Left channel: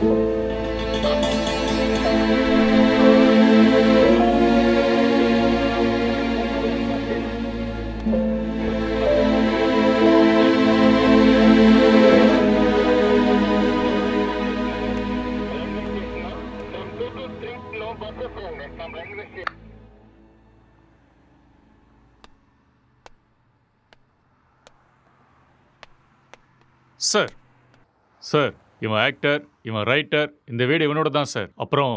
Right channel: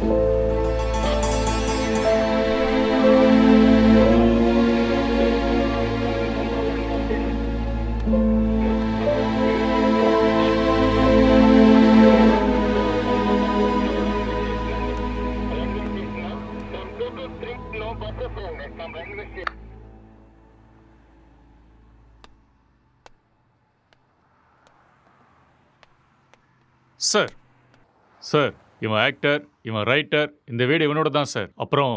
Sir sir இவன் actor, இவன் writer, இந்த வீடு இவனோட தான் சார். அப்புறம்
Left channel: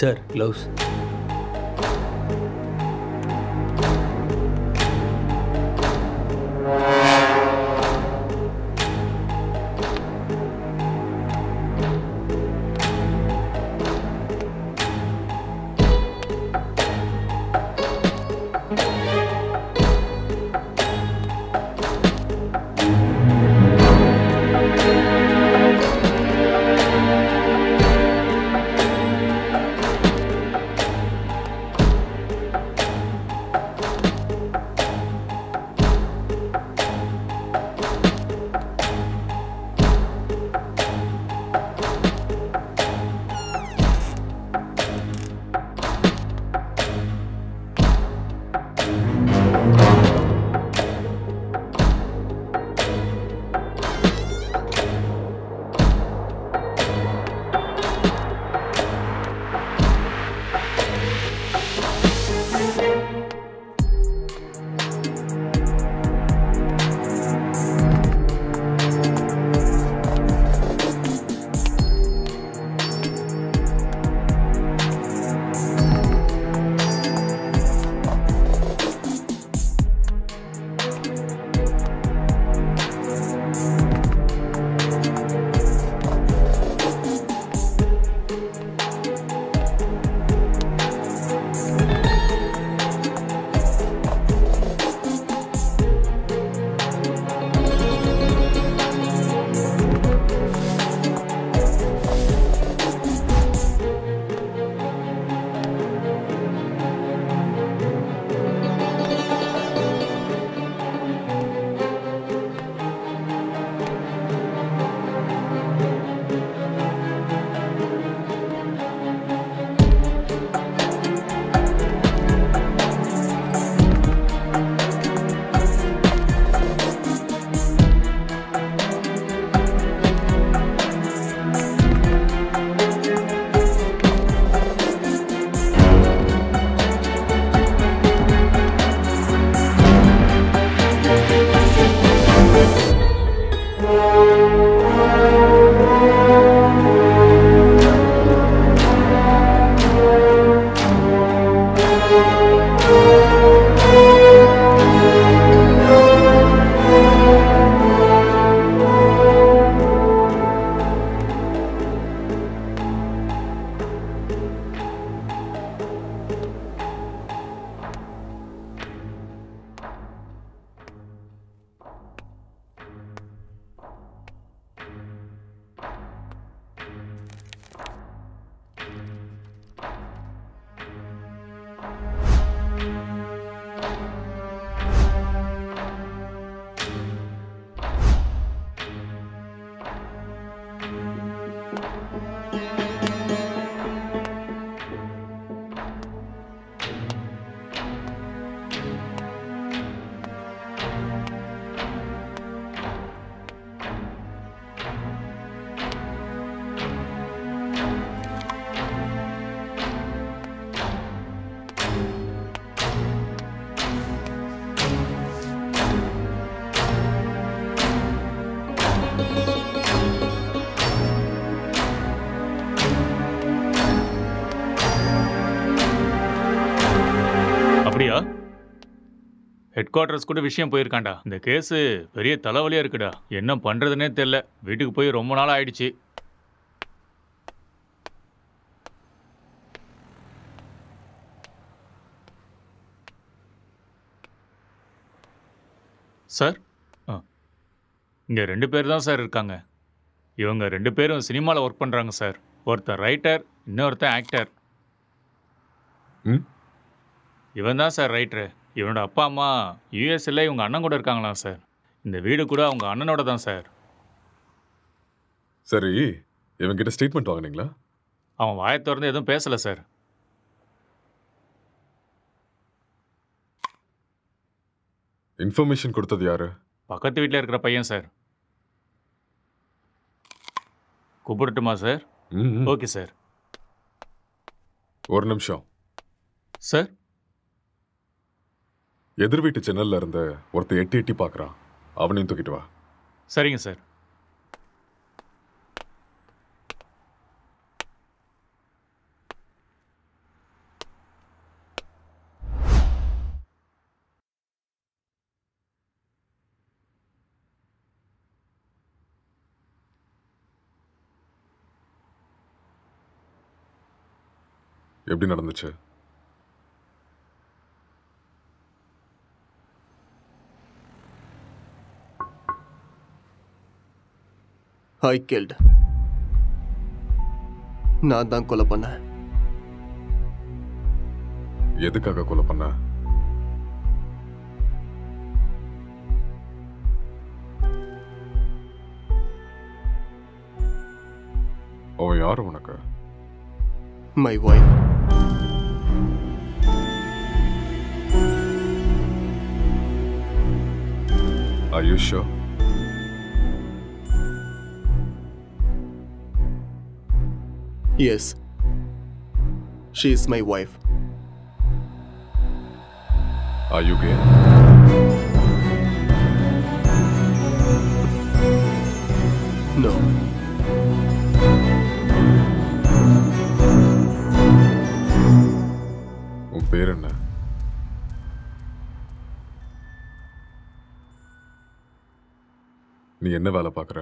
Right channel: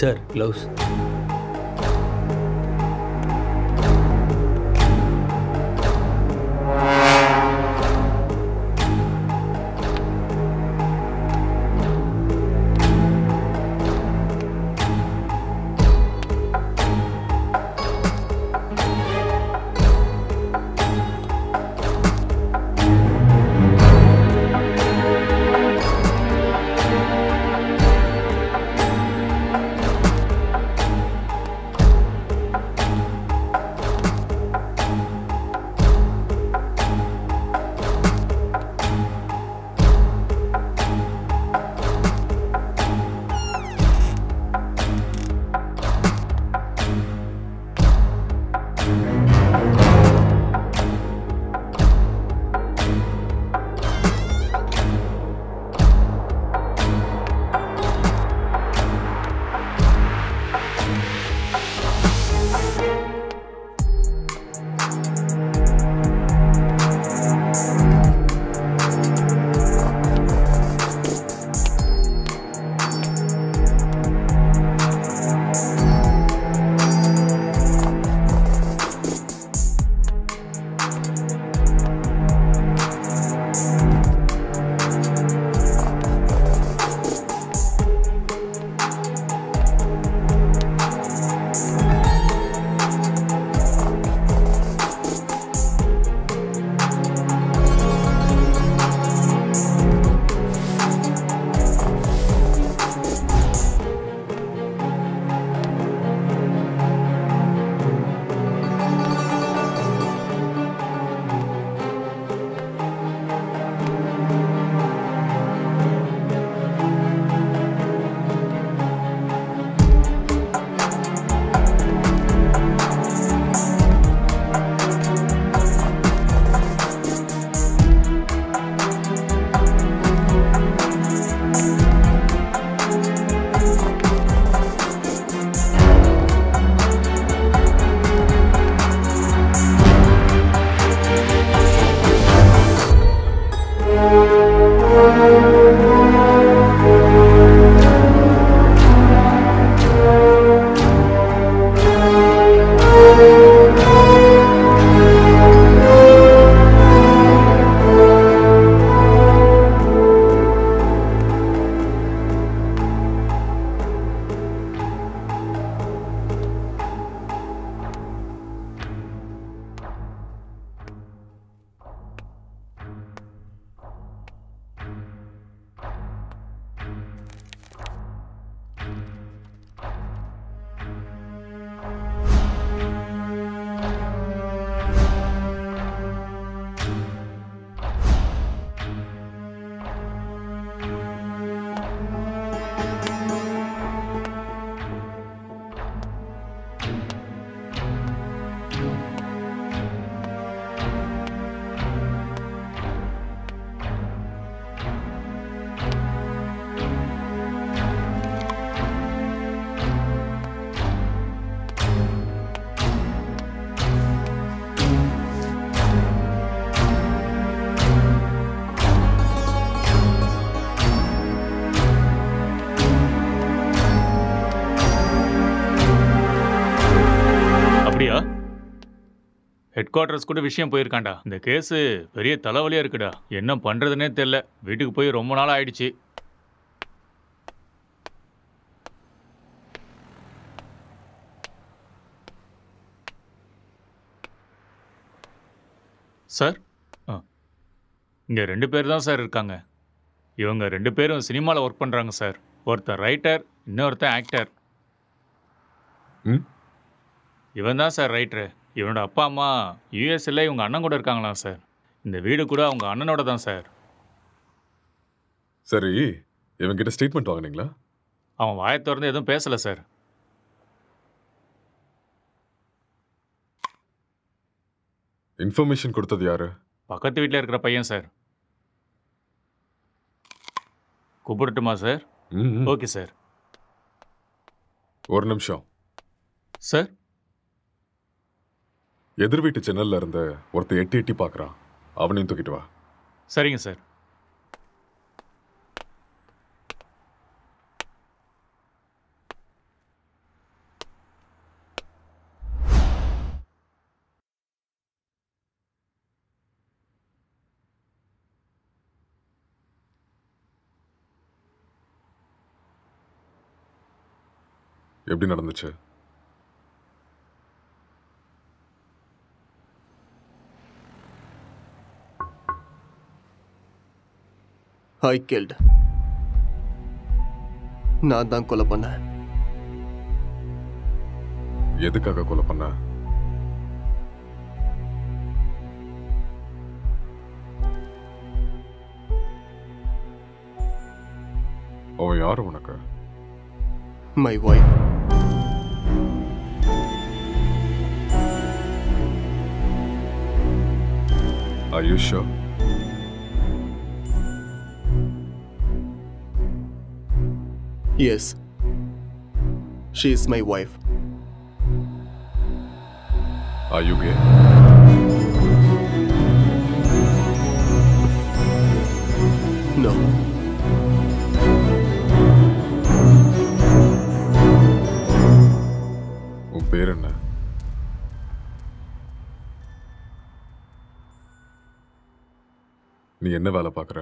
சார் க்ளவுஸ். அப்படியா? ஹெட் குவார்ட்டர்ஸ் கூட விஷயம் போயிருக்காண்டா. இந்த கேஸு பெரிய தலைவலியாக இருக்குடா. என்ன பண்ணுறதுனே தெரில. வீட்டுக்கு போய் ரொம்ப நாள் ஆயிடுச்சு. சார், இங்கே 2 பேர் தான் சார் இருக்காங்க. இவங்க 2 பேரும் சினிமாவில் ஒர்க் பண்ணுறாங்க சார். ஒருத்தர் ரைட்டர், இன்னொருத்தன் ஆக்டர். இவன் தான் சார் ரைட்டரு. இவனோட அப்பா அம்மா யூஎஸ்ல இவங்க அண்ணன் கூட இருக்காங்களாம் சார். இந்த வீடு கூட அவங்க அண்ணனோட தான் சார். சரி, இவங்கிட்ட ஸ்டேட்மெண்ட் வாங்கினீங்களா? அவன் வாயை திறந்து எதுவும் பேசலை சார். இன்ஃபர்மேஷன் கொடுத்தது யாரு? பக்கத்து வீட்டில் இருக்கிற பையன் சார். கூப்பிடட்டுமா சார்? Okay sir. ஒரு நிமிஷம் சார். எதிர் வீட்டு ஜன்னல்ல இருந்து ஒருத்தர் எட்டி எட்டி பார்க்கறான். அவனையும் தூக்கிட்டு வா. சரிங்க சார். எப்படி நடந்துச்சு? I killed. நான் தான் கொலை பண்ணேன். எதுக்காக கொலை பண்ண? அவன் யாரு உனக்கு? My wife. Are you sure? Yes. She is my wife. Are you gay? No. உன் பேர் என்ன? நீ என்ன வேலை பார்க்குற?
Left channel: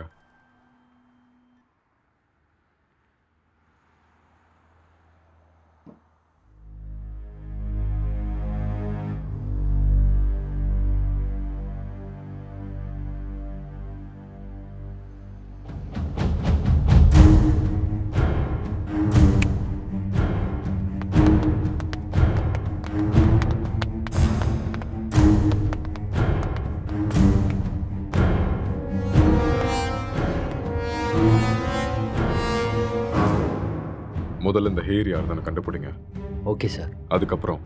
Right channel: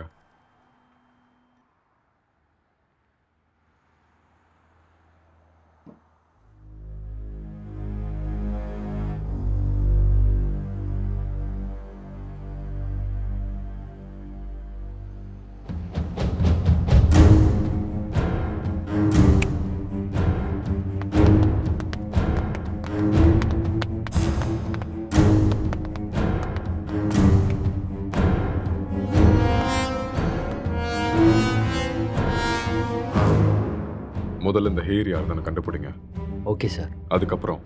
முதல்ல இந்த ஹேர் யாருன்னு கண்டுபிடிங்க. Okay sir. அதுக்கப்புறம்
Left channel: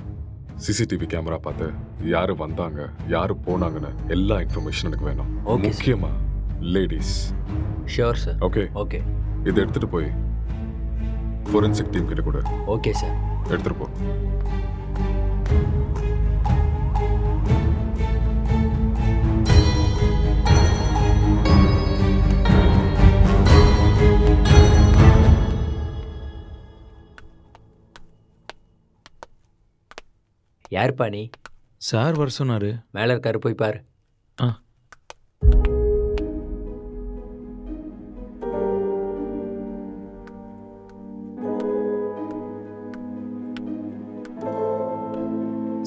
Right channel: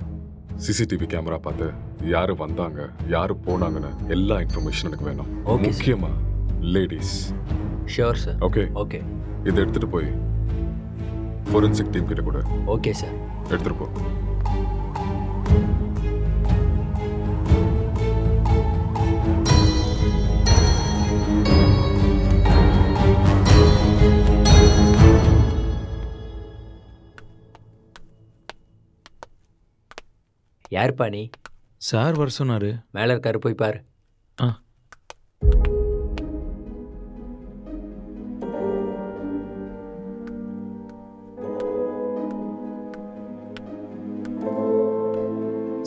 சிசிடிவி கேமரா பார்த்து யாரு வந்தாங்க, யாரு போனாங்கன்னு எல்லா இன்ஃபர்மேஷன் எனக்கு வேணும். Okay, முக்கியமா ladies. Sure sir. Okay okay. இதை எடுத்துட்டு போய் ஃபோரன்சிக் டீம் கிட்ட கூட. Okay sir. எடுத்துட்டு போ. யாருப்பா நீ? சார் வர சொன்னாரு. மேலே இருக்காரு, போய் பாரு. ஆ.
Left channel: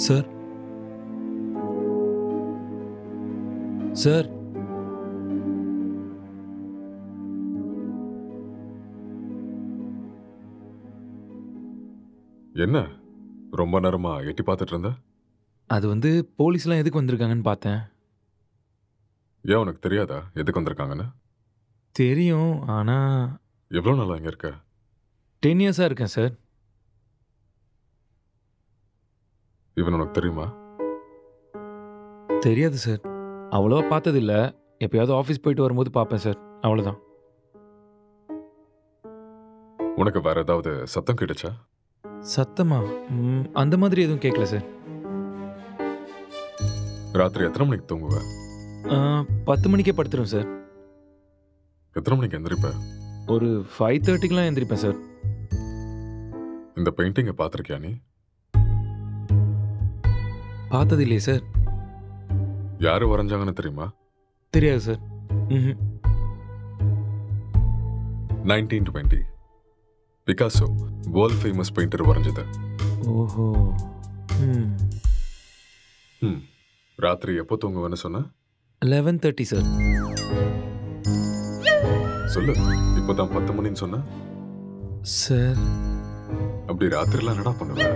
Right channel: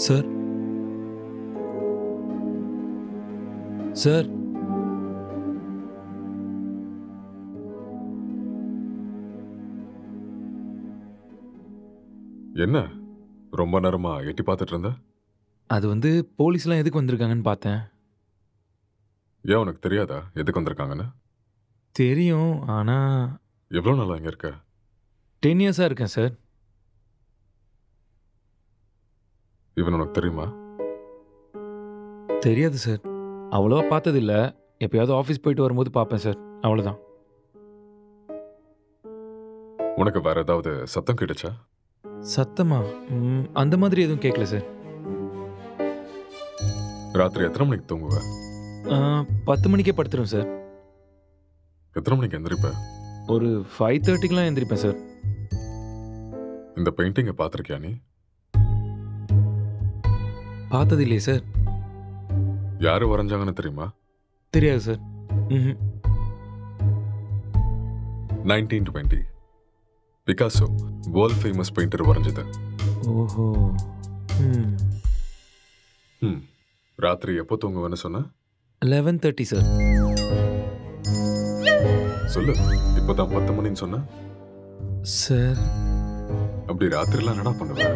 சார். சார். என்ன ரொம்ப நேரமா எட்டி பார்த்துட்டு இருந்த? அது வந்து போலீஸ்லாம் எதுக்கு வந்திருக்காங்கன்னு பார்த்தேன். ஏன் உனக்கு தெரியாதா எதுக்கு வந்திருக்காங்கன்னு? தெரியும், ஆனால் எவ்வளோ நாளா இங்கே இருக்க? 10 இயர்ஸாக இருக்கேன் சார். இவன் உனக்கு தெரியுமா? தெரியாது சார். அவ்வளோவா பார்த்ததில்ல. எப்பயாவது ஆஃபீஸ் போயிட்டு வரும்போது பார்ப்பேன் சார், அவ்வளோதான். உனக்கு வேற ஏதாவது சத்தம் கிடைச்சா? சத்தமா? அந்த மாதிரி எதுவும் கேட்கல சார். ராத்திரி எத்தனை மணிக்கு தூங்குவ? 10 மணிக்கே படுத்துரும் சார். எத்தனை மணிக்கு எந்திரிப்ப? ஒரு 5:30க்கெலாம் எந்திரிப்பேன் சார். இந்த பெயிண்டிங்கை பார்த்துருக்கியா நீ? பார்த்தது இல்லையே சார். யாரு வரைஞ்சாங்கன்னு தெரியுமா? தெரியாது சார். ம். 1920 பிகாசோ வேர்ல்ட் ஃபேமஸ் பெயிண்டர் வரைஞ்சது. ஓஹோ. ராத்திரி எப்போ தூங்குவேன்னு சொன்ன? 11:30 சார். சொல்லு, இப்போதான் 10 மணின்னு சொன்ன. சார் அப்படி ராத்திரிலாம் என்னடா பண்ணுவ?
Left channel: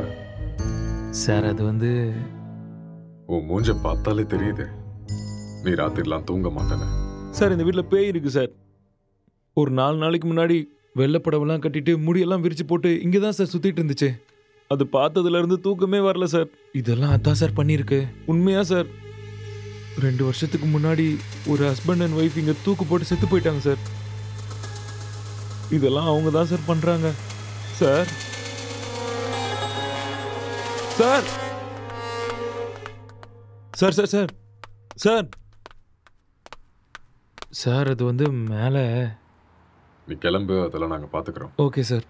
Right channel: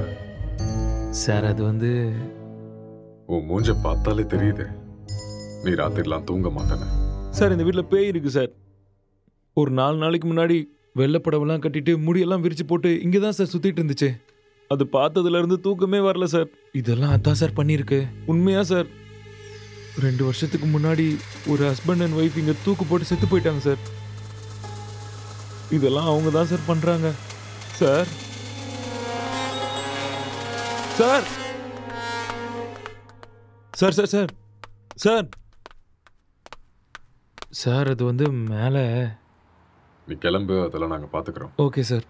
சார் அது வந்து உன் மூஞ்ச பார்த்தாலே தெரியுது நீ ராத்திரிலாம் தூங்க மாட்டேன்னு. சார் இந்த வீட்டில் பேய் இருக்கு சார். ஒரு 4 நாளைக்கு முன்னாடி வெள்ளைப்படவெல்லாம் கட்டிட்டு முடியெல்லாம் விரிச்சு போட்டு இங்கே தான் சார் சுற்றிட்டு இருந்துச்சு. அது பார்த்ததுலேருந்து தூக்கமே வரல சார். இதெல்லாம் அதான் சார் பண்ணியிருக்கு. உண்மையா சார், 2 வருஷத்துக்கு முன்னாடி ஒரு ஹஸ்பண்ட் அண்ட் ஒய்ஃப் இங்கே தூக்கு போட்டு செத்து போயிட்டாங்க சார். இதெல்லாம் அவங்க தான் சார் பண்ணுறாங்க sir. Sir sir sir sir sir sir அது வந்து மேலே. நீ கிளம்பு, அதெல்லாம் நாங்கள் பார்த்துக்குறோம். Okay sir.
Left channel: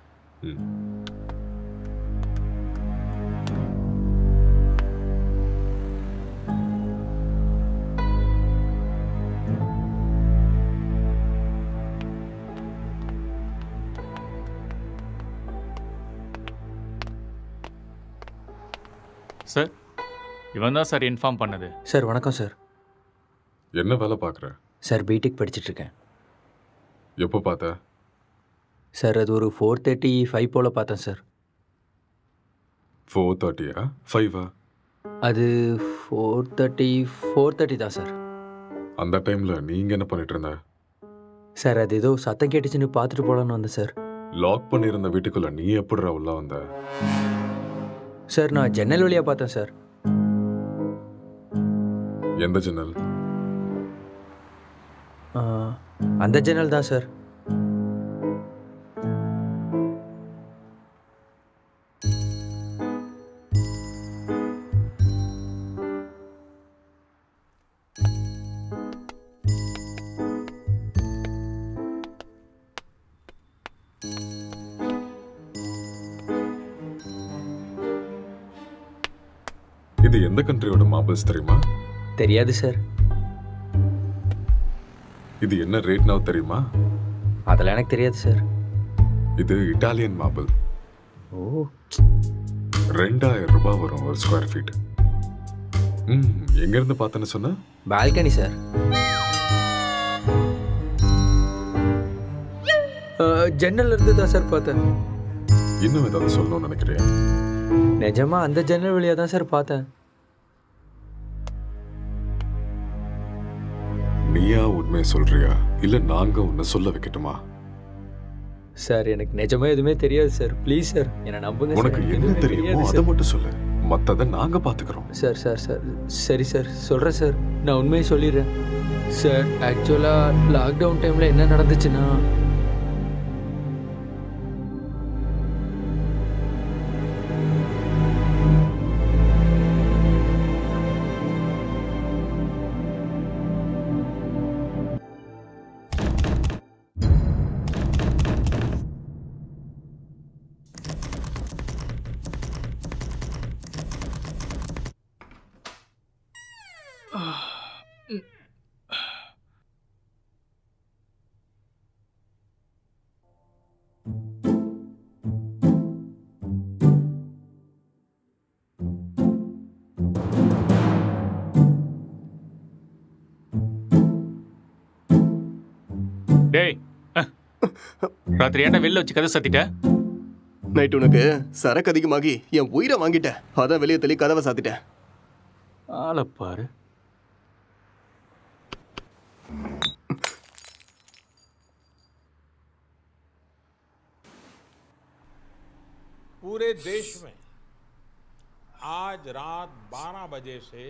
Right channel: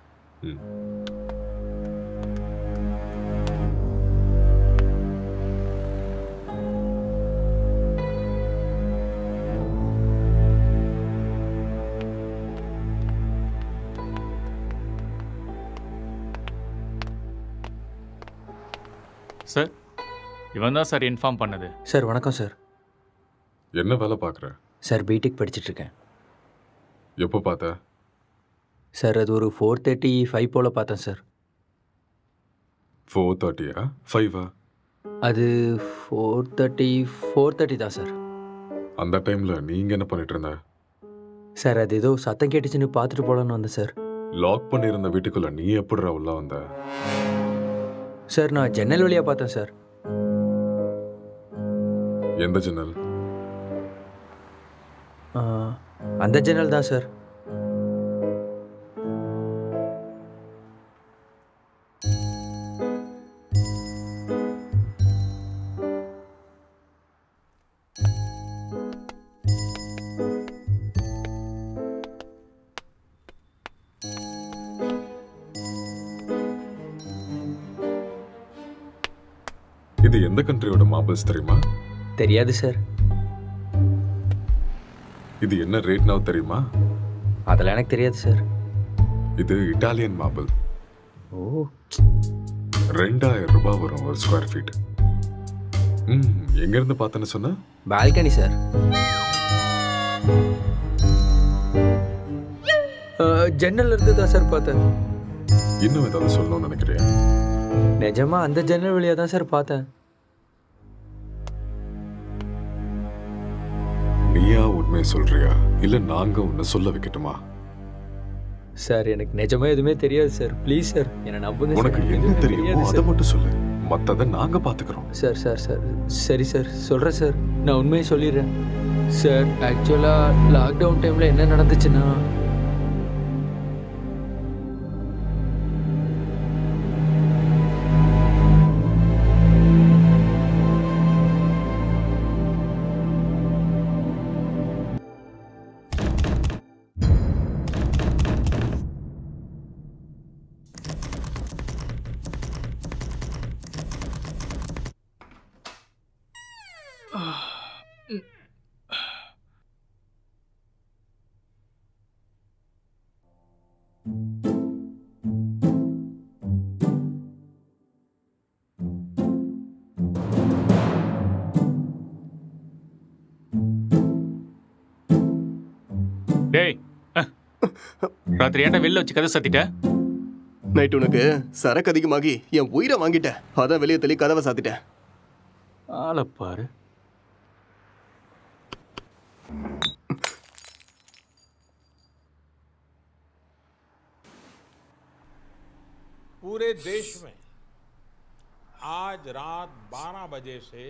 சார், இவன் தான் சார் இன்ஃபார்ம் பண்ணது. சார் வணக்கம் சார். என்ன வேலை பார்க்குற? சார் பிடெக் படிச்சிட்ருக்கேன். எப்போ பார்த்த? சார் அது ஒரு 4:35 போல் பார்த்தேன் சார். 4:30 5 அது 4:30 தான் சார். அந்த டைமில் நீங்கள் என்ன பண்ணிட்டு இருந்த? சார் அது ஏதோ சத்தம் கேட்டுச்சுன்னு பார்த்துட்டு போகலான்னு வந்தேன் சார். லாக் பண்ணியிருந்த வீட்டுக்குள்ளே நீ எப்படிடா உள்ள வந்த? சார் நான் ஜன்னல் வழியாக பார்த்தேன் சார். எந்த ஜன்னல்? அந்த ஜன்னல் தான் சார். இது எந்த கண்ட்ரியோட மார்பிள்ஸ் தெரியுமா? தெரியாது சார். இது என்ன ரேட் now தெரியுமா? அதெல்லாம் எனக்கு தெரியாது சார். இது இட்டாலியன் மார்பிள். ஓ, 2000 ரூபாய் வரும் ஒரு ஸ்கொயர் ஃபீட். எங்கேருந்து பார்த்தேன்னு சொன்ன? Balcony sir. ஜன்னல் இருந்து தான் சார் பார்த்தேன். இன்னும் ஏதாவது சொல்லணும்னு நினைக்கிறியா? நிஜமா அந்த ஜன்னல் வழியாக தான் சார் பார்த்தேன். நீயா உண்மையை சொல்றியா இல்ல நாங்க உன்னை சொல்ல வைக்கட்டுமா? சார் எனக்கு நிஜமா எதுவுமே தெரியாது சார். ப்ளீஸ் சார் என்னை நம்புங்க. உனக்கு என்ன தெரியுமோ அதை மட்டும் சொல்லு, மற்றதை நாங்க பாத்துக்கிறோம். சார் சார் சார் சரி சார் சொல்கிறேன் சார். நான் உண்மையை சொல்லிடுறேன் சார். ஆக்சுவலாக லாக்டவுன் டைமில் என்ன நடந்துச்சுன்னா, டேய், ராத்திரி ஏன்டா வெளில வச்சு கதை சாத்திட்ட? நைட் உனக்கு சரக்கு அதிகமாகி என் உயிரை வாங்கிட்டேன். அதான் வெளியே தள்ளி கதவை சாத்திட்டேன். ஆளை பாரு. पूरे देश में आज रात 12 बजे से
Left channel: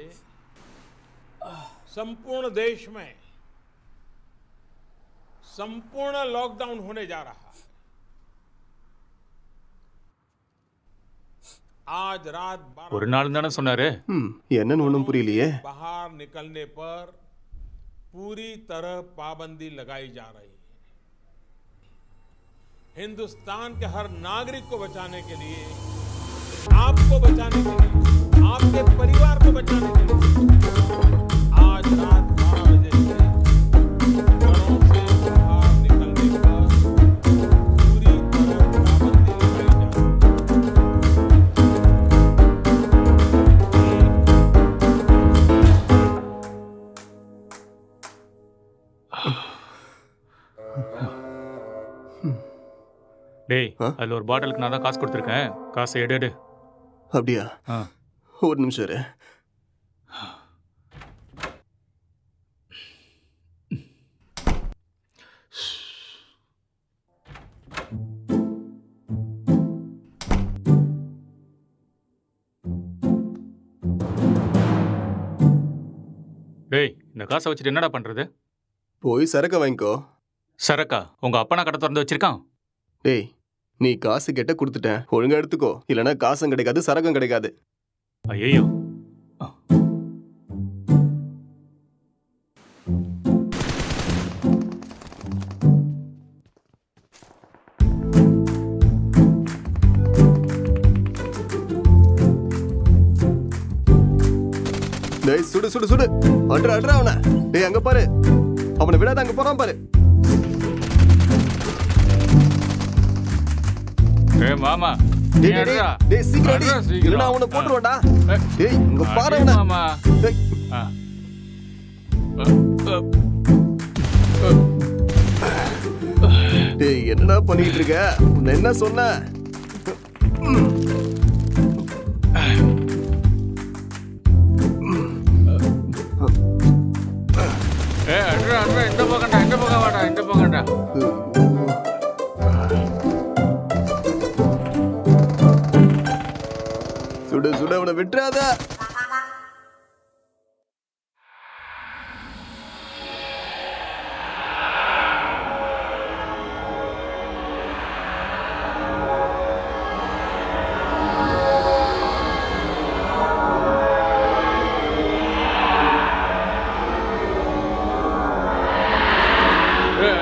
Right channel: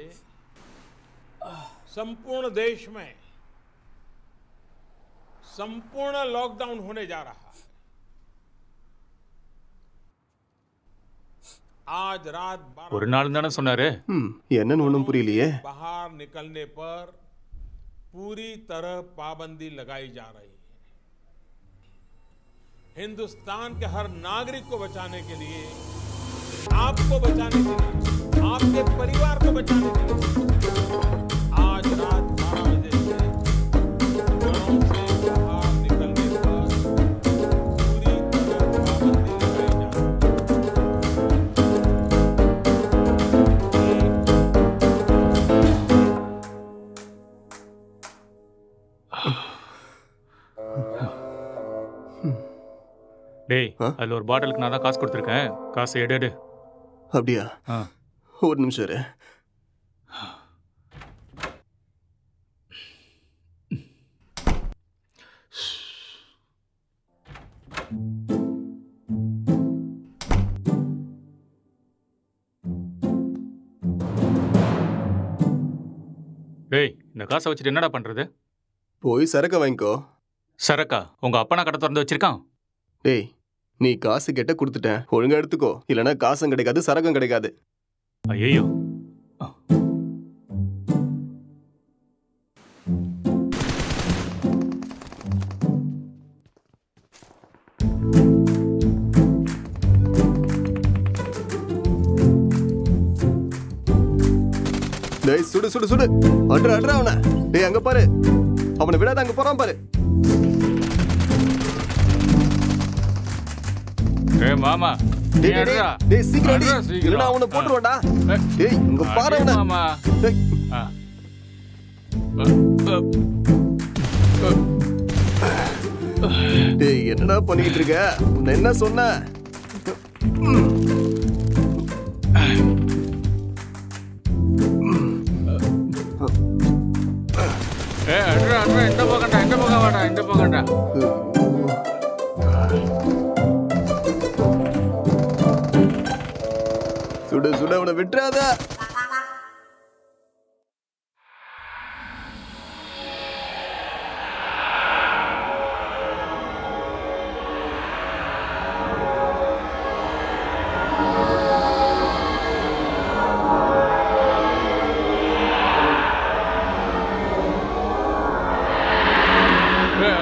संपूर्ण देश में संपूर्ण लॉकडाउन होने जा रहा है। आज रात 12 ஒரு நாள் தானே சொன்னாரு. என்னன்னு ஒன்றும் புரியலையே. बाहर निकलने पर पूरी तरह पाबंदी लगाई जा रही है। हिंदुस्तान के हर नागरिक को बचाने के लिए, आपको बचाने के लिए, आपके परिवार को बचाने के लिए आज आज रात 12 बजे से घरों से बाहर निकलने पर पूरी तरह पाबंदी लगाई जा रही है। டேய் அதில் ஒரு பாட்டிலுக்கு நான் தான் காசு கொடுத்துருக்கேன். காசை எடு. அப்படியா? ஆ ஒரு நிமிஷம் இரு. டேய் இந்த காசை வச்சுட்டு என்னடா பண்ணுறது? போய் சரக்கு வாங்கிக்கோ. சரக்கா? உங்கள் அப்பா நான் கடை திறந்து வச்சிருக்கான். டேய் நீ காசு கேட்ட கொடுத்துட்டேன், ஒழுங்கா எடுத்துக்கோ. இல்லைன்னா காசும் கிடைக்காது, சரக்கும் கிடைக்காது. ஐயோ டேய் சுடு சுடு சுடு, அட்ரா அட்ரா அவனை. டேய் அங்க பாரு, அவனை விடாத, அங்க போறான் பாரு. டேய் மாமா டேய் டேய் டேய், டேய் சீக்கிரம் அடி, இல்லனா அவனை போட்டுருவான்டா. டேய் இங்க பாரு அவனை. மாமா டேய் டேய் என்னடா பண்ணிட்டு இருக்க? உன்னை என்ன சொன்ன? அட்ரா அட்ரா, இந்த பக்கம்டா, இந்த பக்கம் வாடா, இந்த பக்கம்டா. சுடு சுடு, அவனை விட்டுறாத.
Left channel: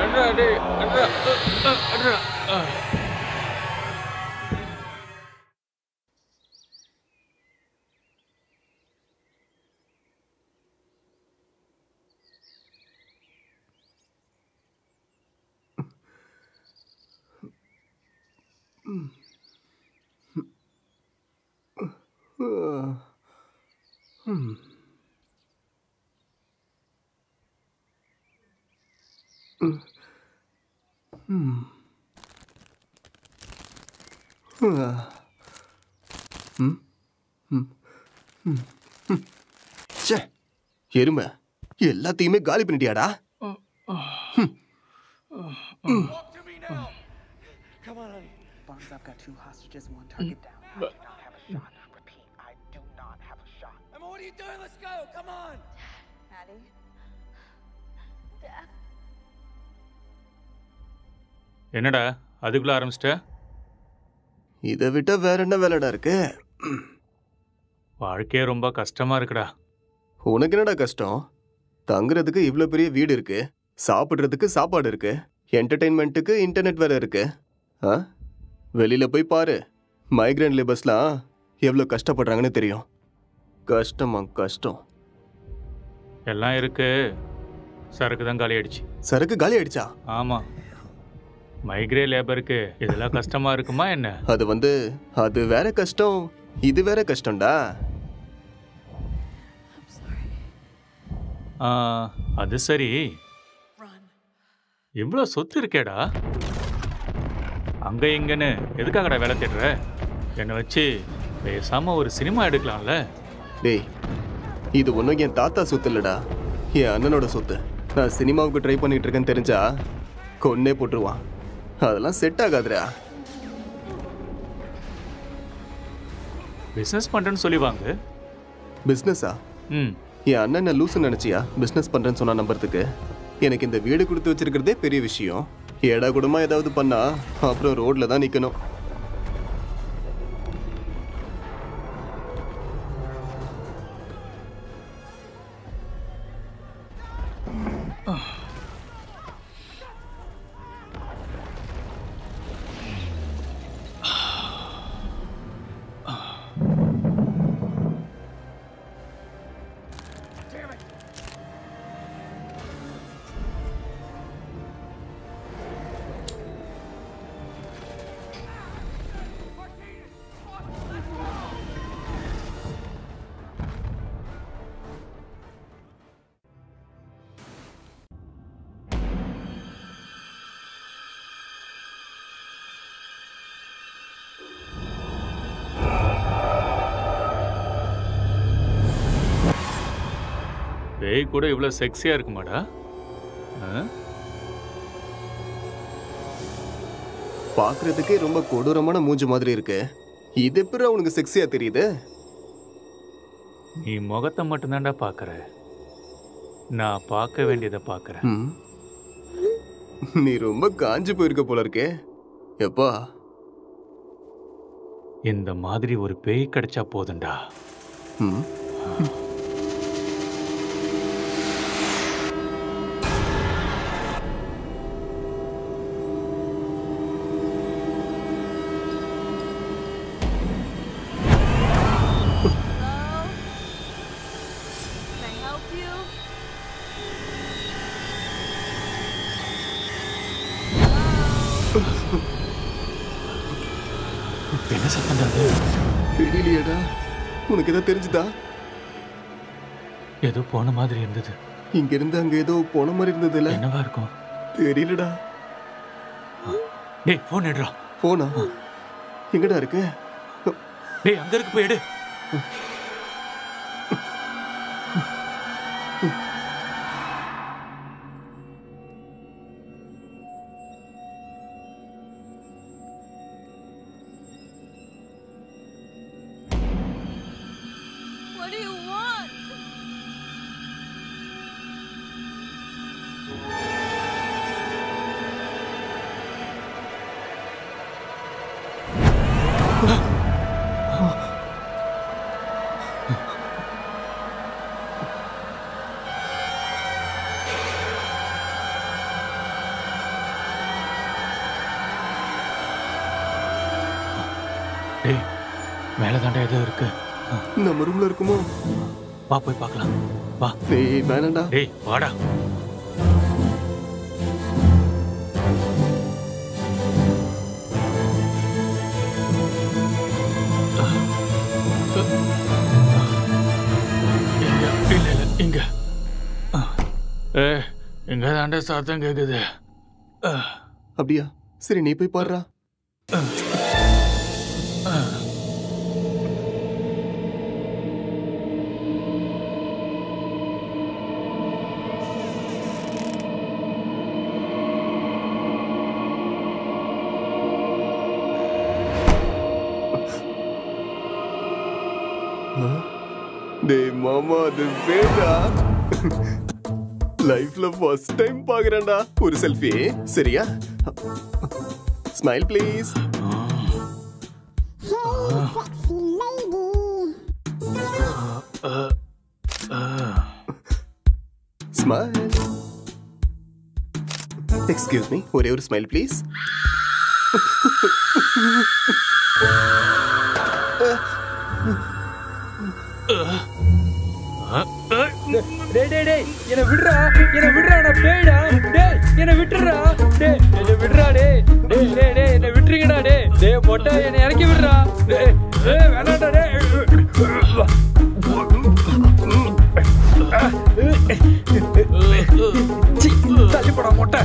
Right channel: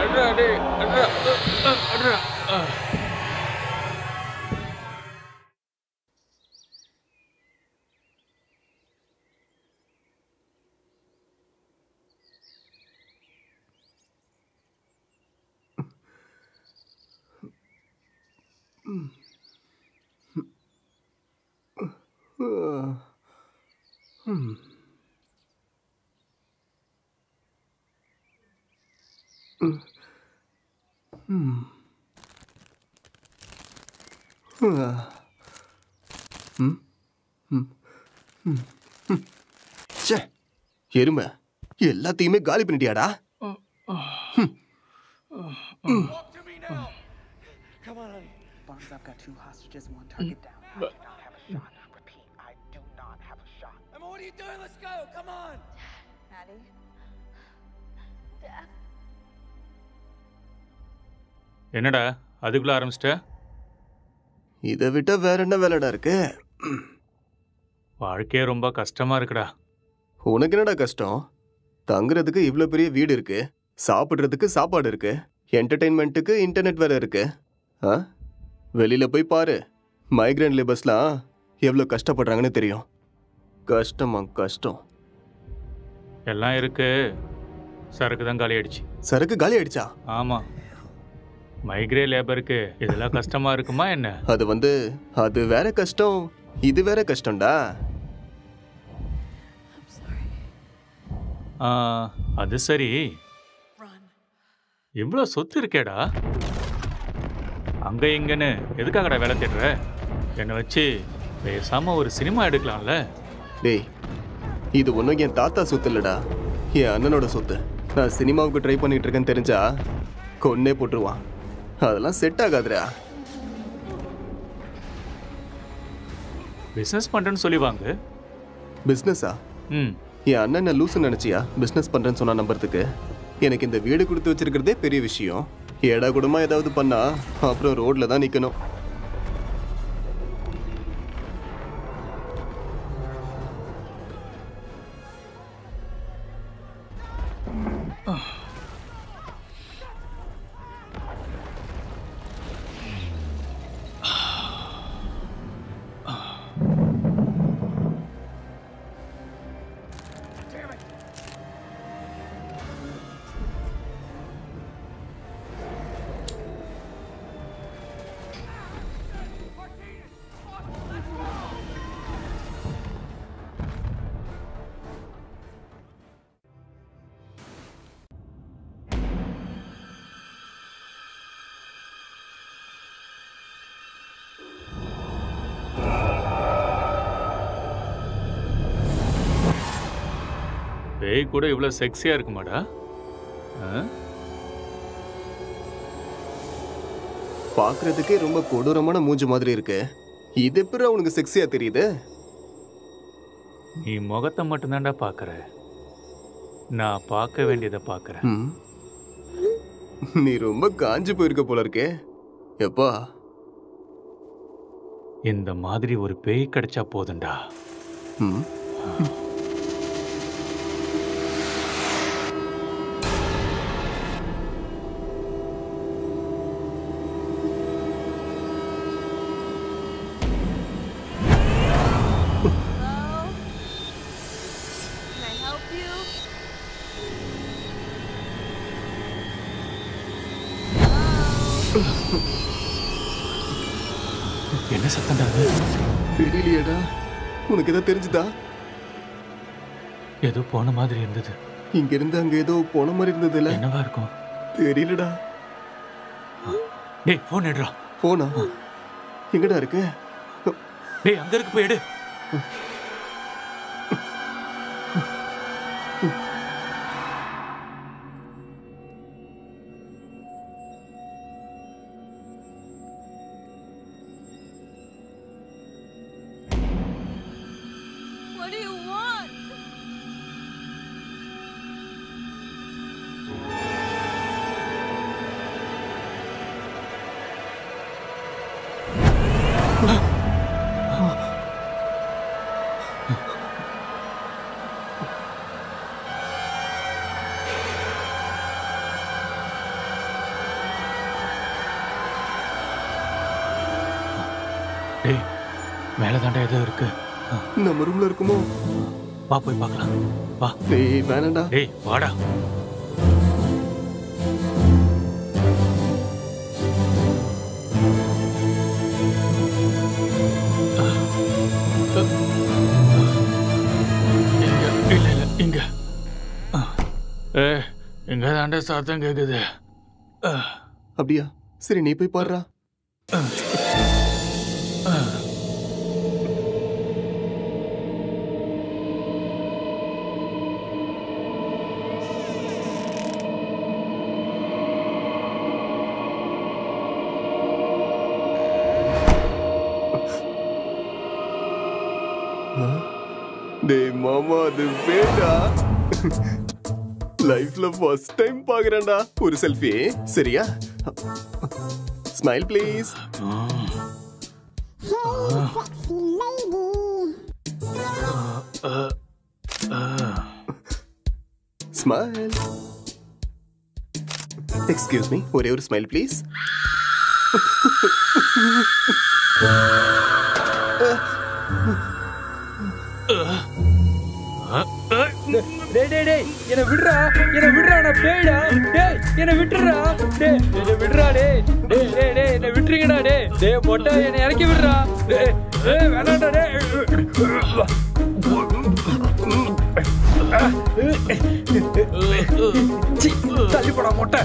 அட்ரா டேய் அட்ரா அட்ரா. எருமை எல்லாத்தையுமே காலி பண்ணிட்டியாடா? I've got 2 hostages, 1 target down. I do not have a shot. Repeat, I do not have a shot. Emma, what are you doing? Let's go. Come on. Maddie. Dad. என்னடா அதுக்குள்ள ஆரம்பிச்சிட்ட? இதை விட்டா வேற என்ன வேலைடா இருக்கு? வாழ்க்கையே ரொம்ப கஷ்டமா இருக்குடா. உனக்கு என்னடா கஷ்டம்? தங்குறதுக்கு இவ்வளோ பெரிய வீடு இருக்கு, சாப்பிட்றதுக்கு சாப்பாடு இருக்கு, என்டர்டெயின்மெண்ட்டுக்கு இன்டர்நெட் வேற இருக்கு. ஆ வெளியில போய் பாரு, மைக்ரேன் லேபர்ஸ்லாம் எவ்வளோ கஷ்டப்படுறாங்கன்னு தெரியும். கஷ்டமா கஷ்டம். எல்லாம் இருக்கு, சரக்கு தான் காலி ஆயிடுச்சு. சரக்கு காலி ஆயிடுச்சா? ஆமா, மைக்ரே லேபருக்கு இதெல்லாம் கஷ்டமா இருக்குமா என்ன? அது வேற கஷ்டம், இது வேற கஷ்டம்டா. அது சரி, இவ்வளோ சொத்து இருக்கேடா, அங்க இங்கன்னு எதுக்காகடா வேலை தேடுற? என்னை வச்சு பேசாம ஒரு சினிமா எடுக்கலாம்ல? டேய் இது ஒன்றும் என் தாத்தா சொத்து இல்லடா, என் அண்ணனோட சொத்து. நான் சினிமாவுக்கு ட்ரை பண்ணிட்டு இருக்கேன்னு தெரிஞ்சா கொன்னே போட்டுருவான். அதெல்லாம் செட் ஆகாதுடா. பிஸ்னஸ் பண்ணுறேன்னு சொல்லி வாங்க. பிஸ்னஸா? ம், என் அண்ணன் என்ன லூசுன்னு நினச்சியா பிஸ்னஸ் பண்ணுறேன்னு சொன்னா நம்புறதுக்கு? எனக்கு இந்த வீடு கொடுத்து வச்சிருக்கிறதே பெரிய விஷயம். ஏடா கூடமா ஏதாவது பண்ணா அப்புறம் ரோட்ல தான் நிற்கணும். பேய் கூட இவ்வளோ செக்ஸியாக இருக்குமாடா? பார்க்கறதுக்கே ரொம்ப கொடூரமான மூஞ்சி மாதிரி இருக்கு. இது எப்படி அவனுக்கு செக்ஸியா தெரியுது? நீ முகத்தை மட்டும்தான்டா பார்க்குற, நான் பார்க்க வேண்டியதை பார்க்குறேன். நீ ரொம்ப காஞ்சு போயிருக்க போல இருக்கே. எப்பா இந்த மாதிரி ஒரு பேய் கிடைச்சா போதுண்டா. என்ன சத்தம்டா அது? தெரியலையேடா. உனக்கு ஏதோ தெரிஞ்சுதா? ஏதோ போன மாதிரி இருந்தது. இங்க இருந்து அங்க ஏதோ போன மாதிரி இருந்தது இல்ல? என்னவா இருக்கும்? தெரியலடா. டேய் போன் எடுடா. போனா எங்கடா இருக்கு? டேய் அங்க இருக்கு, போய் எடு. டேய் மேல தாண்டா ஏதோ இருக்கு. நம்ம ரூம்ல இருக்குமோ? வா போய் பார்க்கலாம். வா. டேய் வேணாம்டா. டேய் வாடா. இங்க இல்ல இல்ல இங்க. இங்க தாண்டா சத்தம் கேக்குது. அப்படியா? சரி நீ போய் பாருடா. டேய் மாமா, அது வேடா. லைஃப்ல ஃபர்ஸ்ட் டைம் பாக்குறேன்டா. ஒரு செல்ஃபி சரியா? Smile please. Smile. Excuse me, ஒரே ஒரு ஸ்மைல் ப்ளீஸ். என்ன விடுறா, என்ன விடுறா, நான் பேய்டா. டேய் என்ன விட்டுறா, டேய் என்ன விடுறா, டேய் டேய் டேய் டேய் என்ன விட்டுறீங்கடா. டேய் டேய் மொட்டை என்ன இறக்கி விடுறா. டேய் டேய் வேணாம்டா. டேய் தள்ளி போடா மொட்டை.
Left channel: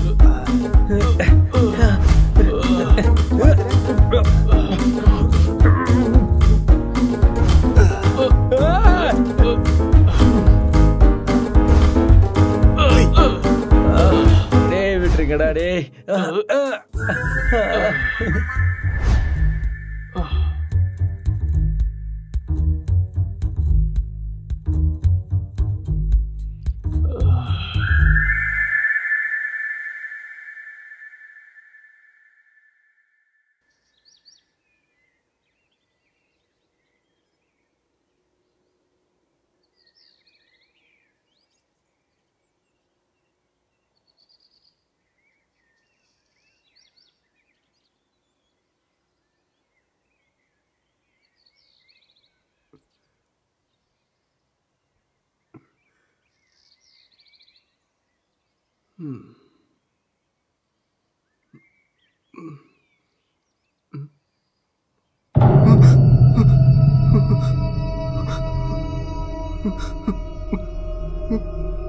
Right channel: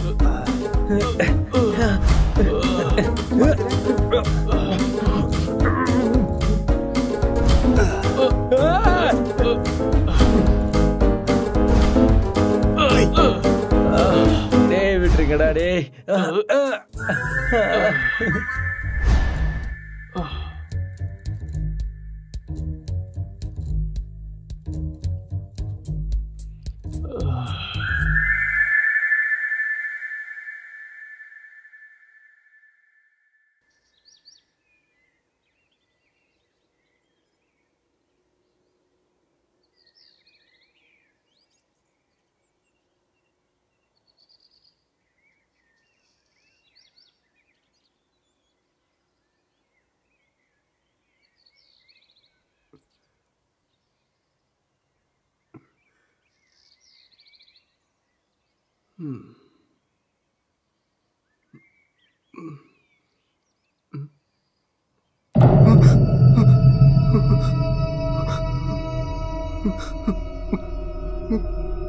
டேய் விட்டுருங்கடா. டேய்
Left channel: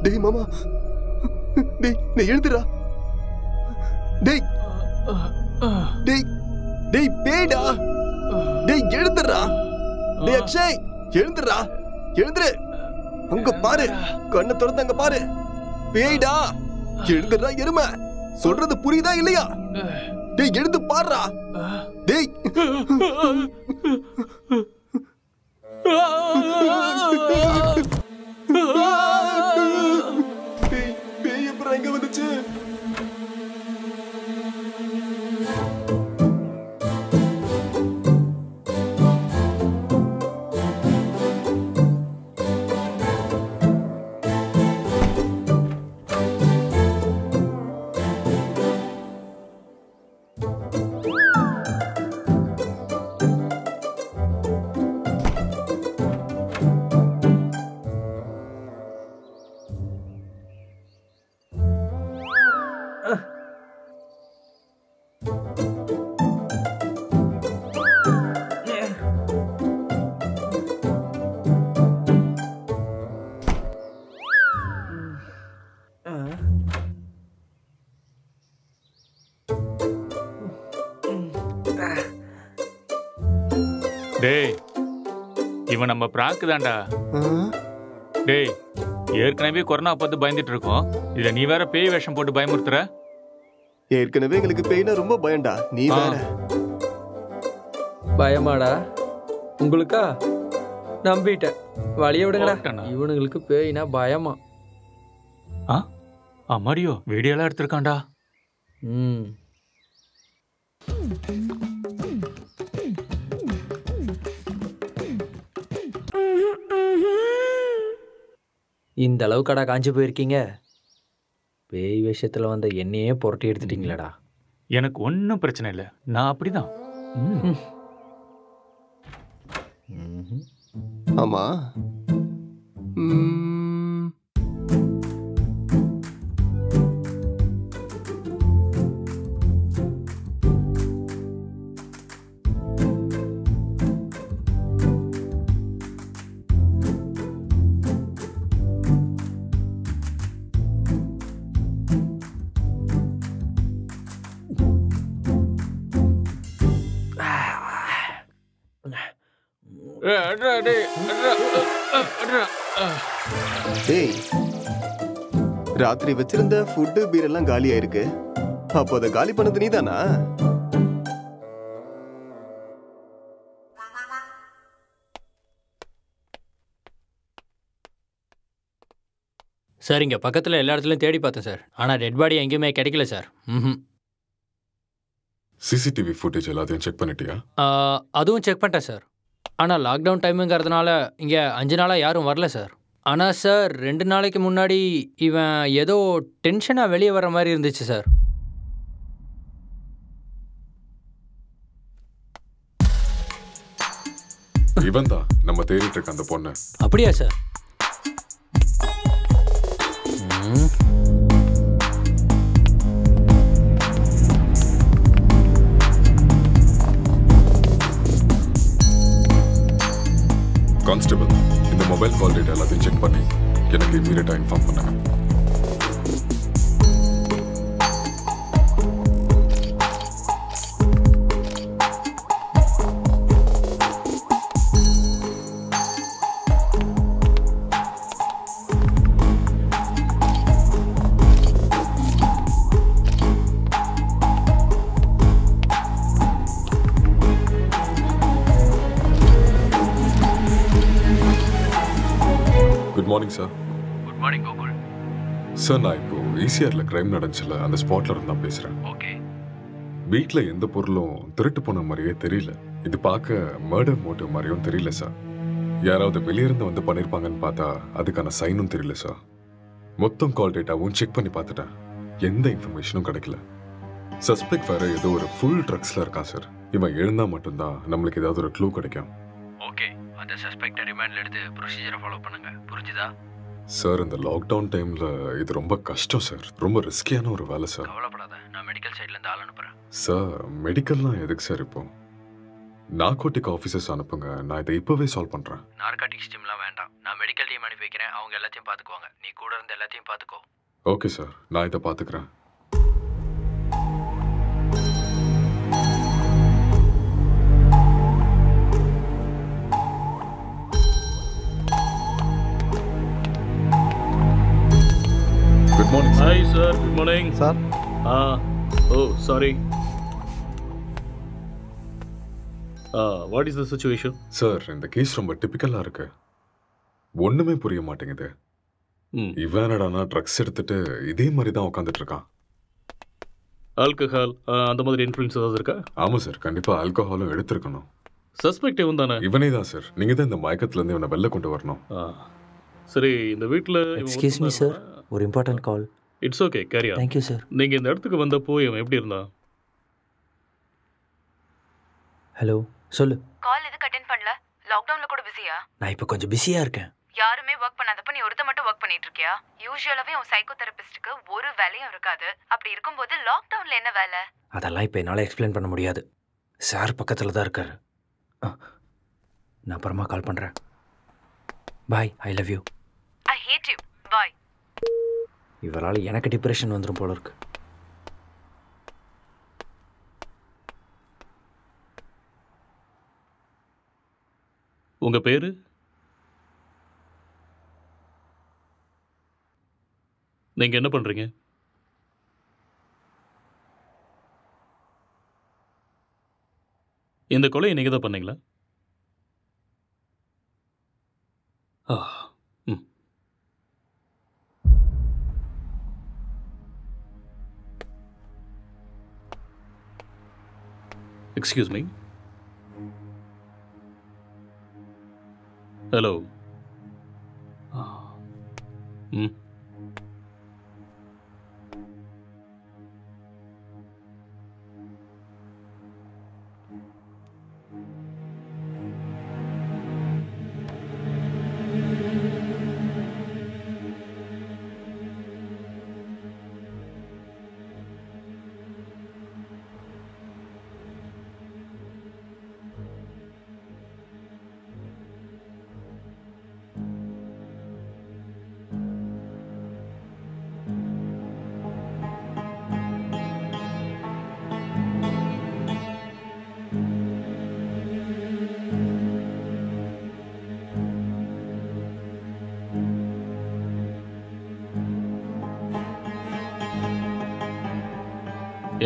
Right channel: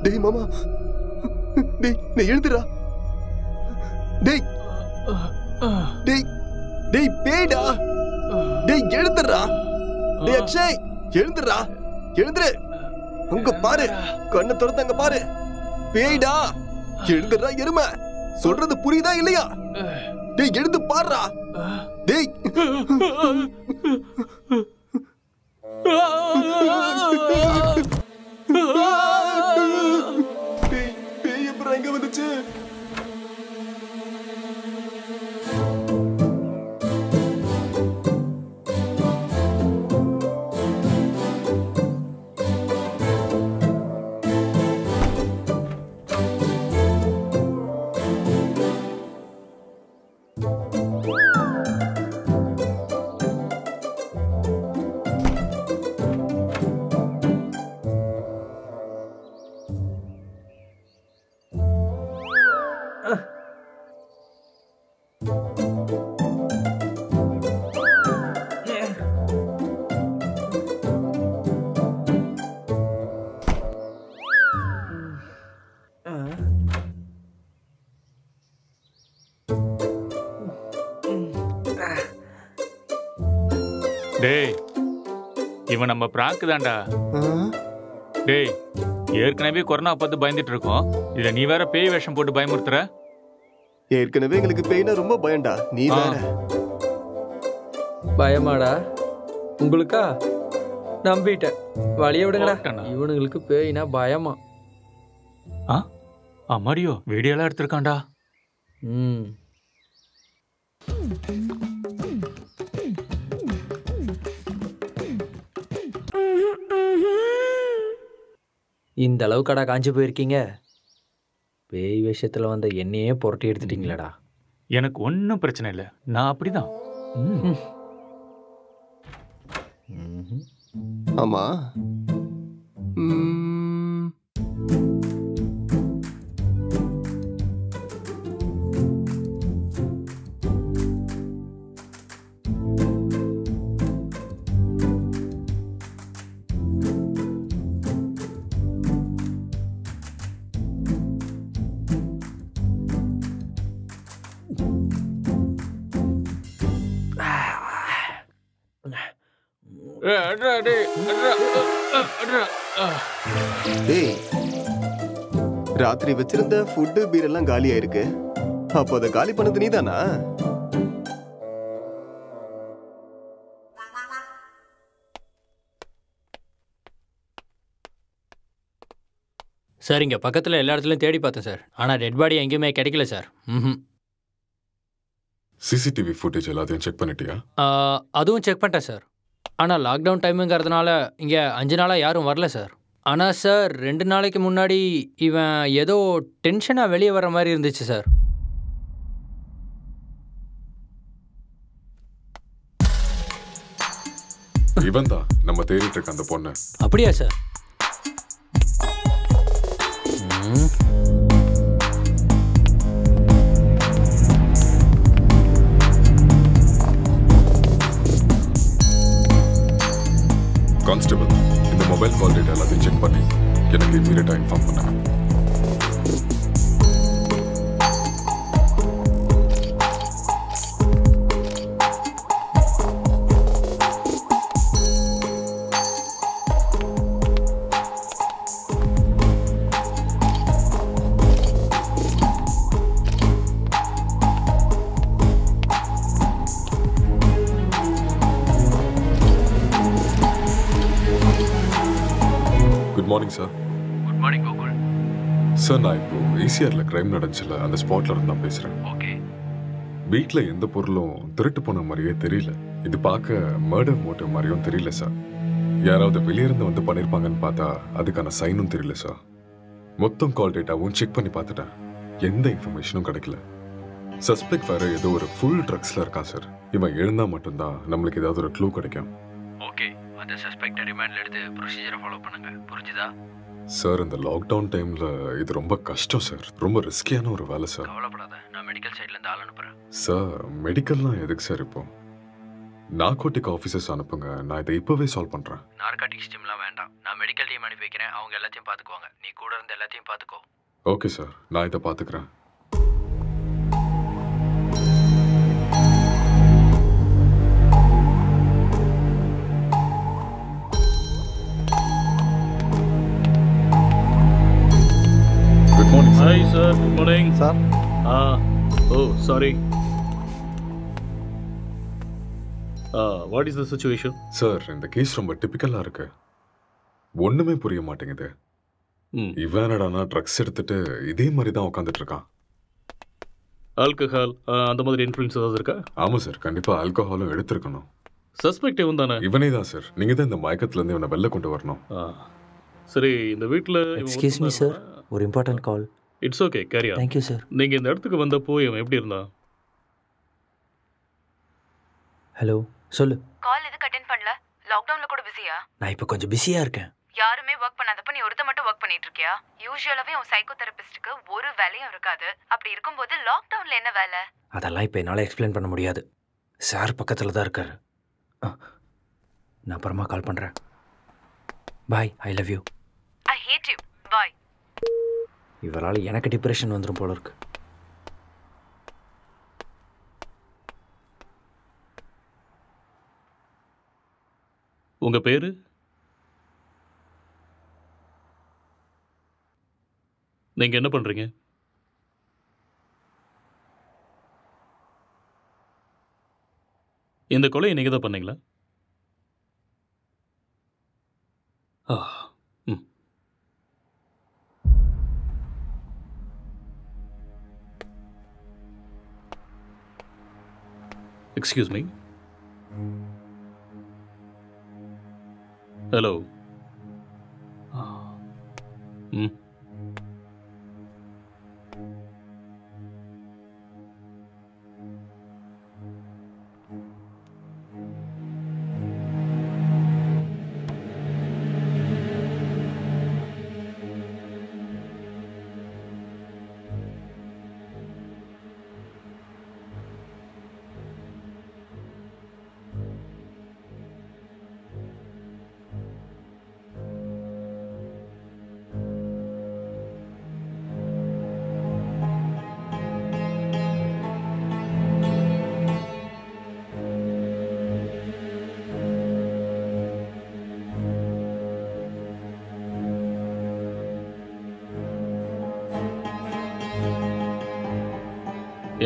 டேய் மாமா, டேய் நீ எழுந்துடா. டேய் டேய் டேய் பேய்டா. டேய் எழுந்துடா. டேய் அக்ஷய் எழுந்துடா, எழுந்துரு. அங்க பாரு, கண்ணை திறந்து அங்க பாரு. பேய்டா, எழுந்துடா எருமை. சொல்றது புரியுதா இல்லையா? டேய் எழுந்து பாருடா. டேய் பேய் எப்பறம் எங்க வந்துச்சு? டேய், இவன் நம்ம பிராங்க் தான்டா. டேய், ஏற்கனவே கொரோனா பார்த்து பயந்துட்டு இருக்கோம். இதுல நீ வேற பேய் வேஷம் போட்டு பயமுறுத்துற. ஏற்கனவே எங்களுக்கு பேய்னா ரொம்ப பயம்டா, நீ வேற. பயமாடா உங்களுக்கா? நம்பிட்டேன், வழிய விடுங்கடா. இவனுங்களுக்கு பேய்னா பயமா? அம்மாடியோ, வீடியோலாம் எடுத்திருக்கான்டா. இந்த அளவுக்கடா காஞ்சி போயிருக்கீங்க? பேய் விஷயத்துல வந்த என்னையே புரட்டி எடுத்துட்டீங்களாடா. எனக்கு ஒன்றும் பிரச்சனை இல்லை, நான் அப்படிதான். ஆமா, டேய், ராத்திரி வச்சிருந்த ஃபுட்டு பீர் எல்லாம் காலியா இருக்கு. அப்போ அதை காலி பண்ணது நீதானா? சார், இங்கே பக்கத்தில் எல்லா இடத்துலையும் தேடி பார்த்தேன் சார். ஆனால் டெட் பாடி எங்கேயுமே கிடைக்கல சார். சிசிடிவி ஃபுட்டேஜ் எல்லாத்தையும் செக் பண்ணிட்டியா? அதுவும் செக் பண்ணிட்டேன் சார். ஆனால் லாக்டவுன் டைமுங்கிறதுனால இங்கே 5 நாளாக யாரும் வரல சார். ஆனால் சார் 2 நாளைக்கு முன்னாடி இவன் ஏதோ டென்ஷனாக வெளியே வர மாதிரி இருந்துச்சு சார். இவன் தான் நம்ம தேடிட்டு இருக்க அந்த பொண்ணு. அப்படியா சார்? கான்ஸ்டபிள், இந்த மொபைல் கால் டேட்டா எல்லாத்தையும் செக் பண்ணி எனக்கு இமீடியட்டா இன்ஃபார்ம் பண்ணுங்க. Good morning sir. Good morning Gokul. Sir, நான் இப்போ ஈசிஆர்ல கிரைம் நடந்துச்சுல, அந்த ஸ்பாட்ல இருந்து தான் பேசுறேன். ஓகே. வீட்டில் எந்த பொருளும் திருட்டு போன மாதிரியே தெரியல. இது பார்க்க மர்டர் மோட்டிவ் மாதிரியும் தெரியல சார். யாராவது வெளியிருந்து வந்து பண்ணியிருப்பாங்கன்னு பார்த்தா அதுக்கான சைனும் தெரியல சார். மொத்தம் கால் டேட்டாவும் செக் பண்ணி பார்த்துட்டேன், எந்த இன்ஃபர்மேஷனும் கிடைக்கல. சஸ்பெக்ட் வேற ஏதோ ஒரு ஃபுல் ட்ரக்ஸ்ல இருக்கான் சார். இவன் எழுந்தா மட்டும்தான் நம்மளுக்கு ஏதாவது ஒரு க்ளூ கிடைக்கும். ஓகே, அந்த சஸ்பெக்டை ரிமாண்ட்ல எடுத்து ப்ரொசீஜரை ஃபாலோ பண்ணுங்க, புரிஞ்சுதா? சார், இந்த லாக்டவுன் டைம்ல இது ரொம்ப கஷ்டம் சார். ரொம்ப ரிஸ்கியான ஒரு வேலை சார். கவலைப்படாத, நான் மெடிக்கல் சைட்ல இருந்து ஆள் அனுப்புறேன். சார், மெடிக்கல்லாம் எதுக்கு சார் இப்போ? நார்கோட்டிக் ஆஃபீஸர்ஸ் அனுப்புங்க, நான் இதை இப்போவே சால்வ் பண்ணுறேன். நார்காட்டிக்ஸ் டீம்லாம் வேண்டாம், நான் மெடிக்கல் டீம் அனுப்பி வைக்கிறேன். அவங்க எல்லாத்தையும் பார்த்துக்குவாங்க, நீ கூட இருந்து எல்லாத்தையும் பார்த்துக்கோ. ஓகே சார், நான் இதை பார்த்துக்கிறேன். Good morning sir. Hi sir, good morning. Sir. Oh, sorry. What is the situation? Sir இந்த கேஸ் ரொம்ப டிபிக்கலா இருக்கு. ஒண்ணுமே புரிய மாட்டேங்குது. இவன் என்னடானா ட்ரக்ஸ் எடுத்துட்டு இதே மாதிரி தான் உட்காந்துட்டு இருக்கான். ஆல்கஹால் அந்த மாதிரி இன்ஃப்ளூயன்ஸ் ஏதாவது இருக்கா? ஆமா சார், கண்டிப்பா ஆல்கஹாலும் எடுத்திருக்கணும். சஸ்பெக்ட் இவன் தானே? இவனே தான் சார். நீங்க தான் இந்த மயக்கத்துல இருந்து இவனை வெளில கொண்டு வரணும். சரி, இந்த வீட்டில் எக்ஸ்கியூஸ் மீ சார், ஒரு important call. It's okay, carry on. Thank you sir. நீங்கள் இந்த இடத்துக்கு வந்தப்போ இவன் எப்படி இருந்தான்? ஹலோ, சொல்லு. கால் எதுக்கு அட்டென்ட் பண்ணல? லாக்டவுன்ல கூட பிஸியா? நான் இப்போ கொஞ்சம் பிஸியாக இருக்கேன். யாருமே ஒர்க் பண்ணாதப்ப நீ ஒருத்த மட்டும் ஒர்க் பண்ணிட்டு இருக்கியா? யூசுவலாவே உன் சைக்கோ தெரபிஸ்டுக்கு ஒரு வேலையும் இருக்காது. அப்படி இருக்கும்போது லாக்டவுன்ல என்ன வேலை? அதெல்லாம் இப்போ என்னால் எக்ஸ்பிளைன் பண்ண முடியாது. சார் பக்கத்தில் தான் இருக்காரு. நான் அப்புறமா கால் பண்ணுறேன். Bye, I love you. I hate you. Bye. இவரால் எனக்கு டிப்ரெஷன் வந்துடும் போல இருக்கு. உங்கள் பேர்? நீங்கள் என்ன பண்ணுறீங்க? இந்த கொலையை நீங்கள் தான் பண்ணீங்களா? Excuse me. ஹலோ.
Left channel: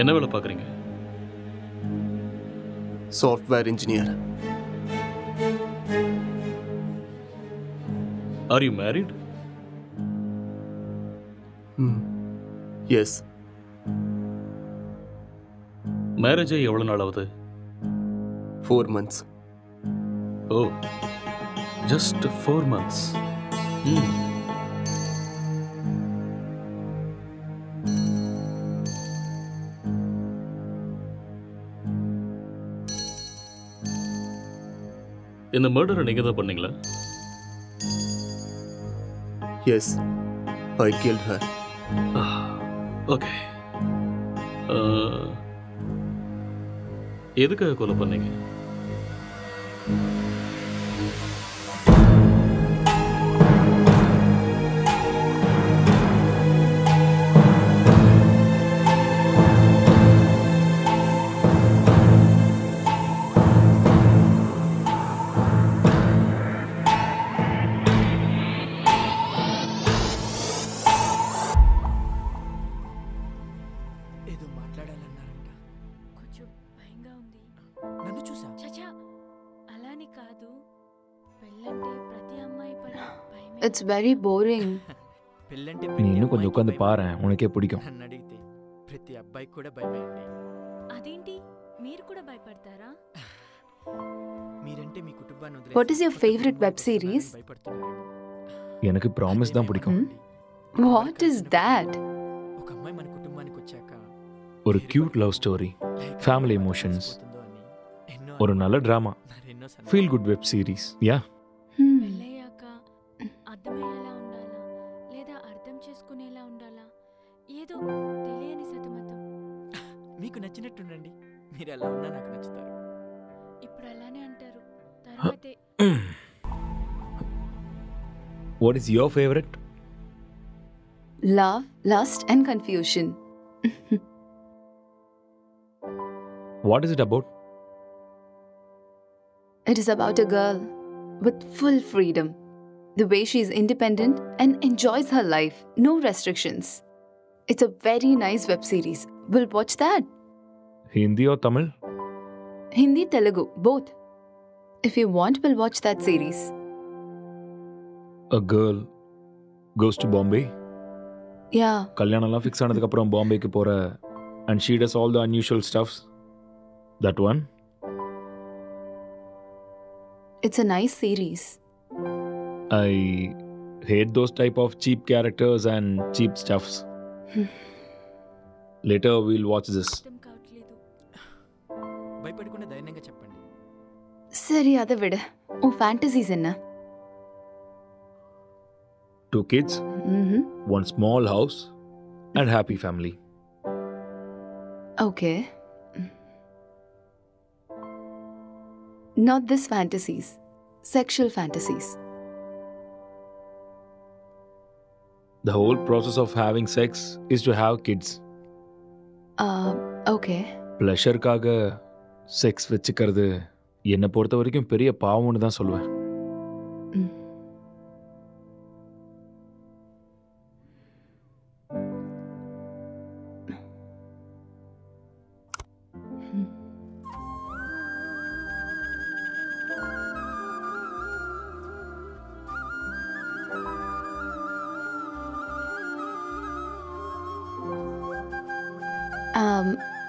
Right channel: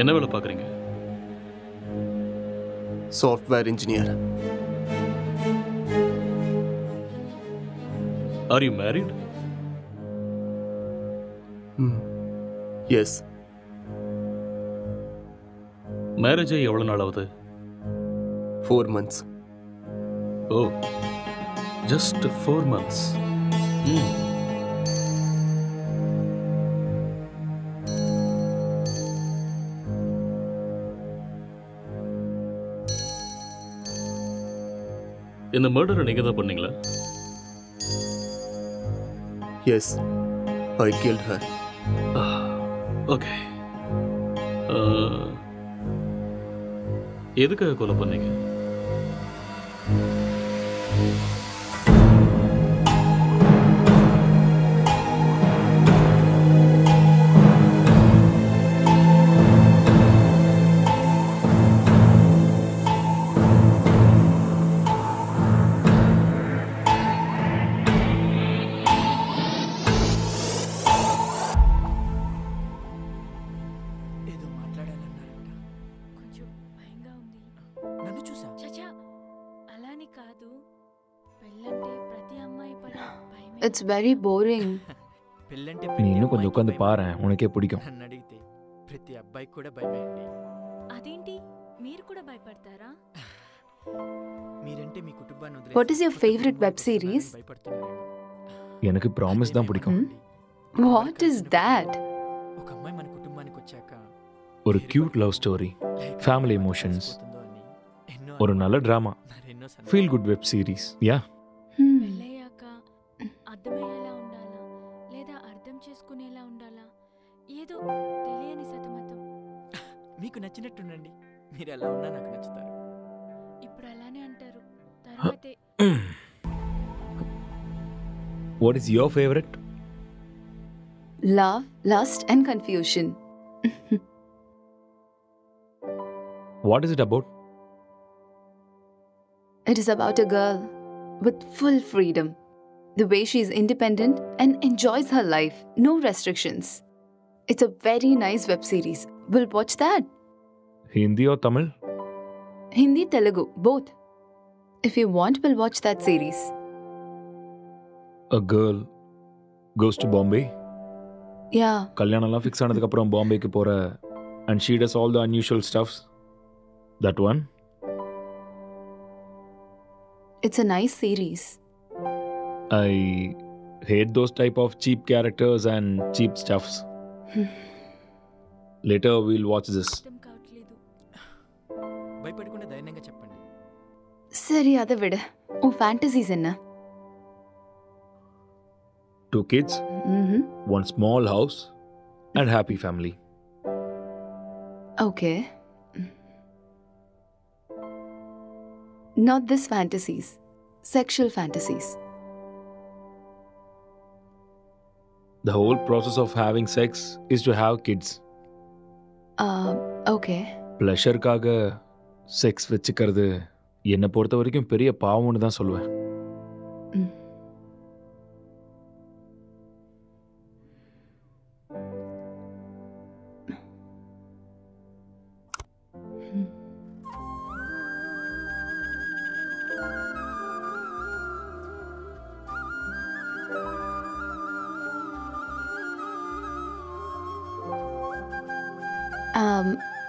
என்ன வேலை பார்க்குறீங்க? Software engineer. Are you married? Yes. Marriage ஆகி எவ்வளோ நாள் ஆகுது? 4 months. ஓ, ஜஸ்ட் 4 months. இந்த மர்டரை நீங்கள் தான் பண்ணீங்களா? எஸ், ஐ கில்ட் ஹர். ஓகே. எதுக்காக கொலை பண்ணீங்க? It's very boring. நீ இன்னும் கொஞ்சம் உட்காந்து பாரு, உனக்கே பிடிக்கும். ప్రతి అబ్బాయి కూడా భయమే అండి. అదేంటి మీరు కూడా భయపడతారా? మీరంటే మీ కుటుంబాన్ని వదిలేసి What is your favorite web series? எனக்கு ப்ராமிஸ் தான் பிடிக்கும். What is that? ఒక అమ్మాయి మన కుటుంబానికి వచ్చాక ஒரு cute love story, family emotions, ஒரு நல்ல drama, feel good web series. Yeah. పెళ్ళయ్యాక అర్థమయ్యేలా ఉండాలా లేదా అర్థం చేసుకునేలా ఉండాలా? ఏదో తెలియని సతమతం. మీకు నచ్చినట్టుండండి. మీరు ఎలా ఉన్నా నాకు నచ్చుతారు. ఇప్పుడు అలానే అంటారు, తర్వాతే. What is your favorite? Love, lust and confusion. What is it about? It is about a girl with full freedom. The way she is independent and enjoys her life. No restrictions. It's a very nice web series. We'll watch that. Hindi or Tamil? Hindi, Telugu, both. If you want, we'll watch that series. A girl goes to Bombay. Yeah. கல்யாணம்லாம் fix ஆனதுக்கப்புறம் பாம்பேக்கு போகிற and she does all the unusual stuffs. That one? It's a nice series. I hate those type of cheap characters and cheap stuffs. Later we'll watch this. భయపడకుండా ధైర్యంగా చెప్పండి. சரி அதை விடு. உன் ஃபேண்டசிஸ் என்ன? 2 kids, one small house, and happy family. Okay. Not this fantasies. Sexual fantasies. The whole process of having sex is to have kids. Okay. ப்ளஷருக்காக sex வச்சுக்கிறது என்னை பொறுத்த வரைக்கும் பெரிய பாவம்னு தான் சொல்லுவேன்.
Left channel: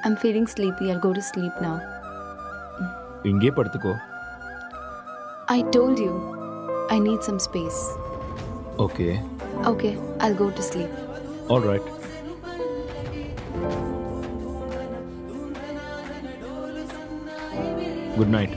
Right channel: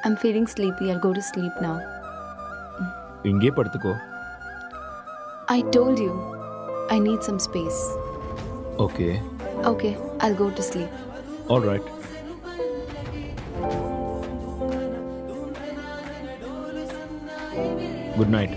I'm feeling sleepy. I'll go to sleep now. இங்கே படுத்துக்கோ. I told you, I need some space. Okay. Okay, I'll go to sleep. All right. Good night.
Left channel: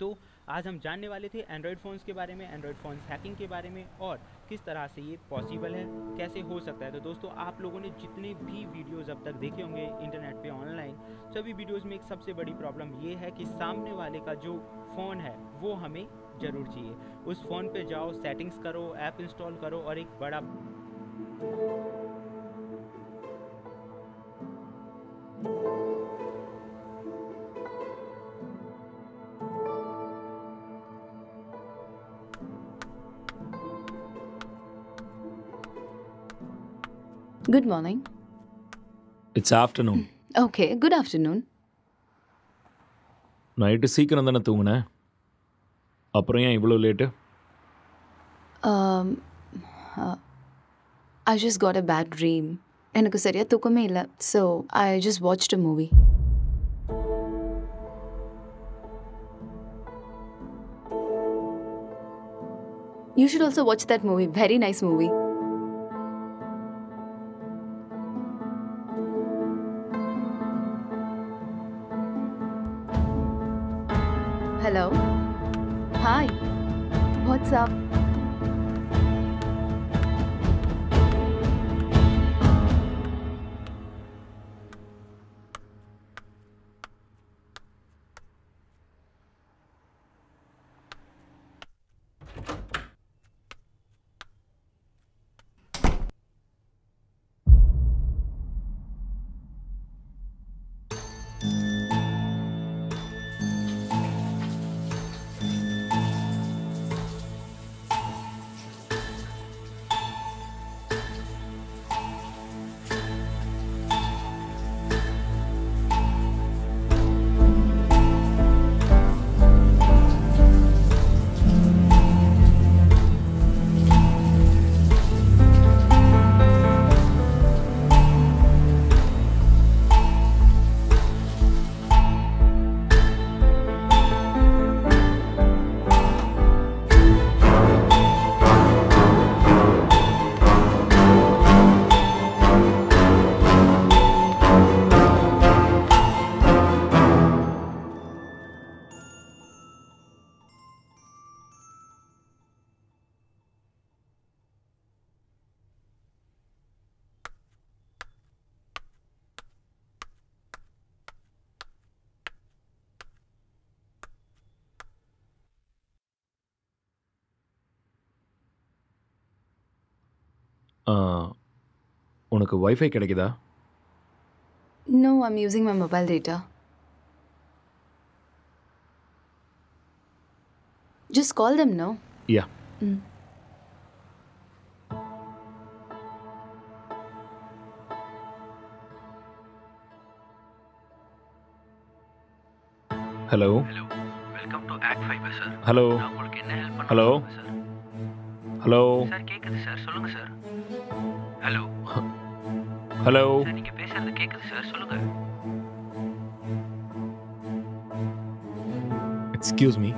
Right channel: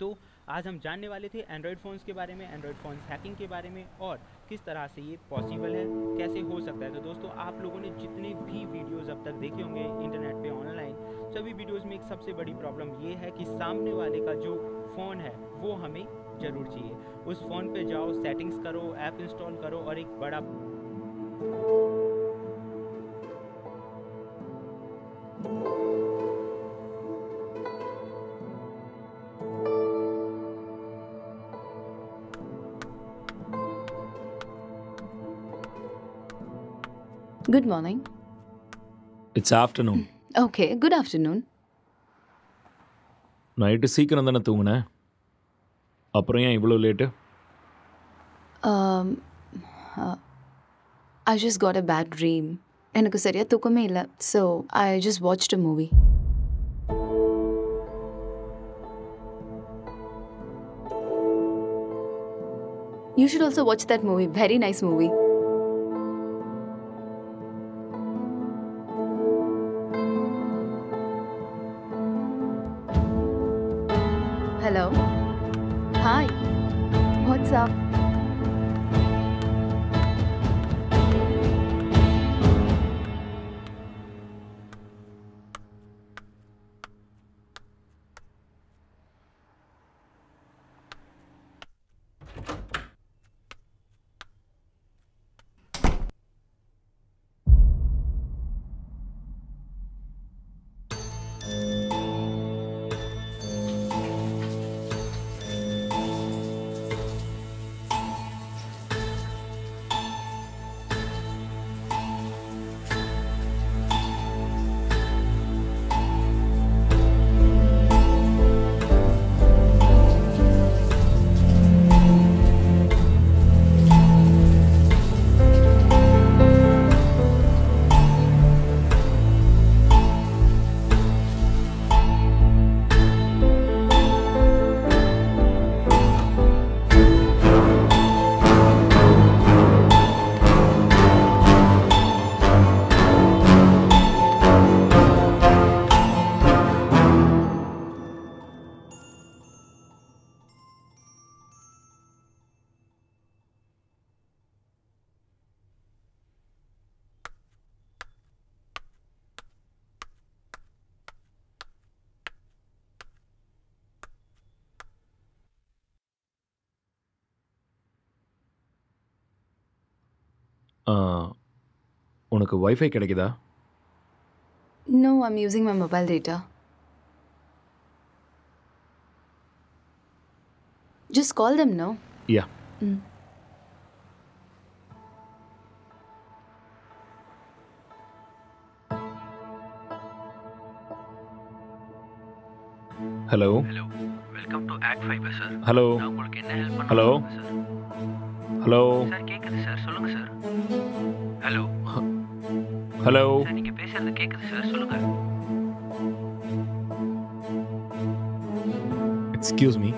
तो आज हम जानने वाले थे एंड्रॉयड फ़ोन्स के बारे में, एंड्रॉयड फ़ोन्स हैकिंग के बारे में और किस तरह से ये पॉसिबल है, कैसे हो सकता है। तो दोस्तों आप लोगों ने जितने भी वीडियोस अब तक देखे होंगे इंटरनेट पे ऑनलाइन, सभी वीडियोस में एक सबसे बड़ी प्रॉब्लम ये है कि सामने वाले का जो फ़ोन है वो हमें ज़रूर चाहिए। उस फ़ोन पे जाओ, सेटिंग्स करो, ऐप इंस्टॉल करो और एक बड़ा Good morning. It's afternoon. Okay, good afternoon. Night சீக்கிரம் தானே தூங்குனேன், அப்புறம் ஏன் இவ்வளோ late? Um, I just got a bad dream. எனக்கு சரியா தூக்கமே இல்லை. So, I just watched a movie. You should also watch that movie. Very nice movie. Hello. Hi. What's up? உனக்கு வைஃபை கிடைக்குதா? No, I'm using my mobile data. Just call them, no? Yeah. Hello. Welcome to act fibre sir. Hello. நான் உங்களுக்கு என்ன help பண்ண hello. Sir? Hello. Sir கேக்குது sir, சொல்லுங்க sir. Hello. Hello. Sir நீங்க பேசுறது கேக்குது சார், சொல்லுங்க. Excuse me.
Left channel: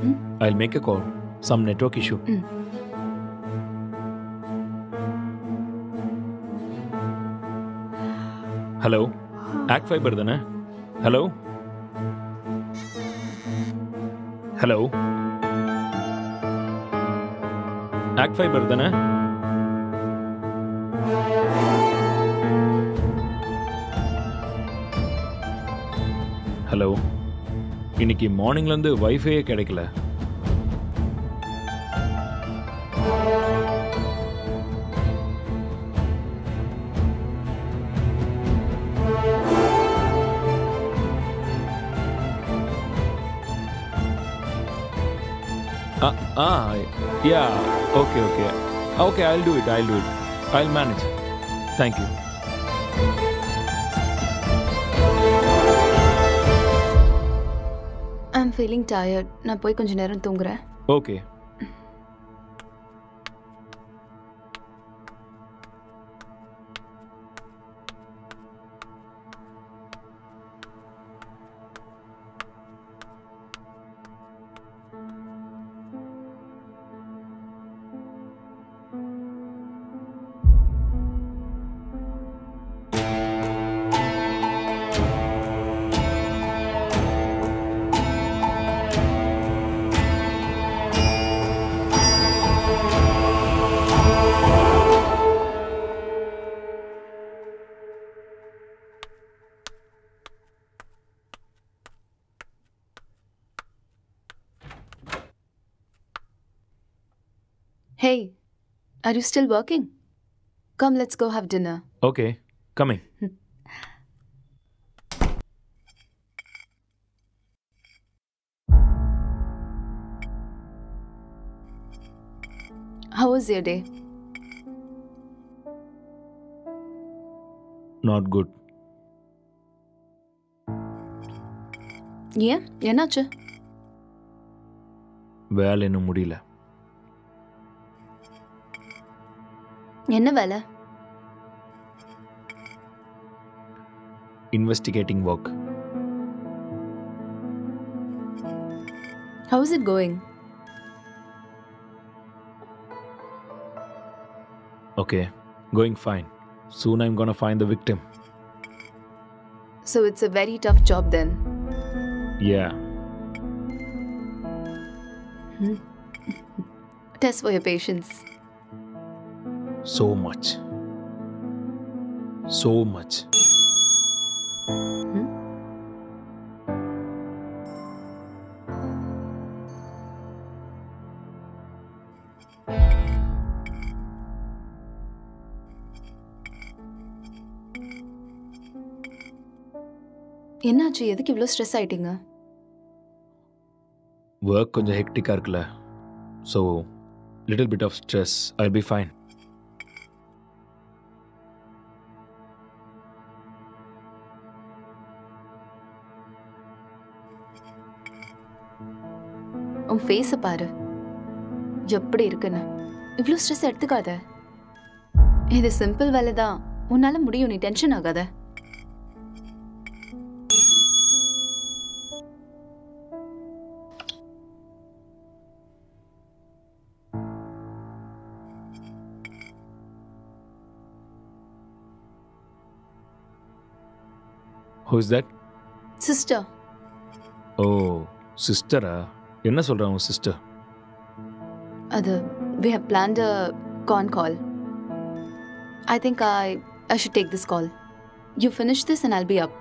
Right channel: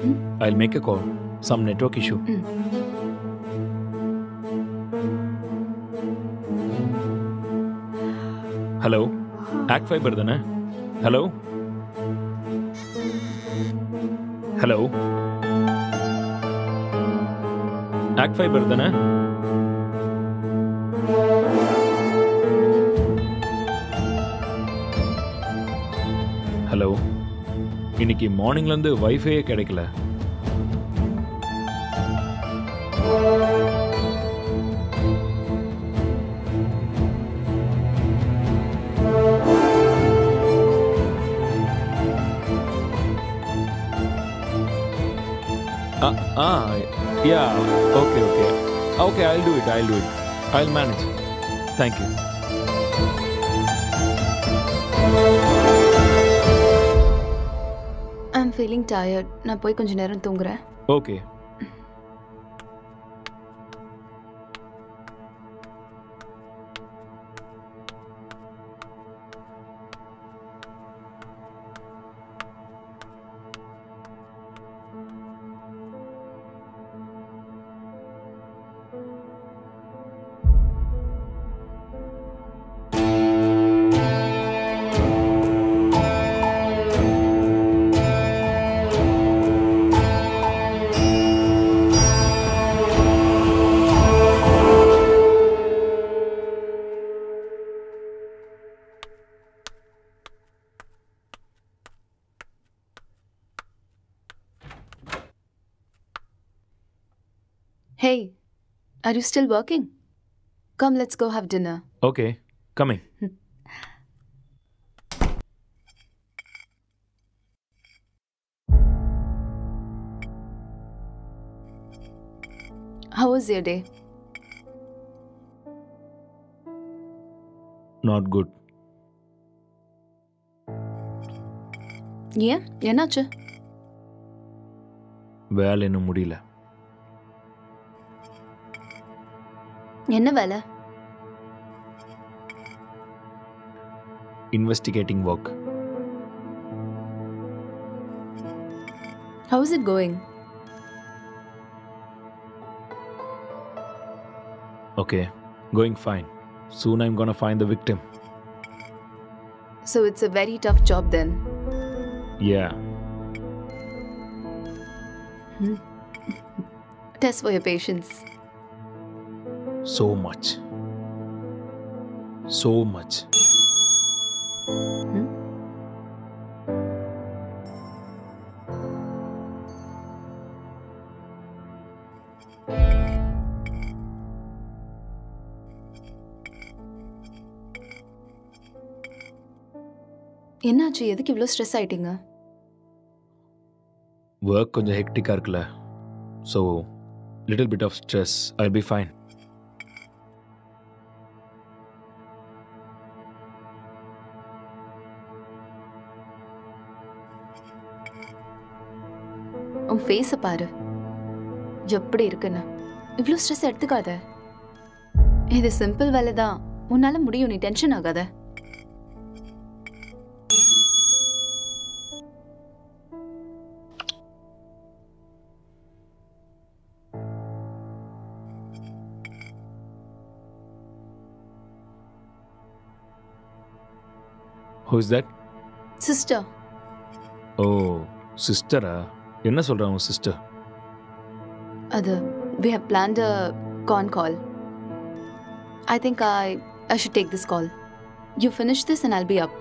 I'll make a call. Some network issue. Hello. Act fibre தானே? ஹலோ. ஹலோ. ஆக்ட் ஃபைபர் தானே? ஹலோ. இன்னைக்கு மார்னிங்லேருந்து வைஃபையே கிடைக்கல. Yeah, okay. Okay, I'll do it. I'll manage. Thank you. I'm feeling tired. நான் போய் கொஞ்ச நேரம் தூங்குறேன். Okay. Hey, are you still working? Come, let's go have dinner. Okay, coming. How was your day? Not good. ஏன் என்னாச்சு? வேலை இன்னும் முடியல. என்ன வேலை? Investigating work. How is it going? Okay, going fine. Soon I'm gonna find the victim. So it's a very tough job then. Yeah. Test for your patience. So much. So much. என்னாச்சு? எதுக்கு இவ்வளோ stress ஆயிட்டீங்க? Work கொஞ்சம் ஹெக்டிக்காக இருக்குல்ல. So, little bit of stress. I'll be fine. உன் ஃபேஸை பாரு, எப்படி இருக்குன்னு. இவ்வளோ ஸ்ட்ரெஸ் எடுத்துக்காத. இது சிம்பிள் வேலை தான், உன்னால முடியும். நீ டென்ஷன் ஆகாத. Who is that? Sister. Oh, sister-ஆ? என்ன சொல்றா உன் சிஸ்டர்? அது we have planned a con call. I think I should take this call. You finish this and I'll be up.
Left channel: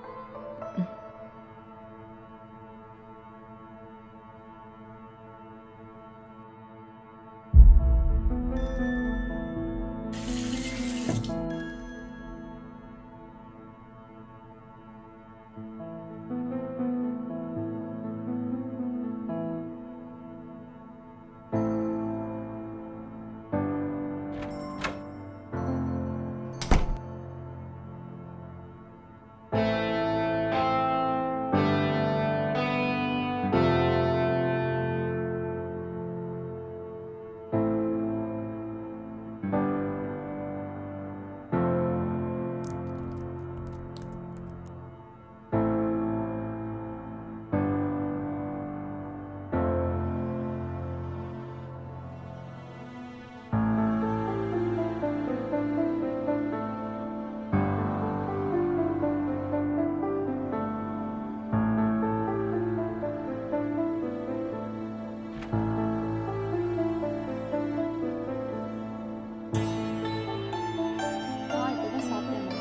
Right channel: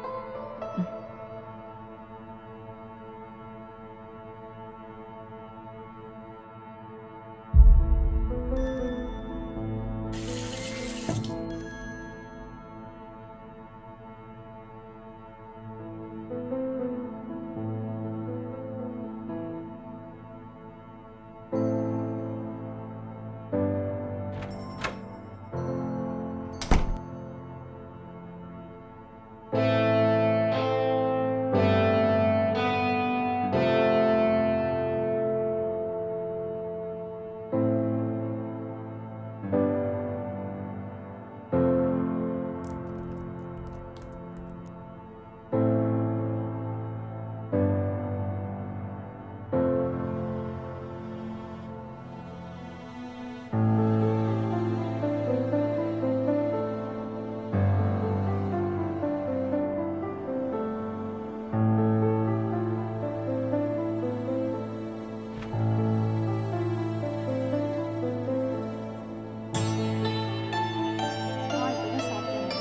இப்பதான் சாப்பிட்டேம்மா.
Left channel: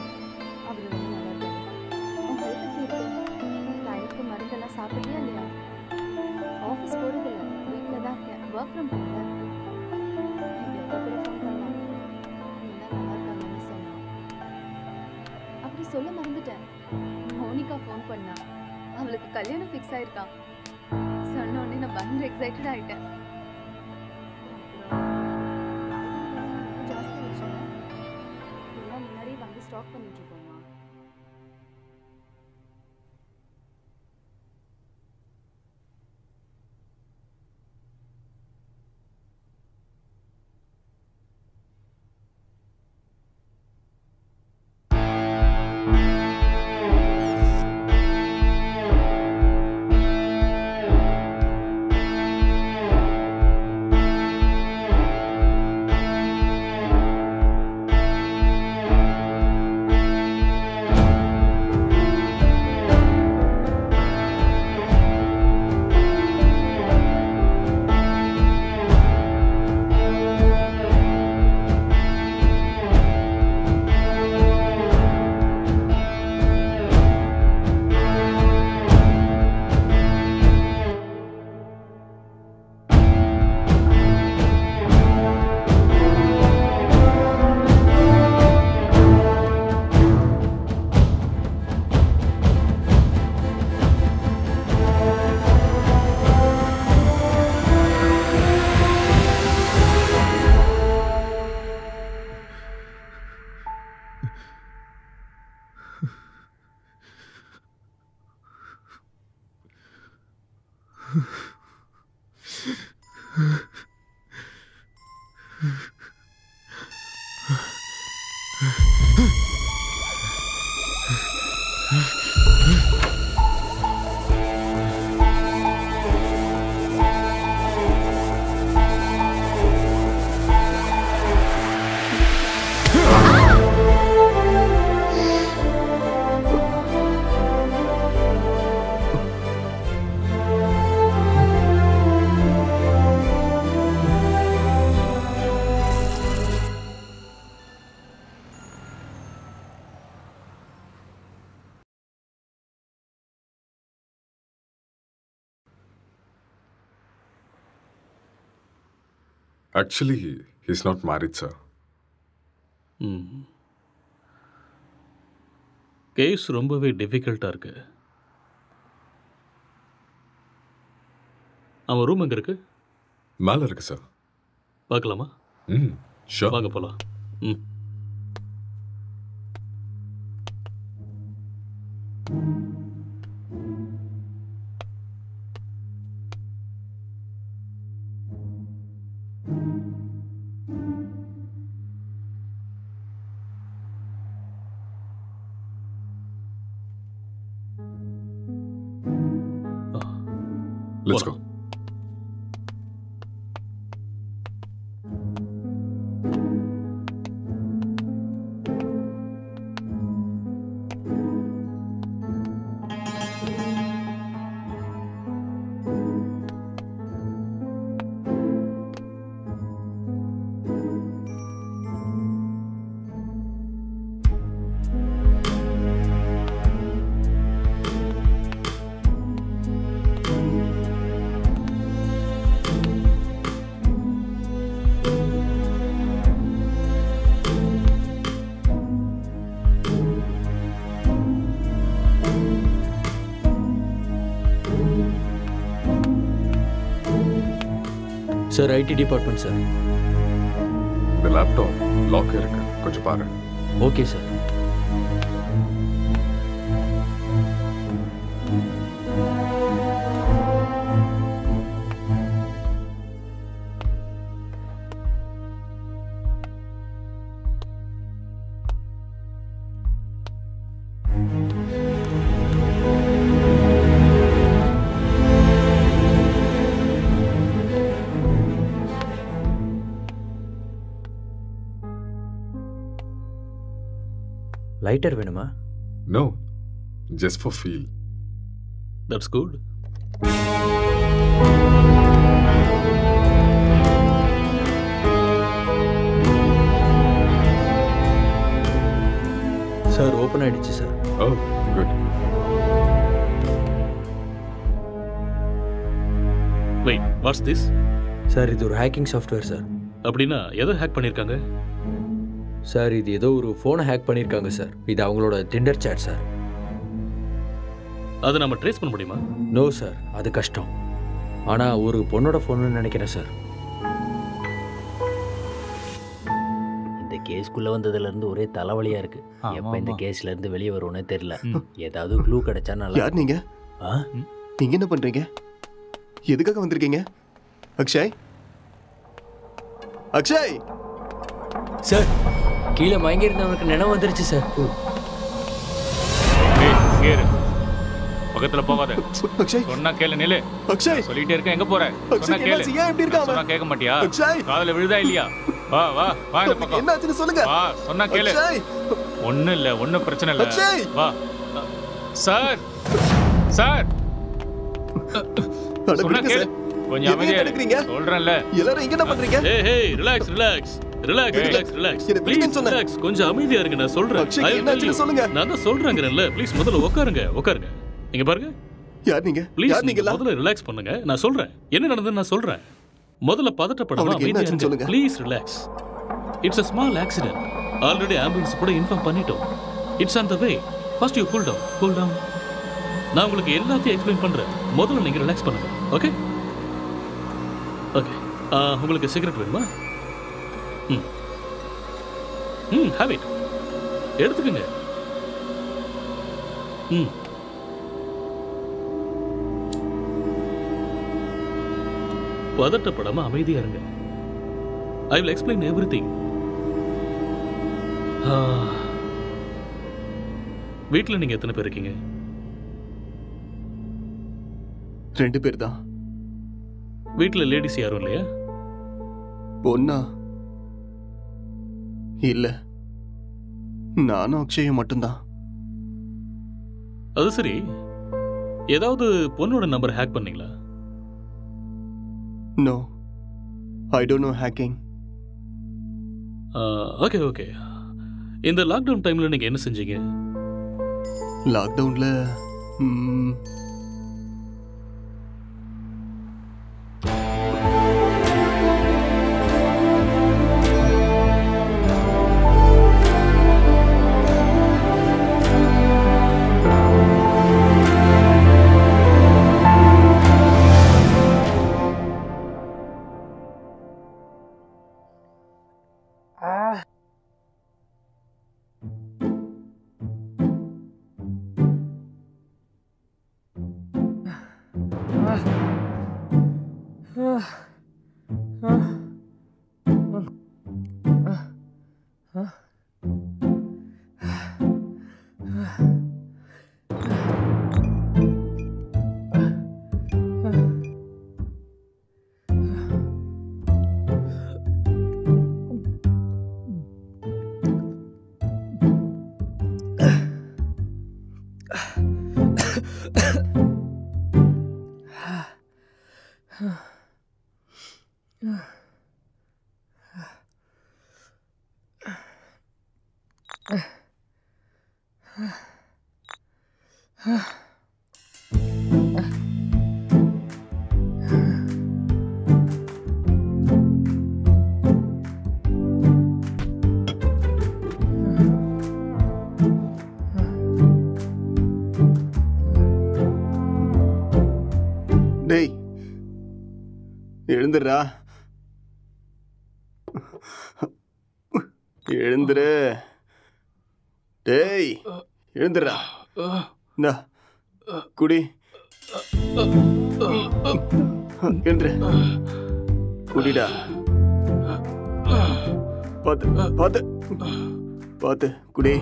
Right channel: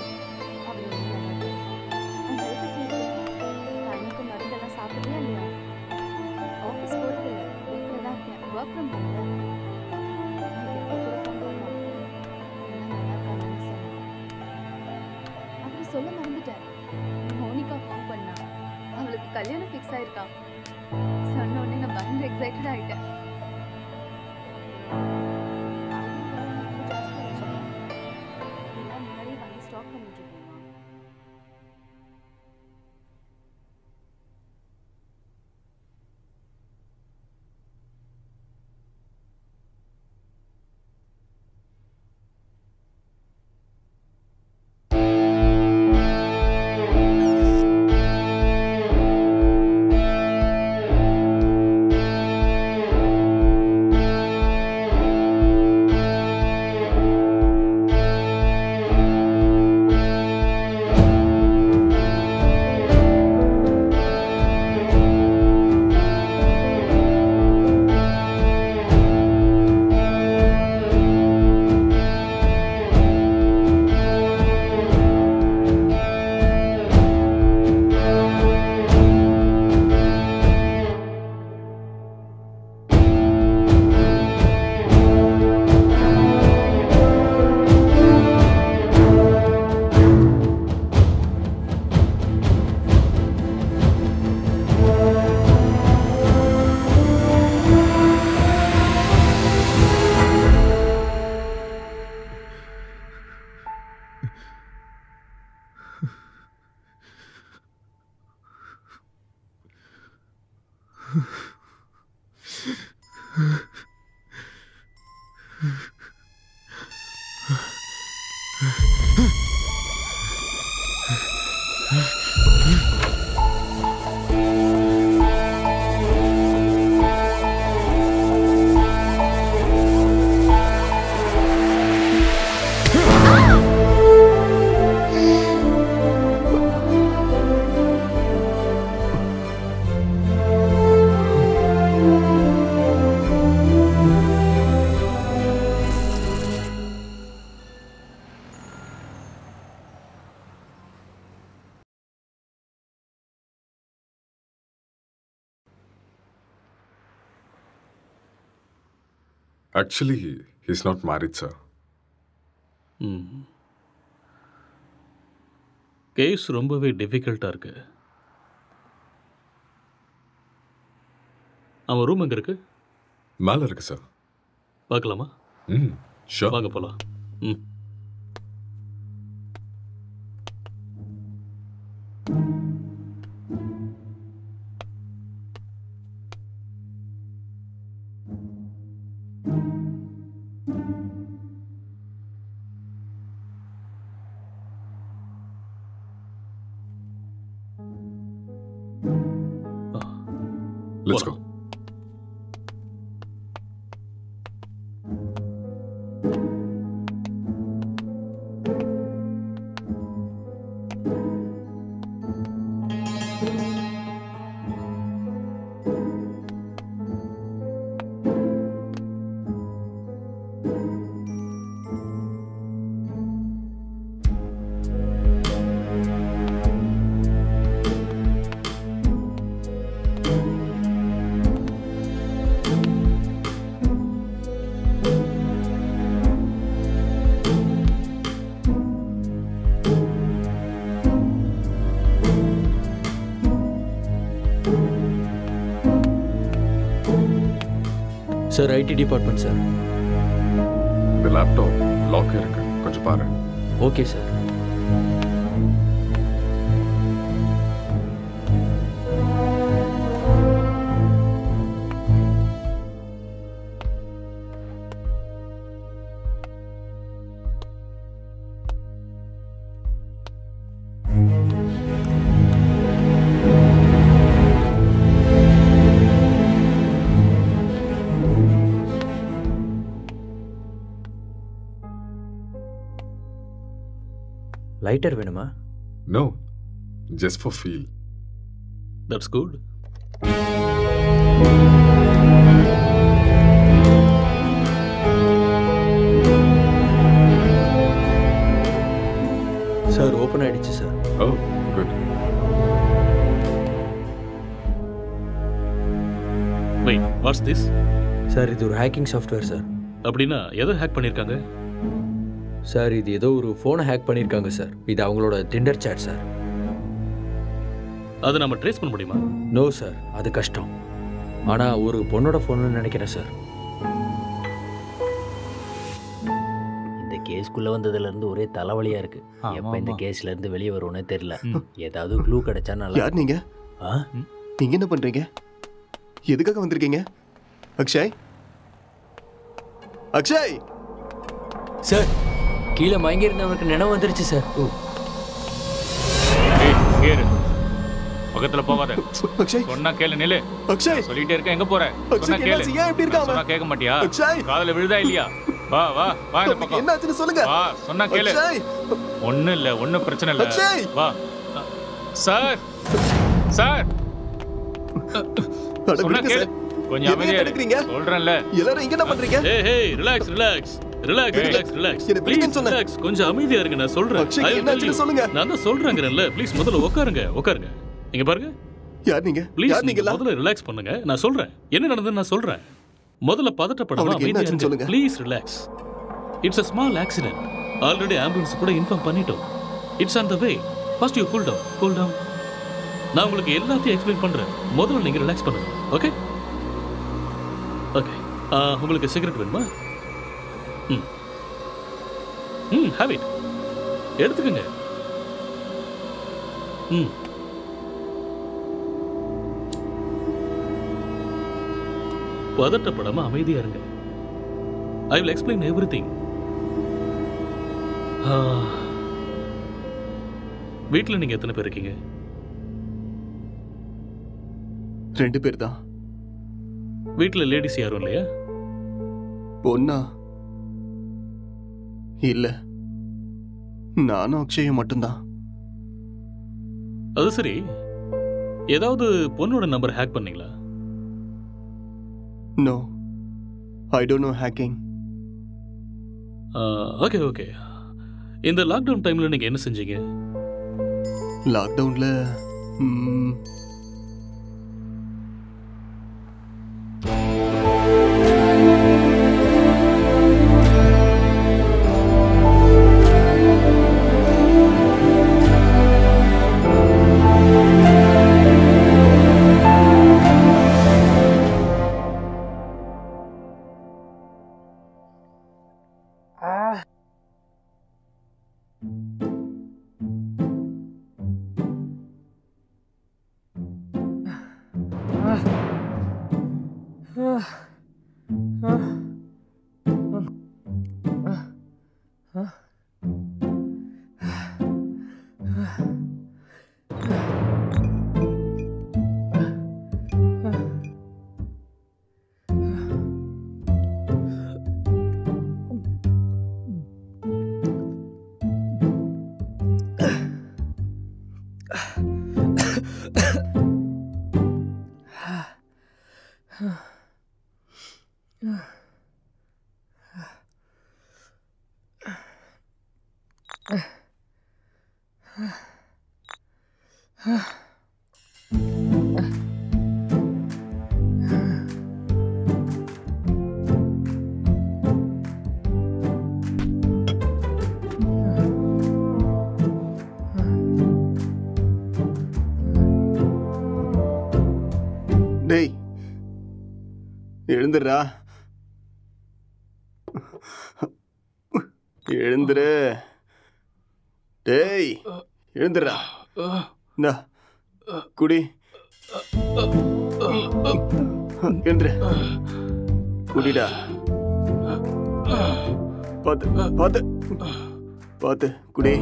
அவர் ரொம்ப நல்லா இருக்காரு. உன் ஹெல்த் எப்படி இருக்கு? டைமுக்கு மருந்தெல்லாம் சாப்பிட்றியா இல்லையா? ஆஃபீஸ் போகிறதில்ல, வீட்டில் தான் இருக்கேன். ஒர்க் ஃப்ரம் ஹோம்ல. நேற்று அக்கா கூட ஃபோன் பண்ணான். எல்லாம் நல்லா இருக்காங்கன்னு சொன்னான். அப்புறம் சொல்ல மறந்துட்டேன், மோனிகா ஃபோன் பண்ணா. அவளுக்கு கல்யாணம் ஃபிக்ஸ் ஆயிருக்கான். சொன்ன உடனே நான் பயங்கர எக்ஸைட்டட் ஆகிட்டேன். அப்புறம் காய்கறி விலைலாம் ரொம்ப ஜாஸ்தி ஆயிடுச்சுல்ல, எல்லாம் முன்னாடியே வாங்கி ஸ்டாக் பண்ணிட்டு இருக்கோம்மா. Actually, he's not married, sir. Case ரொம்பவே டிஃபிகல்ட்டாக இருக்கு. அவன் ரூம் எங்கே இருக்கு? மேலே இருக்கு சார். பார்க்கலாமா? ஷூர். வாங்க போகலாம். Let's go. Sir IT department sir. இந்த லேப்டாப் லாக் இருக்கு, கொஞ்சம் பாரு. Okay sir. லைட்டர் வேணுமா? No, just for feel. That's good. Sir open ஆயிடுச்சு sir. Oh, good. Wait, what's this? Sir இது ஒரு ஹேக்கிங் சாஃப்ட்வேர் சார். அப்படின்னா எதை ஹேக் பண்ணியிருக்காங்க? சார் இது ஏதோ ஒரு ஃபோனை ஹேக் பண்ணியிருக்காங்க சார். இது அவங்களோட டிண்டர் சேட் சார். அதை நம்ம ட்ரேஸ் பண்ண முடியுமா? நோ சார், அது கஷ்டம். ஆனால் ஒரு பொண்ணோட ஃபோன்னு நினைக்கிறேன் சார். இந்த கேஸ்க்குள்ளே வந்ததுலேருந்து ஒரே தலைவலியாக இருக்குது. எப்போ இந்த கேஸ்லேருந்து வெளியே வருவோன்னே தெரியல. ஏதாவது க்ளூ கிடைச்சா நல்லா. யார் நீங்க? நீங்க என்ன பண்றீங்க? எதுக்காக வந்திருக்கீங்க? அக்ஷய், அக்ஷய் சார், கீழே மயங்கி இருந்தவனுக்கு நினைவு வந்துருச்சு சார். ஏய் இங்கே இரு, பக்கத்துல போகாத. அக்ஷய் சொன்னா கேளு. நில்லு. அக்ஷய் சொல்லிட்டே இருக்க, எங்க போற? சொன்னா கேளு. ஏன் இப்படி இருக்காம? சொன்னா கேட்க மாட்டியா? அக்ஷய் காதுல விழுதா இல்லையா? வா வா வா இந்த பக்கம். என்னாச்சுன்னு சொல்லுங்க. வா, சொன்னா கேளு. அக்ஷய் ஒண்ணும் இல்ல, ஒண்ணும் பிரச்சனை இல்ல. அக்ஷய் வா. சார் சார் சொன்னா கேளு. கொஞ்சம் அமைதியா இருங்க. சொல்றேன்ல. எல்லாரும் இங்க என்ன பண்றீங்க? ஏய் ஏய் relax relax relax relax relax. Please relax, கொஞ்சம் அமைதியா இருங்க. நான் சொல்றேன். என்னாச்சுன்னு சொல்லுங்க. நான் தான் சொல்றேங்கறேன்ல. ப்ளீஸ் முதல்ல உட்காருங்க உட்காருங்க. இங்க பாருங்க. யார் நீங்க? ப்ளீஸ் நீங்க முதல்ல ரிலாக்ஸ் பண்ணுங்க. நான் சொல்றேன் என்ன நடந்ததுன்னு நான் சொல்றேன். முதல்ல பதட்டப்படாம அமைதியா இருங்க. Please relax. It's a small accident. Already ambulance கூட இன்ஃபார்ம் பண்ணிட்டோம். It's on the way. First you cool down. Cool down. நான் உங்களுக்கு எல்லாத்தையும் எக்ஸ்பிளைன் பண்றேன். முதல்ல நீங்க ரிலாக்ஸ் பண்ணுங்க. Okay okay. உங்களுக்கு சிகரெட் வேணுமா? Have it. எடுத்துக்கங்க. பதட்டப்படாம அமைதியா இருங்க. I will explain everything. வீட்டில் நீங்கள் எத்தனை பேர் இருக்கீங்க? 2 பேர் தான். வீட்டில் லேடிஸ் யாரும் இல்லையா? பொண்ணா? இல்ல, நானும் அக்ஷயும் மட்டும்தான். அது சரி, ஏதாவது பொண்ணோட நம்பர் ஹேக் பண்ணீங்களா? No, I don't know hacking. Okay okay. இந்த லாக்டவுன் டைமில் நீங்கள் என்ன செஞ்சீங்க? லாக்டவுனில் டேய் எழுந்துடுறா, எழுந்துரு. டேய் எழுந்துடுறா. இந்தா குடி. எழுந்துரு, குடிடா. பார்த்து பார்த்து பார்த்து குடி.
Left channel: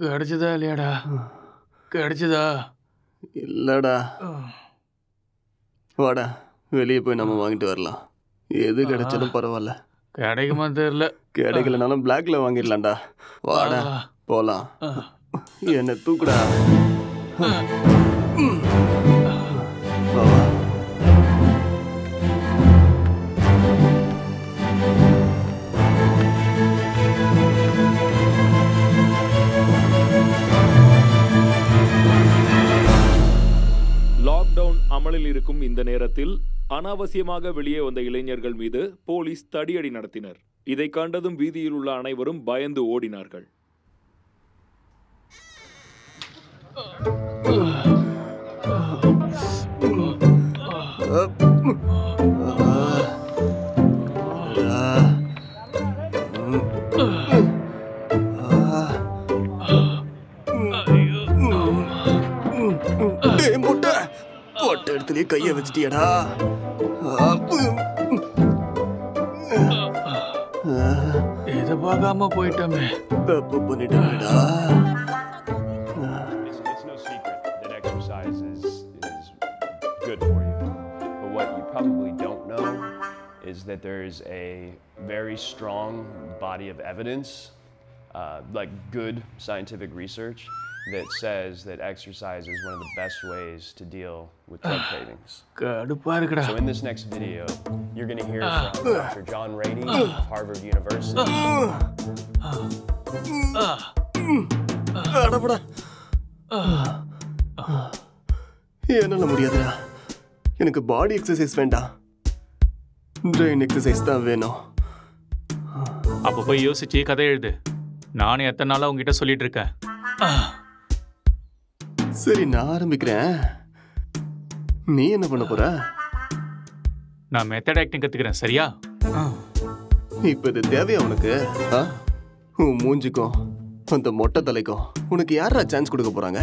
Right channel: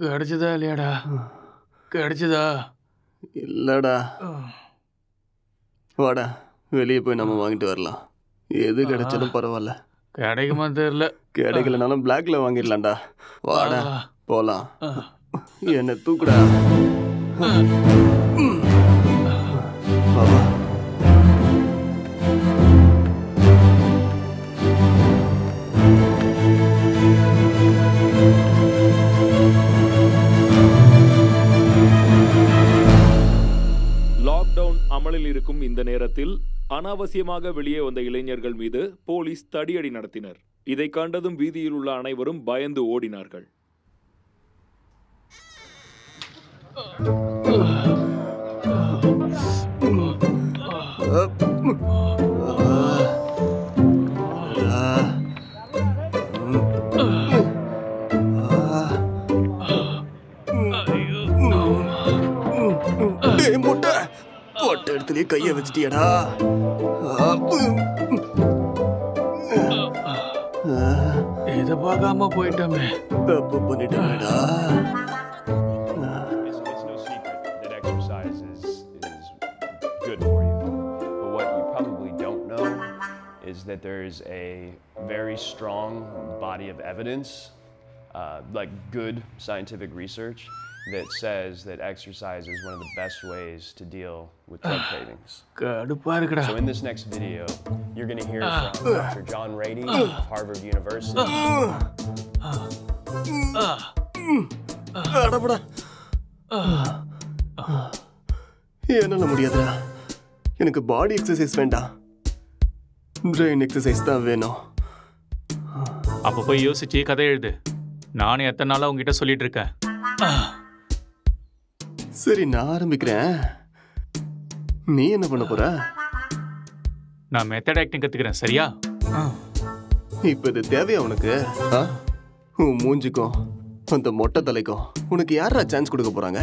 கிடைச்சதா இல்லையாடா? கிடைச்சதா? இல்லடா. வாடா, வெளியே போய் நம்ம வாங்கிட்டு வரலாம். எது கிடைச்சாலும் பரவாயில்ல. கிடைக்குமா தெரியல. கிடைக்கலனாலும் பிளாக்ல வாங்கிடலாம்டா. வாடா போலாம். என்ன தூக்குடா. வா வா. லாக்டவுன் அமலில் இருக்கும் இந்த நேரத்தில் அனாவசியமாக வெளியே வந்த இளைஞர்கள் மீது போலீஸ் தடியடி நடத்தினர். இதை கண்டதும் வீதியில் உள்ள அனைவரும் பயந்து ஓடினார்கள். முட்டை போட்ட இடத்துலயே கைய வச்சிட்டியடா. இத பார்க்காம போயிட்டோமே. தப்பு பண்ணிட்டேடா. It's no secret that exercise is good for you. But what you probably don't know is that there's a very strong body of evidence, like good scientific research, that says that exercise is one of the best ways to deal with drug cravings. So in this next video, you're going to hear from Dr. John Reddy of Harvard University. என்னால முடியாதுடா. எனக்கு பாடி exercise வேண்டாம், brain exercise தான் வேணும். அப்போ போய் யோசிச்சு கதை எழுது. நானும் எத்தனை நாளா உங்ககிட்ட சொல்லிட்டு இருக்கேன். சரி, நான் ஆரம்பிக்கிறேன். நீ என்ன பண்ண போற? நான் மெத்தட் ஆக்டிங் கத்துக்கிறேன். சரியா? இப்ப இது தேவையா உனக்கு? உன் மூஞ்சிக்கும் அந்த மொட்டை தலைக்கும் உனக்கு யாரா சான்ஸ் கொடுக்க போறாங்க?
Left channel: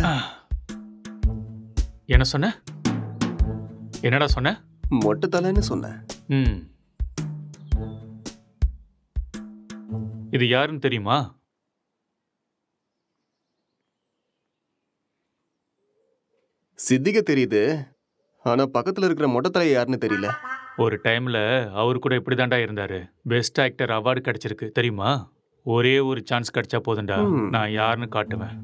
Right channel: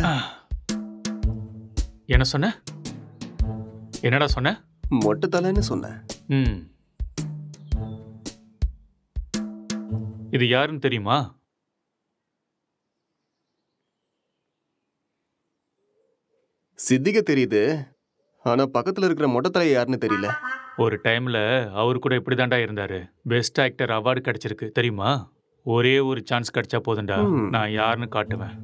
என்ன சொன்ன? என்னடா சொன்ன? மொட்டை தலைன்னு சொன்னேன். இது யாருன்னு தெரியுமா? சித்திக தெரியுது, ஆனா பக்கத்துல இருக்கிற மொட்டை தலை யாருன்னு தெரியல. ஒரு டைம்ல அவர் கூட இப்படிதான்டா இருந்தாரு. பெஸ்ட் ஆக்டர் அவார்டு கிடைச்சிருக்கு தெரியுமா? ஒரே ஒரு சான்ஸ் கிடைச்சா போதும்டா, நான் யாருன்னு காட்டுவேன்.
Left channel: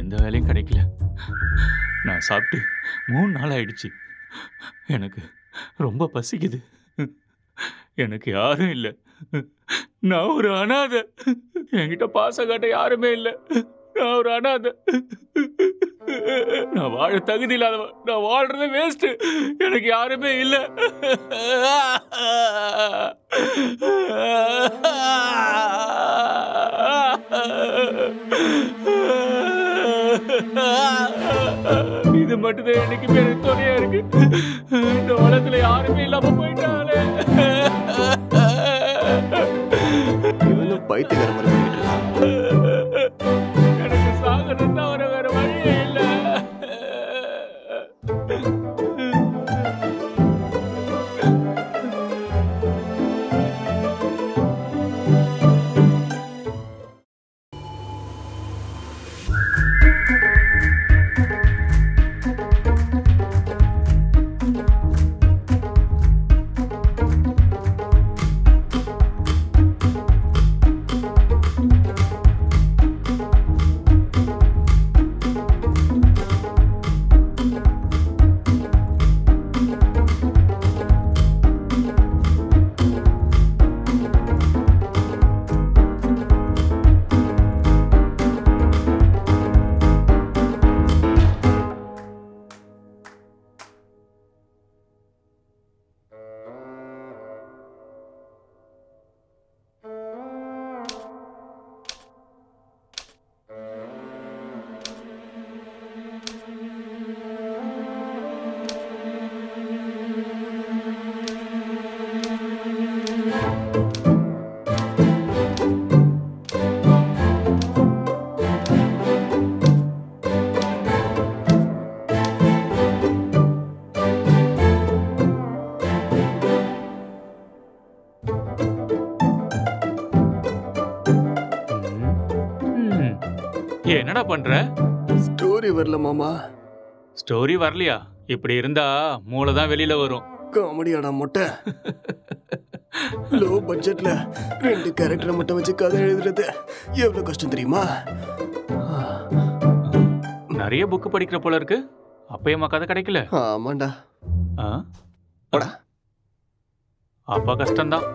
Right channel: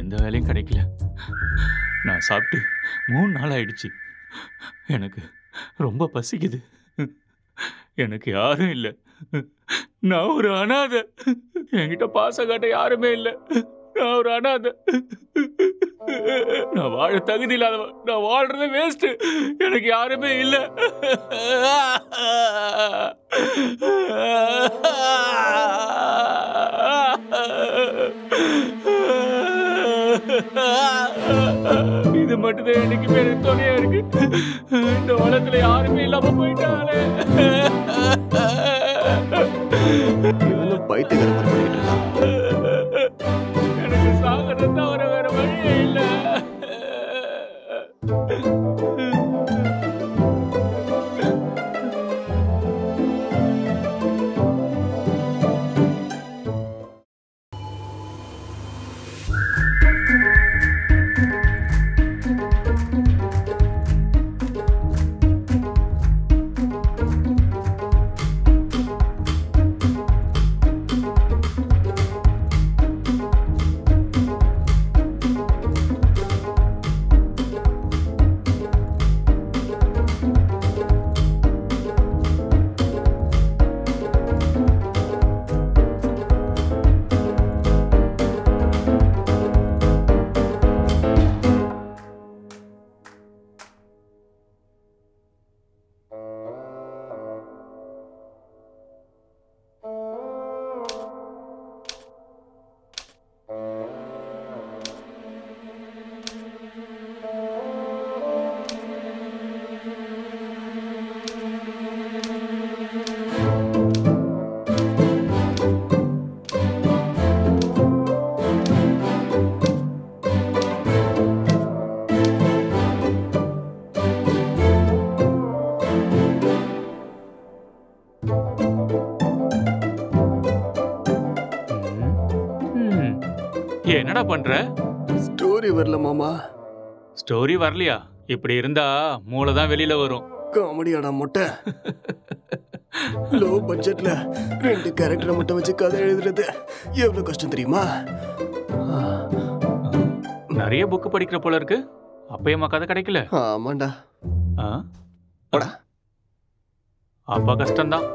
எந்த வேலையும் கிடைக்கல. நான் சாப்பிட்டு 3 நாள் ஆயிடுச்சு. எனக்கு ரொம்ப பசிக்குது. எனக்கு யாரும் இல்லை. நான் ஒரு அனாதை. என்கிட்ட பாசம் காட்ட யாருமே இல்லை. நான் ஒரு அனாதை. நான் வாழ தகுதி இல்லாதவன். நான் வாழ்றது வேஸ்ட். எனக்கு யாருமே இல்லை. இது மட்டும்தான் என்னைக்குமே எனக்கு துணையா இருக்கு. இந்த உலகத்துல யாருமே இல்லாம போயிட்டாலே. இவனும் பைத்தியக்கார மாதிரி பண்ணிட்டு இருக்கான். எனக்கு சாகிறது தவிர வேற வழியே இல்லை. என்னடா பண்ற? ஸ்டோரி வரல மாமா. ஸ்டோரி வரலையா? இப்படி இருந்தா மூளை தான் வெளியில வரும். காமெடியாடா மொட்டை. லோ பட்ஜெட்ல 2 கேரக்டரை மட்டும் வச்சு கதை எழுதுறது எவ்வளவு கஷ்டம் தெரியுமா? நிறைய புக் படிக்கிற போல இருக்கு. அப்பயமா கதை கிடைக்கல? ஆமாண்டா. அப்பா கஷ்டம்தான்.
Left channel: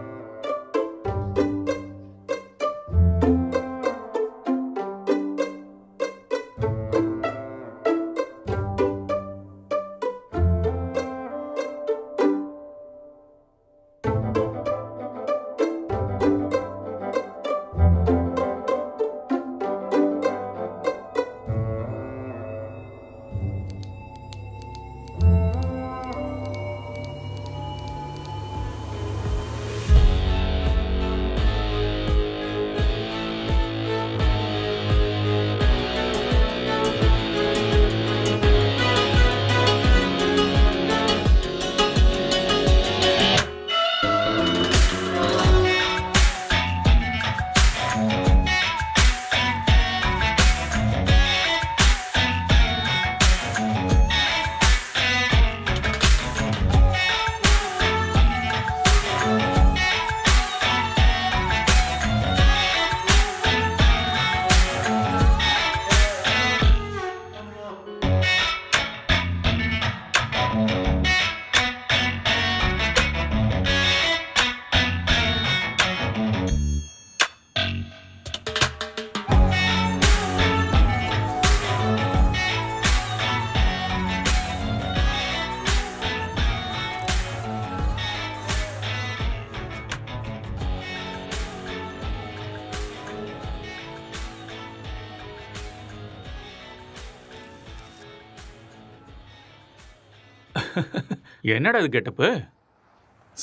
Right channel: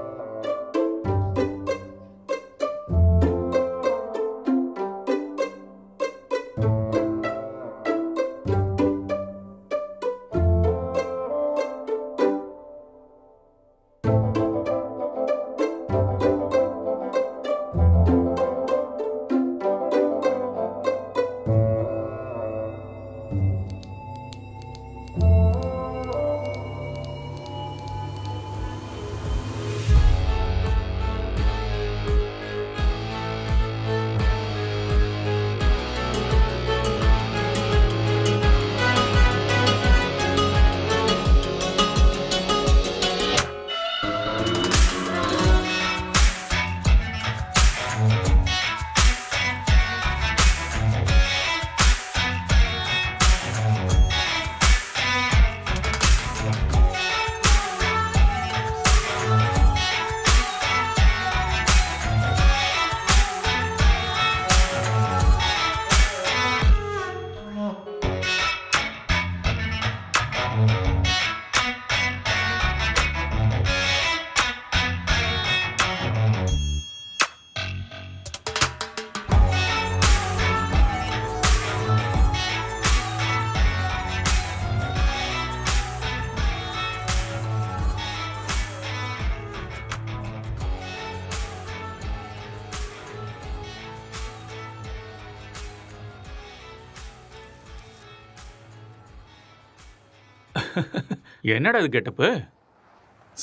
என்னடா இது கெட்டப்பு?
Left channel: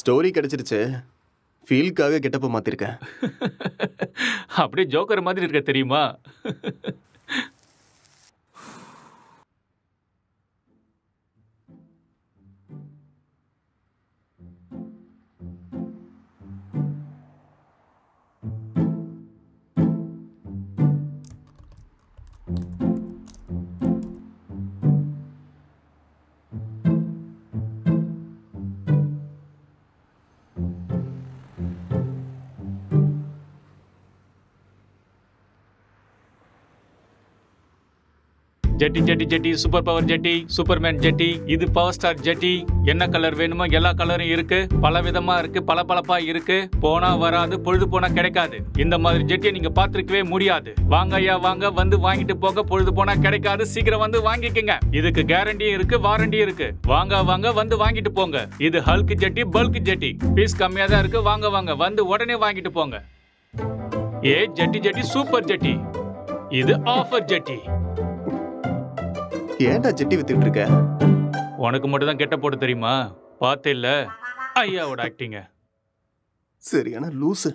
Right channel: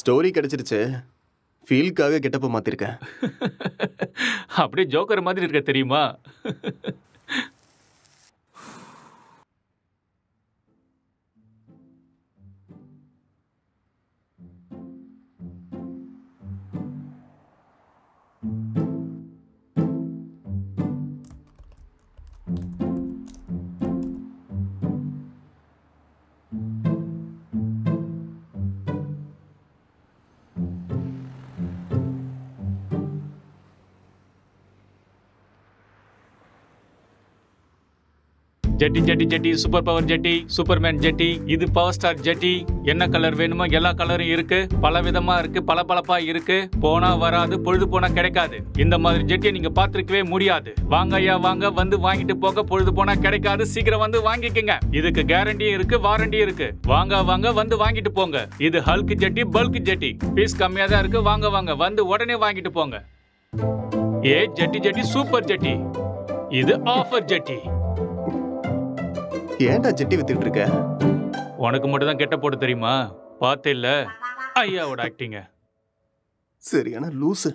ஸ்டோரி கிடைச்சிருச்சு, ஃபீல்க்காக கெட்டப்ப மாத்திருக்கேன். அப்படியே ஜோக்கர் மாதிரி இருக்க தெரியுமா? ஜெட்டி ஜெட்டி ஜெட்டி, சூப்பர் பவர் ஜெட்டி, சூப்பர்மேன் ஜெட்டி, இது பவர் ஸ்டார் ஜெட்டி. என்ன கலர் வேணுமோ எல்லா கலரும் இருக்கு, பல விதமா இருக்கு, பளபளப்பா இருக்கு. போனா வராது, பொழுது போனா கிடைக்காது. இந்த மாதிரி ஜெட்டியை நீங்க பார்த்திருக்கவே முடியாது. வாங்க ஐயா வாங்க, வந்து வாங்கிட்டு போக. பொழுது போனா கிடைக்காது, சீக்கிரம் வந்து வாங்கிக்கங்க. இதுக்கு கேரண்டியும் இருக்கு, வாரண்டியும் இருக்கு. வாங்க வாங்க, வந்து வாங்கிட்டு போங்க. இது ஹல்க் ஜெட்டி, பல்க் ஜெட்டி. பீஸ் கம்மியா தான் இருக்கு. வாங்க வாங்க, வந்து உடனே வாங்கிட்டு போங்க. ஏ ஜெட்டி ஜெட்டி, சூப்பர் ஜெட்டி. இது ஆஃபர் ஜெட்டி. ஏன்டா ஜெட்டி வித்துட்டு இருக்க? உனக்கு மட்டும் தான் கெட்ட போட்டு தெரியுமா? பார்த்தே இல்ல ஐயாவோட ஆக்டிங்க. சரியான லூசு.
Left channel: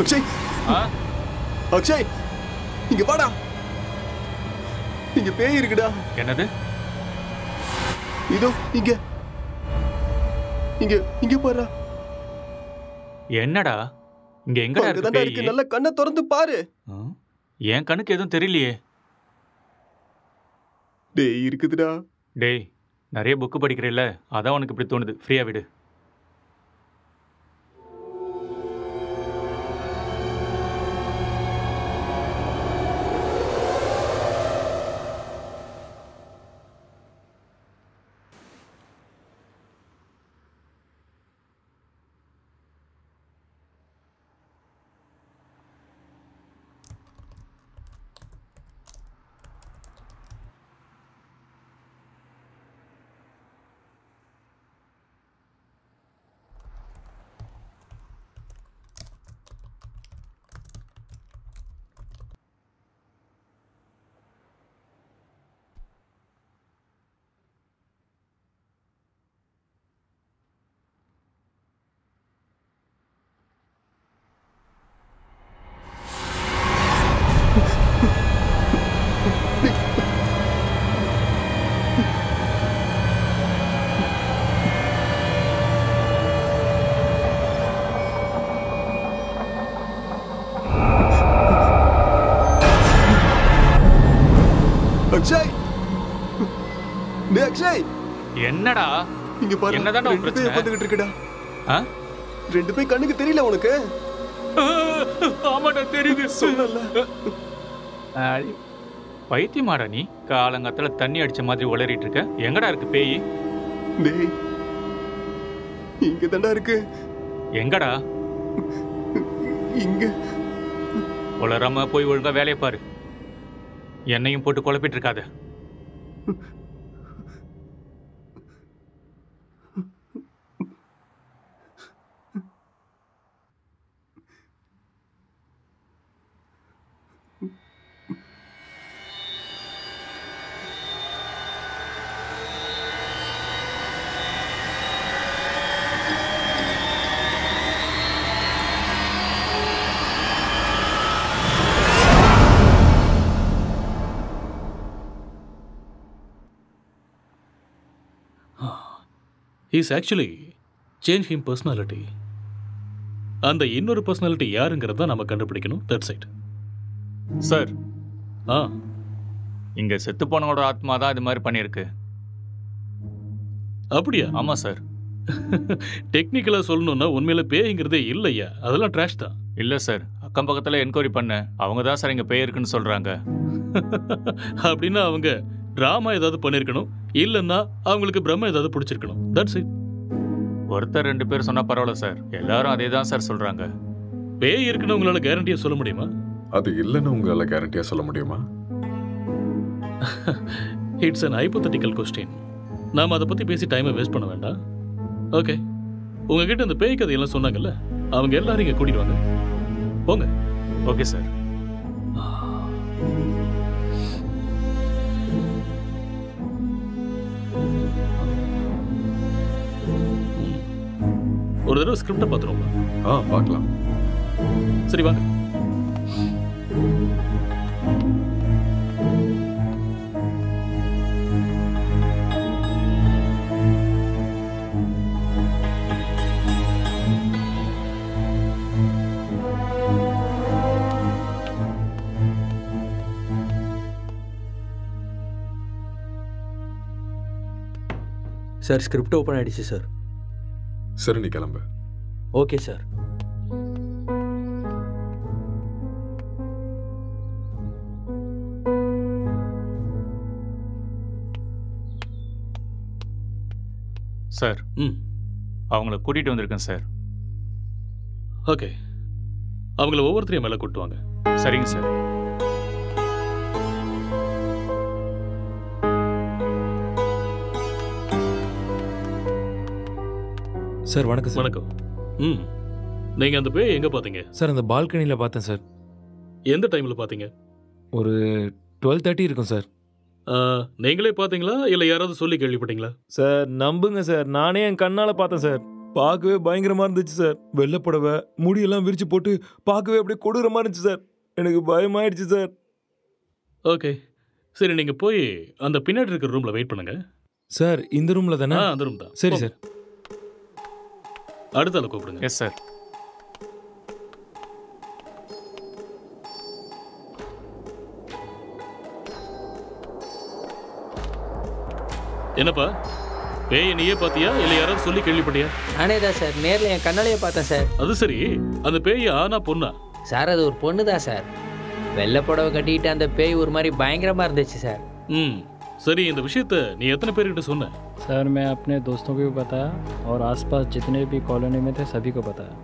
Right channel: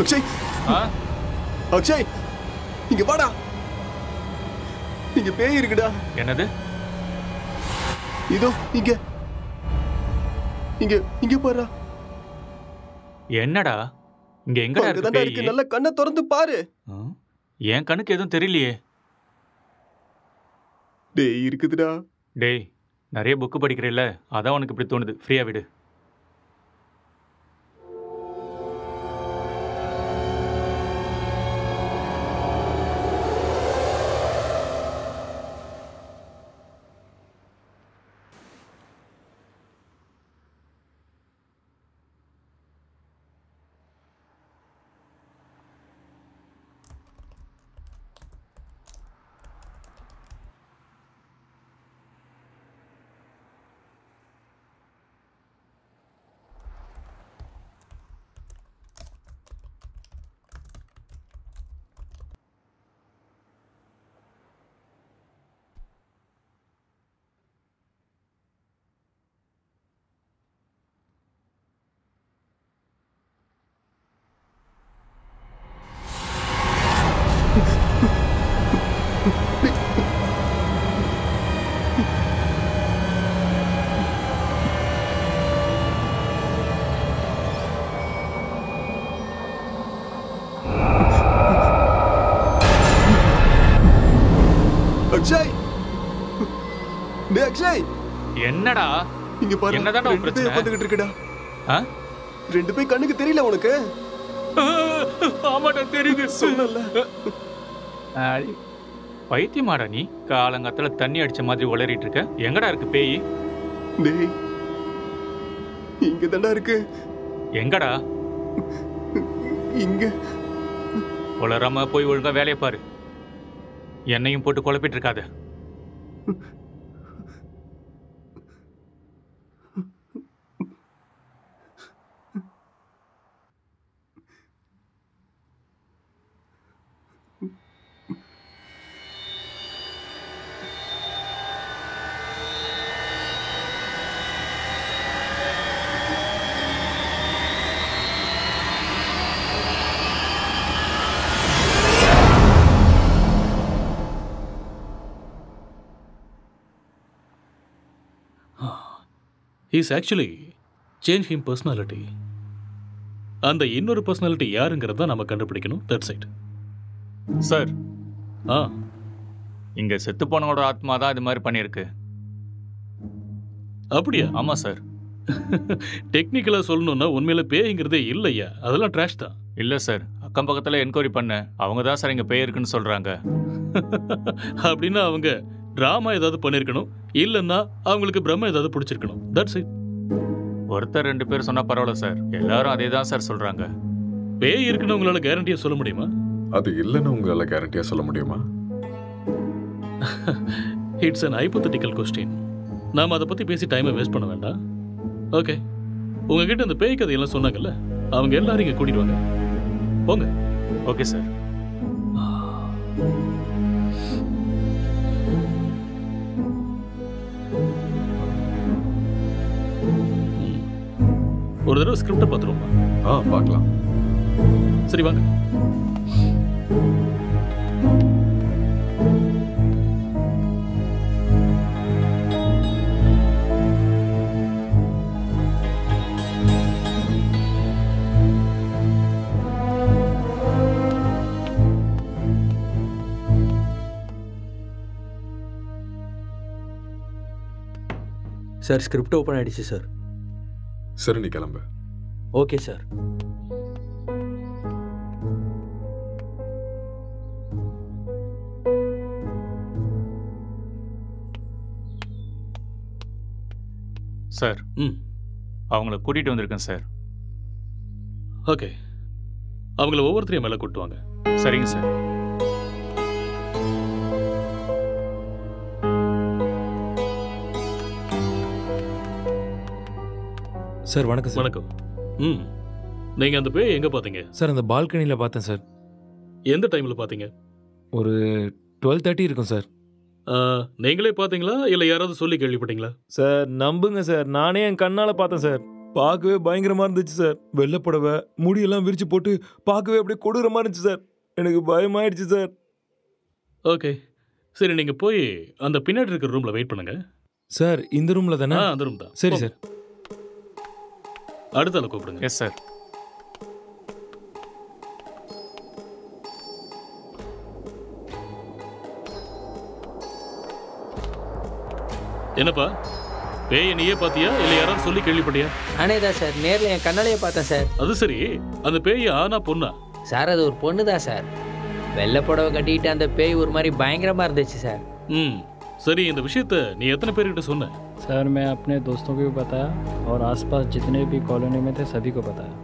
அக்ஷய், அக்ஷய் இங்க வாடா. இங்க பேய் இருக்குடா. என்னது? இதோ இங்க இங்க இங்க பாரு. என்னடா இங்க எங்கடா இருக்கு? நல்ல கண்ணை திறந்து பாரு. என் கண்ணுக்கு எதுவும் தெரியலையே. டேய் இருக்குதுடா. டேய் நிறைய புக்கு படிக்கிறேல்ல, அதான் உனக்கு இப்படி தோணுது. ஃப்ரீயா விடு. அக்ஷய், டேய் அக்ஷய். என்னடா இங்க பாரு. என்னடா ரெண்டு பேய் உட்கார்ந்துகிட்டு இருக்குடா. ரெண்டு பேய் கண்ணுக்கு தெரியல உனக்கு? ஆமாடா தெரியுது. சொல்லல. பைத்தியமாடா நீ? காலங்காத்துல தண்ணி அடிச்ச மாதிரி உளறிட்டு இருக்க. எங்கடா இருக்கு பேய்? டேய் இங்க தான்டா இருக்கு. எங்கடா? இங்க. உளறாம போய் ஒழுங்கா வேலையை பாரு. என்னையும் போட்டு குழப்பிட்டு இருக்காத. He's actually changed him personality. அந்த இன்னொரு பர்சனாலிட்டி யாருங்கிறத நம்ம கண்டுபிடிக்கணும். That's it sir. இங்க செத்து போனவோட ஆத்மா தான் இது மாதிரி பண்ணியிருக்கு. அப்படியா? ஆமா சார். டெக்னிக்கலாக சொல்லணும்னா உண்மையில பேய்ங்கிறதே இல்லையா, அதெல்லாம் ட்ராஷ் தான். இல்லை சார், அக்கம் பக்கத்தில் என்கொயரி பண்ணேன், அவங்க தான் சார் இங்கே பேய் இருக்குன்னு சொல்கிறாங்க. அப்படின்னா அவங்க ட்ராமா ஏதாவது பண்ணியிருக்கணும், இல்லைன்னா அவங்களுக்கு பிரம்ம ஏதாவது பிடிச்சிருக்கணும். That's it. ஒருத்தர் 2 பேர் சொன்னால் பரவாயில்ல சார், எல்லாரும் அதே தான் சார் சொல்கிறாங்க. பேய் இருக்குன்னு உங்களால் கேரண்டியாக சொல்ல முடியுமா? அது இல்லைன்னு உங்களால் கேரண்டியாக சொல்ல முடியுமா? It's an hypothetical question. நாம் அதை பற்றி பேசி டைமை வேஸ்ட் பண்ண வேண்டாம். ஓகே, உங்ககிட்ட இந்த பேய் கதையெல்லாம் சொன்னாங்கல்ல, அவங்க எல்லாரும் இங்கே கூட்டிடுவாங்க. போங்க. Okay sir. ஒரு தடவை ஸ்கிரிப்டை பார்த்துருவோமா? பார்க்கலாம். சரி வாங்க. சார் ஸ்கிரிப்ட் ஓப்பன் ஆயிடுச்சு சார். சரி, நீ கிளம்பு. Okay sir. சார், அவங்கள கூட்டிகிட்டு வந்திருக்கேன் சார். ஓகே, அவங்கள ஒவ்வொருத்தரையும் மேலே கூட்டுவாங்க. சரிங்க சார். சார் வணக்கம் சார். வணக்கம். நீங்கள் அந்த பேய் எங்கே பார்த்தீங்க? சார் அந்த பால்கனியில் பார்த்தேன் சார். எந்த டைமில் பார்த்தீங்க? ஒரு 12:30 இருக்கும் சார். நீங்களே பார்த்தீங்களா இல்லை யாராவது சொல்லி கேள்விப்பட்டீங்களா? சார் நம்புங்க சார், நானே என் கண்ணால் பார்த்தேன் சார். பார்க்கவே பயங்கரமாக இருந்துச்சு சார். வெள்ளைப்புடவை முடியெல்லாம் விரிச்சு போட்டு பார்க்கவே அப்படியே கொடூரமாக இருந்துச்சு சார். எனக்கு பயமாயிடுச்சு சார். ஓகே சரி, நீங்கள் போய் அந்த பின்னாடி இருக்கிற ரூமில் வெயிட் பண்ணுங்க. சார் இந்த ரூமில் தானே? அந்த ரூம் தான். சரி சார். அடுத்த ஆளை கூப்பிடுங்க. Yes sir. என்னப்பா, பேயை நீயே பார்த்தியா இல்லை யாராவது சொல்லி கேள்விப்பட்டியா? நானே தான் சார், நேரில் என் கண்ணாலேயே பார்த்தேன் சார். அது சரி, அந்த பேய் ஆனா பொண்ணா? சார் அது ஒரு பொண்ணு தான் சார். வெள்ளை புடவை கட்டிக்கிட்டு அந்த பேய் ஒரு மாதிரி பயங்கரமாக இருந்துச்சு சார். சரி, இந்த விஷயத்தை நீ எத்தனை பேர்கிட்ட சொன்ன? सर मैं अपने दोस्तों को भी बताया और आसपास जितने भी कॉलोनी में थे सभी को बताया.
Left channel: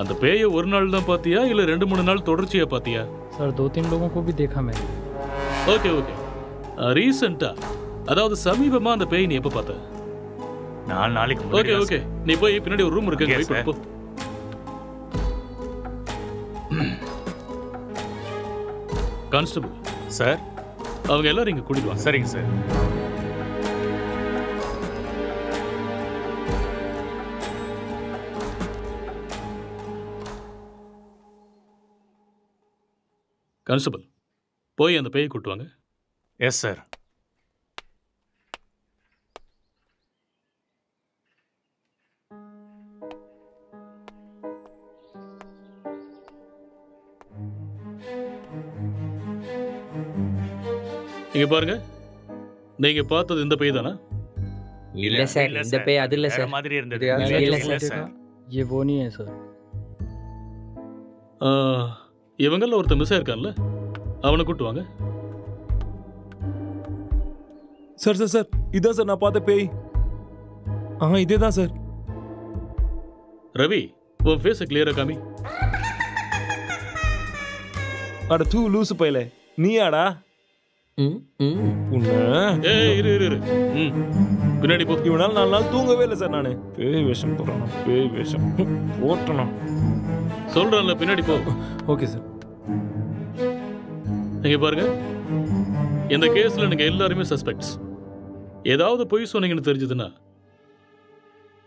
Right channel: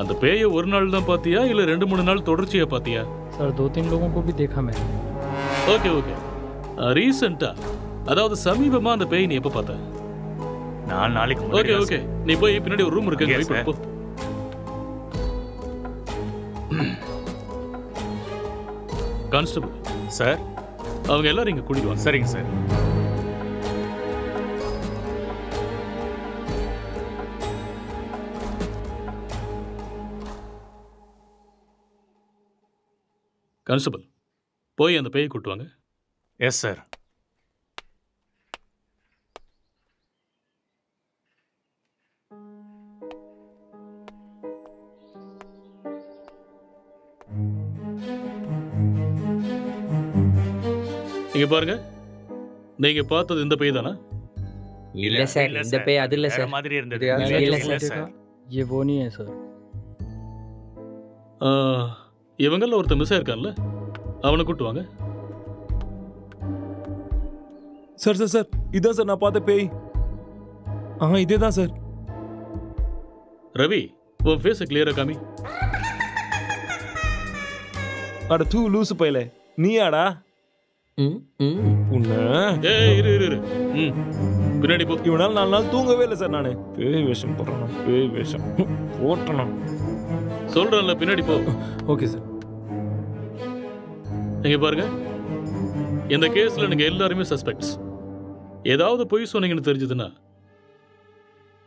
அந்த பேயை ஒரு நாள் தான் பாத்தியா இல்ல 2-3 நாள் தொடர்ச்சியா பாத்தியா? सर 2-3 लोगों को भी देखा मैंने. Okay okay. ரீசெண்டா, அதாவது சமீபமா அந்த பேய் நீ எப்ப பார்த்த? 4 நாளைக்கு முன்னாடி. ஓகே ஓகே, நீ போய் பின்னாடி ஒரு ரூம் இருக்கு, வெயிட் பண்ணு போ. கான்ஸ்டபிள் சார், அவங்க எல்லாரும் இங்க கூட்டிடுவாங்க. சரிங்க சார். கான்ஸ்டபிள் போய் அந்த பேயை கூட்டுவாங்க. Yes sir. இங்க பாருங்க, நீங்க பார்த்தது இந்த பேய் தானா? இல்ல சார், இந்த பேய் அது இல்ல சார். மாதிரி இருந்தது. இல்ல சார், ये वो नहीं है सर. இவங்கள ஒருத்தர் மிஸ் ஆயிருக்கான்ல, அவனை கூட்டுவாங்க. சார் சார் சார், இதான் சார் நான் பார்த்த பேய். இதே தான் சார். ரவி, உன் ஃபேஸை கிளியரா காமி. அட தூ லூசு பையல, நீயாடா? இரு பின்னாடி போ. இவனால 4 நாள் தூங்கவே இல்லை சார். நானு பேய் வேஷம் போடுறானா? பேய் வேஷம் போட்டனா? சொல்றேன்ல, பின்னாடி போ. Okay sir. இங்க பாருங்க, இந்த கேஸ்ல நீங்க எல்லாருமே சஸ்பெக்ட்ஸ். ஏதாவது பொய் சொன்னீங்கன்னு தெரிஞ்சதுன்னா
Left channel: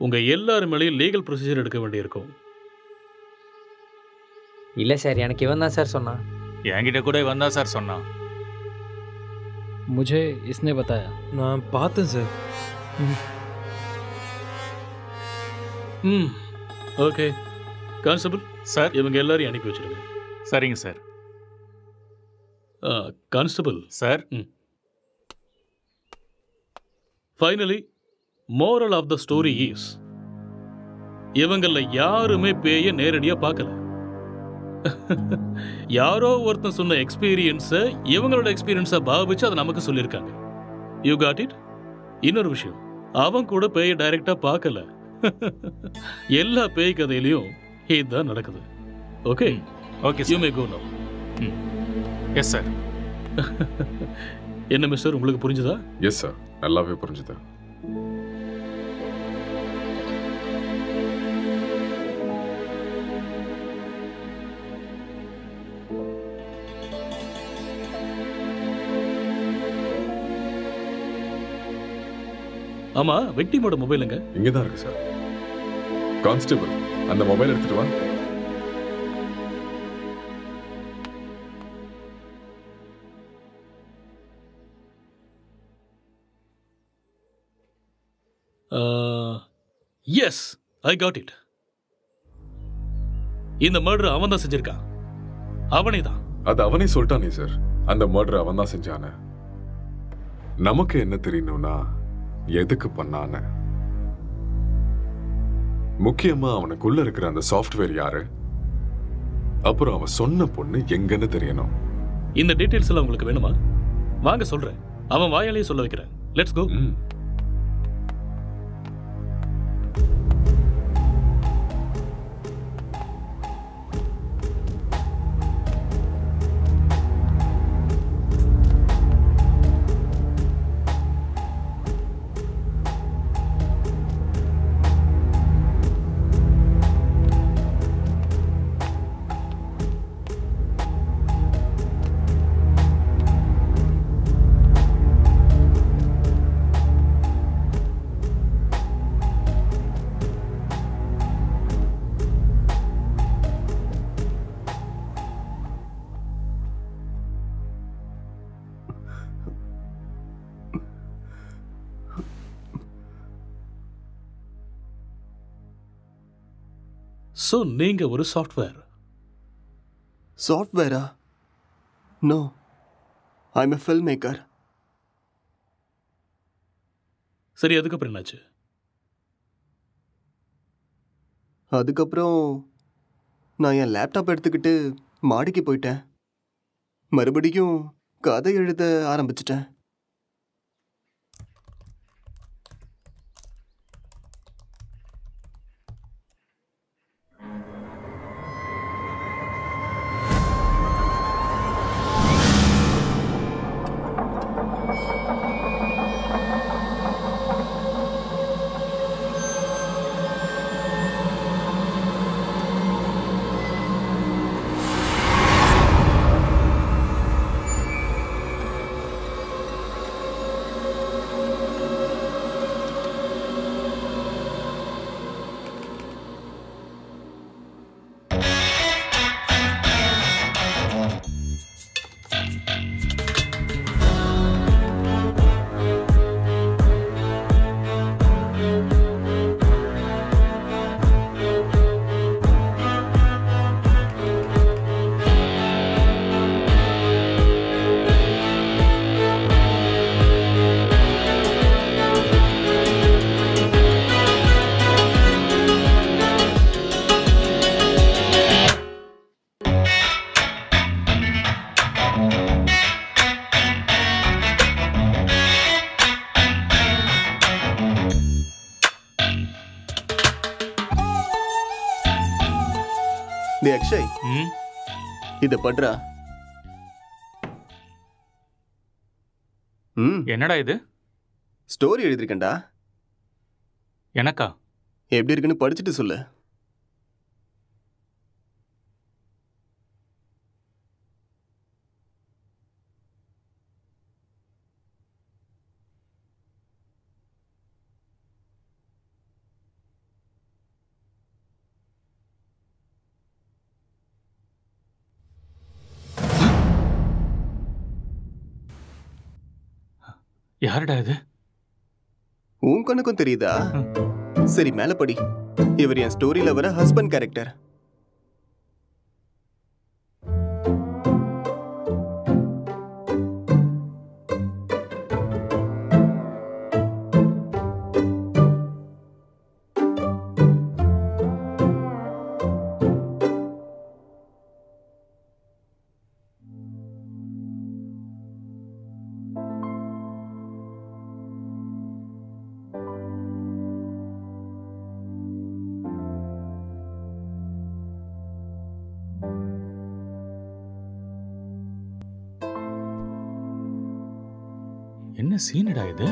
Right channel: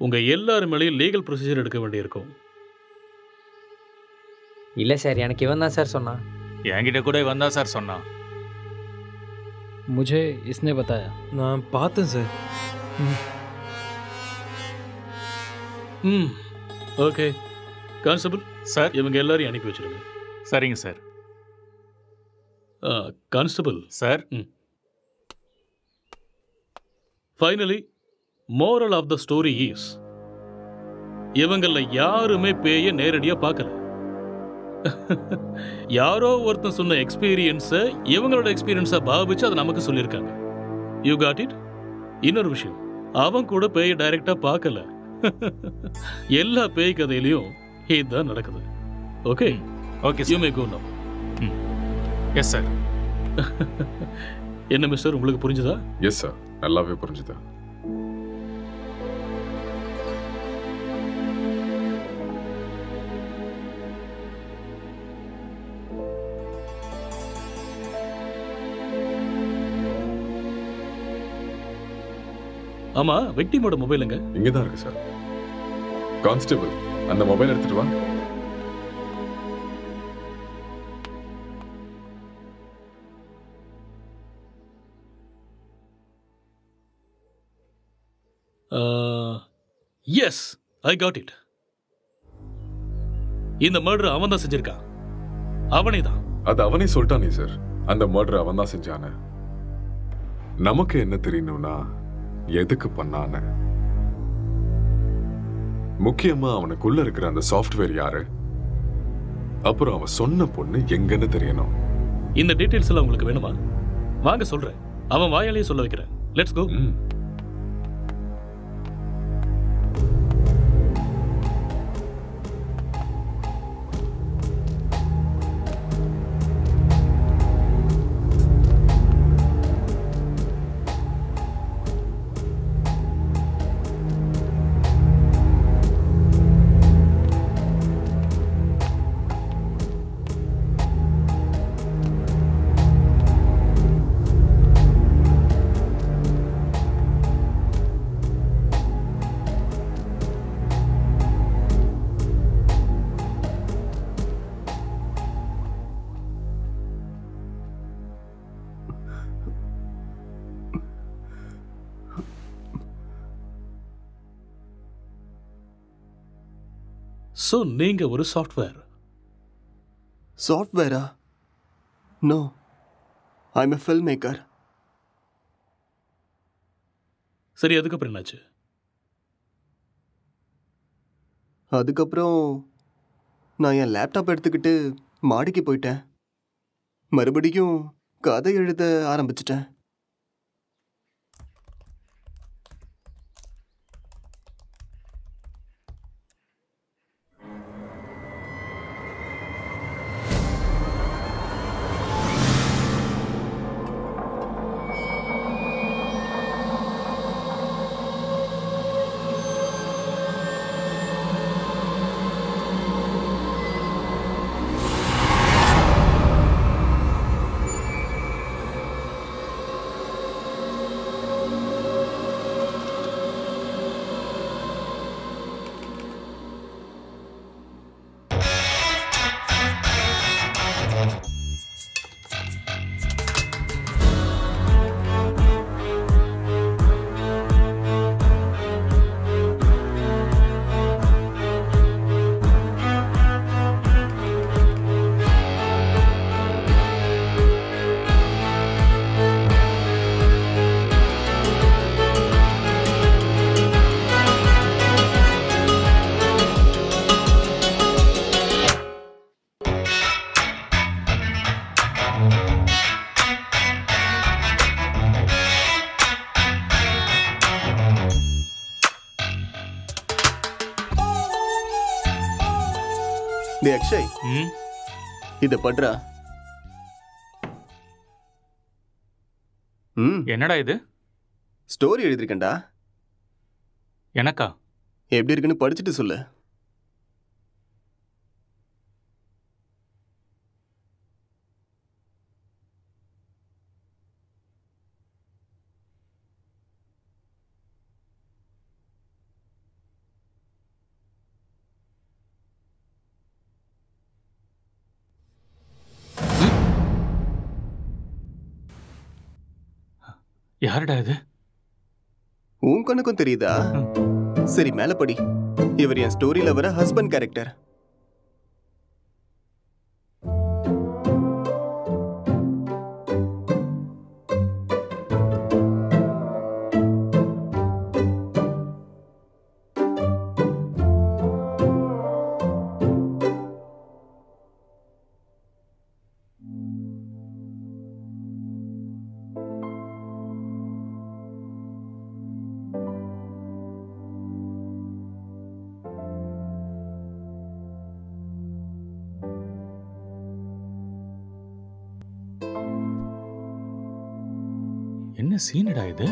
உங்க எல்லாரும் மேலேயும் லீகல் ப்ரொசீஜர் எடுக்க வேண்டியிருக்கும். இல்ல சார், எனக்கு இவன் தான் சார் சொன்னான். என்கிட்ட கூட இவன் தான் சார் சொன்னான். मुझे इसने बताया. நான் பார்த்தேன் சார். ஓகே கான்ஸ்டபிள் சார், இவங்க எல்லாரையும் அனுப்பி வச்சிடுங்க. சரிங்க sir. Constable sir, finally moral of the story is, இவங்கள யாருமே பேய நேரடியா பார்க்கல. யாரோ ஒருத்தன் சொன்ன எக்ஸ்பீரியன்ஸை இவங்களோட எக்ஸ்பீரியன்ஸை பாவிச்சு அதை நமக்கு சொல்லியிருக்காங்க. You got it? இன்னொரு விஷயம், அவன் கூட பேய டைரக்டா பார்க்கல. எல்லா பேய் கதையிலையும் இதுதான் நடக்குது. Okay okay, you may go now. Yes sir. என்ன மிஸ்டர், உங்களுக்கு புரிஞ்சுதா? எஸ் சார், நல்லாவே புரிஞ்சுதா. ஆமா, விக்டிமோட மொபைலுங்க? இங்கதான் இருக்கு சார். கான்ஸ்டபிள், அந்த மொபைல் எடுத்துட்டு வா. Yes, I got it. இந்த மர்டர் அவன் தான் செஞ்சிருக்கான். அவனே தான். அது அவனே சொல்லிட்டானே சார், அந்த மர்டர் அவன் தான் செஞ்சான. நமக்கு என்ன தெரியணும்னா எதுக்கு பண்ணான, முக்கியமா அவனுக்குள்ள இருக்கிற அந்த சாஃப்ட்வேர் யாரு, அப்புறம் அவன் சொன்ன பொண்ணு எங்கன்னு தெரியணும். இந்த டீடைல்ஸ் எல்லாம் உங்களுக்கு வேணுமா? வாங்க சொல்றேன். அவன் வாயாலேயே சொல்ல வைக்கிறேன். Let's go. ஸோ நீங்க ஒரு சாஃப்ட்வேர்? சாஃப்ட்வேரா? No, I am a film maker. சரி, அதுக்கப்புறம் என்னாச்சு? அதுக்கப்புறம் நான் என் லேப்டாப் எடுத்துக்கிட்டு மாடிக்கு போயிட்டேன். மறுபடியும் கதை எழுத ஆரம்பிச்சிட்டேன். டே அக்ஷய், இத பண்றா. என்னடா இது? ஸ்டோரி எழுதிருக்கேன்டா. எனக்கா? எப்படி இருக்குன்னு படிச்சுட்டு சொல்லு. யாருடா இது? உன் கண்ணுக்கும் தெரியுதா? சரி, மேல படி. இவர் என் ஸ்டோரியில வர ஹஸ்பண்ட் கேரக்டர். என்ன சீனடா இது?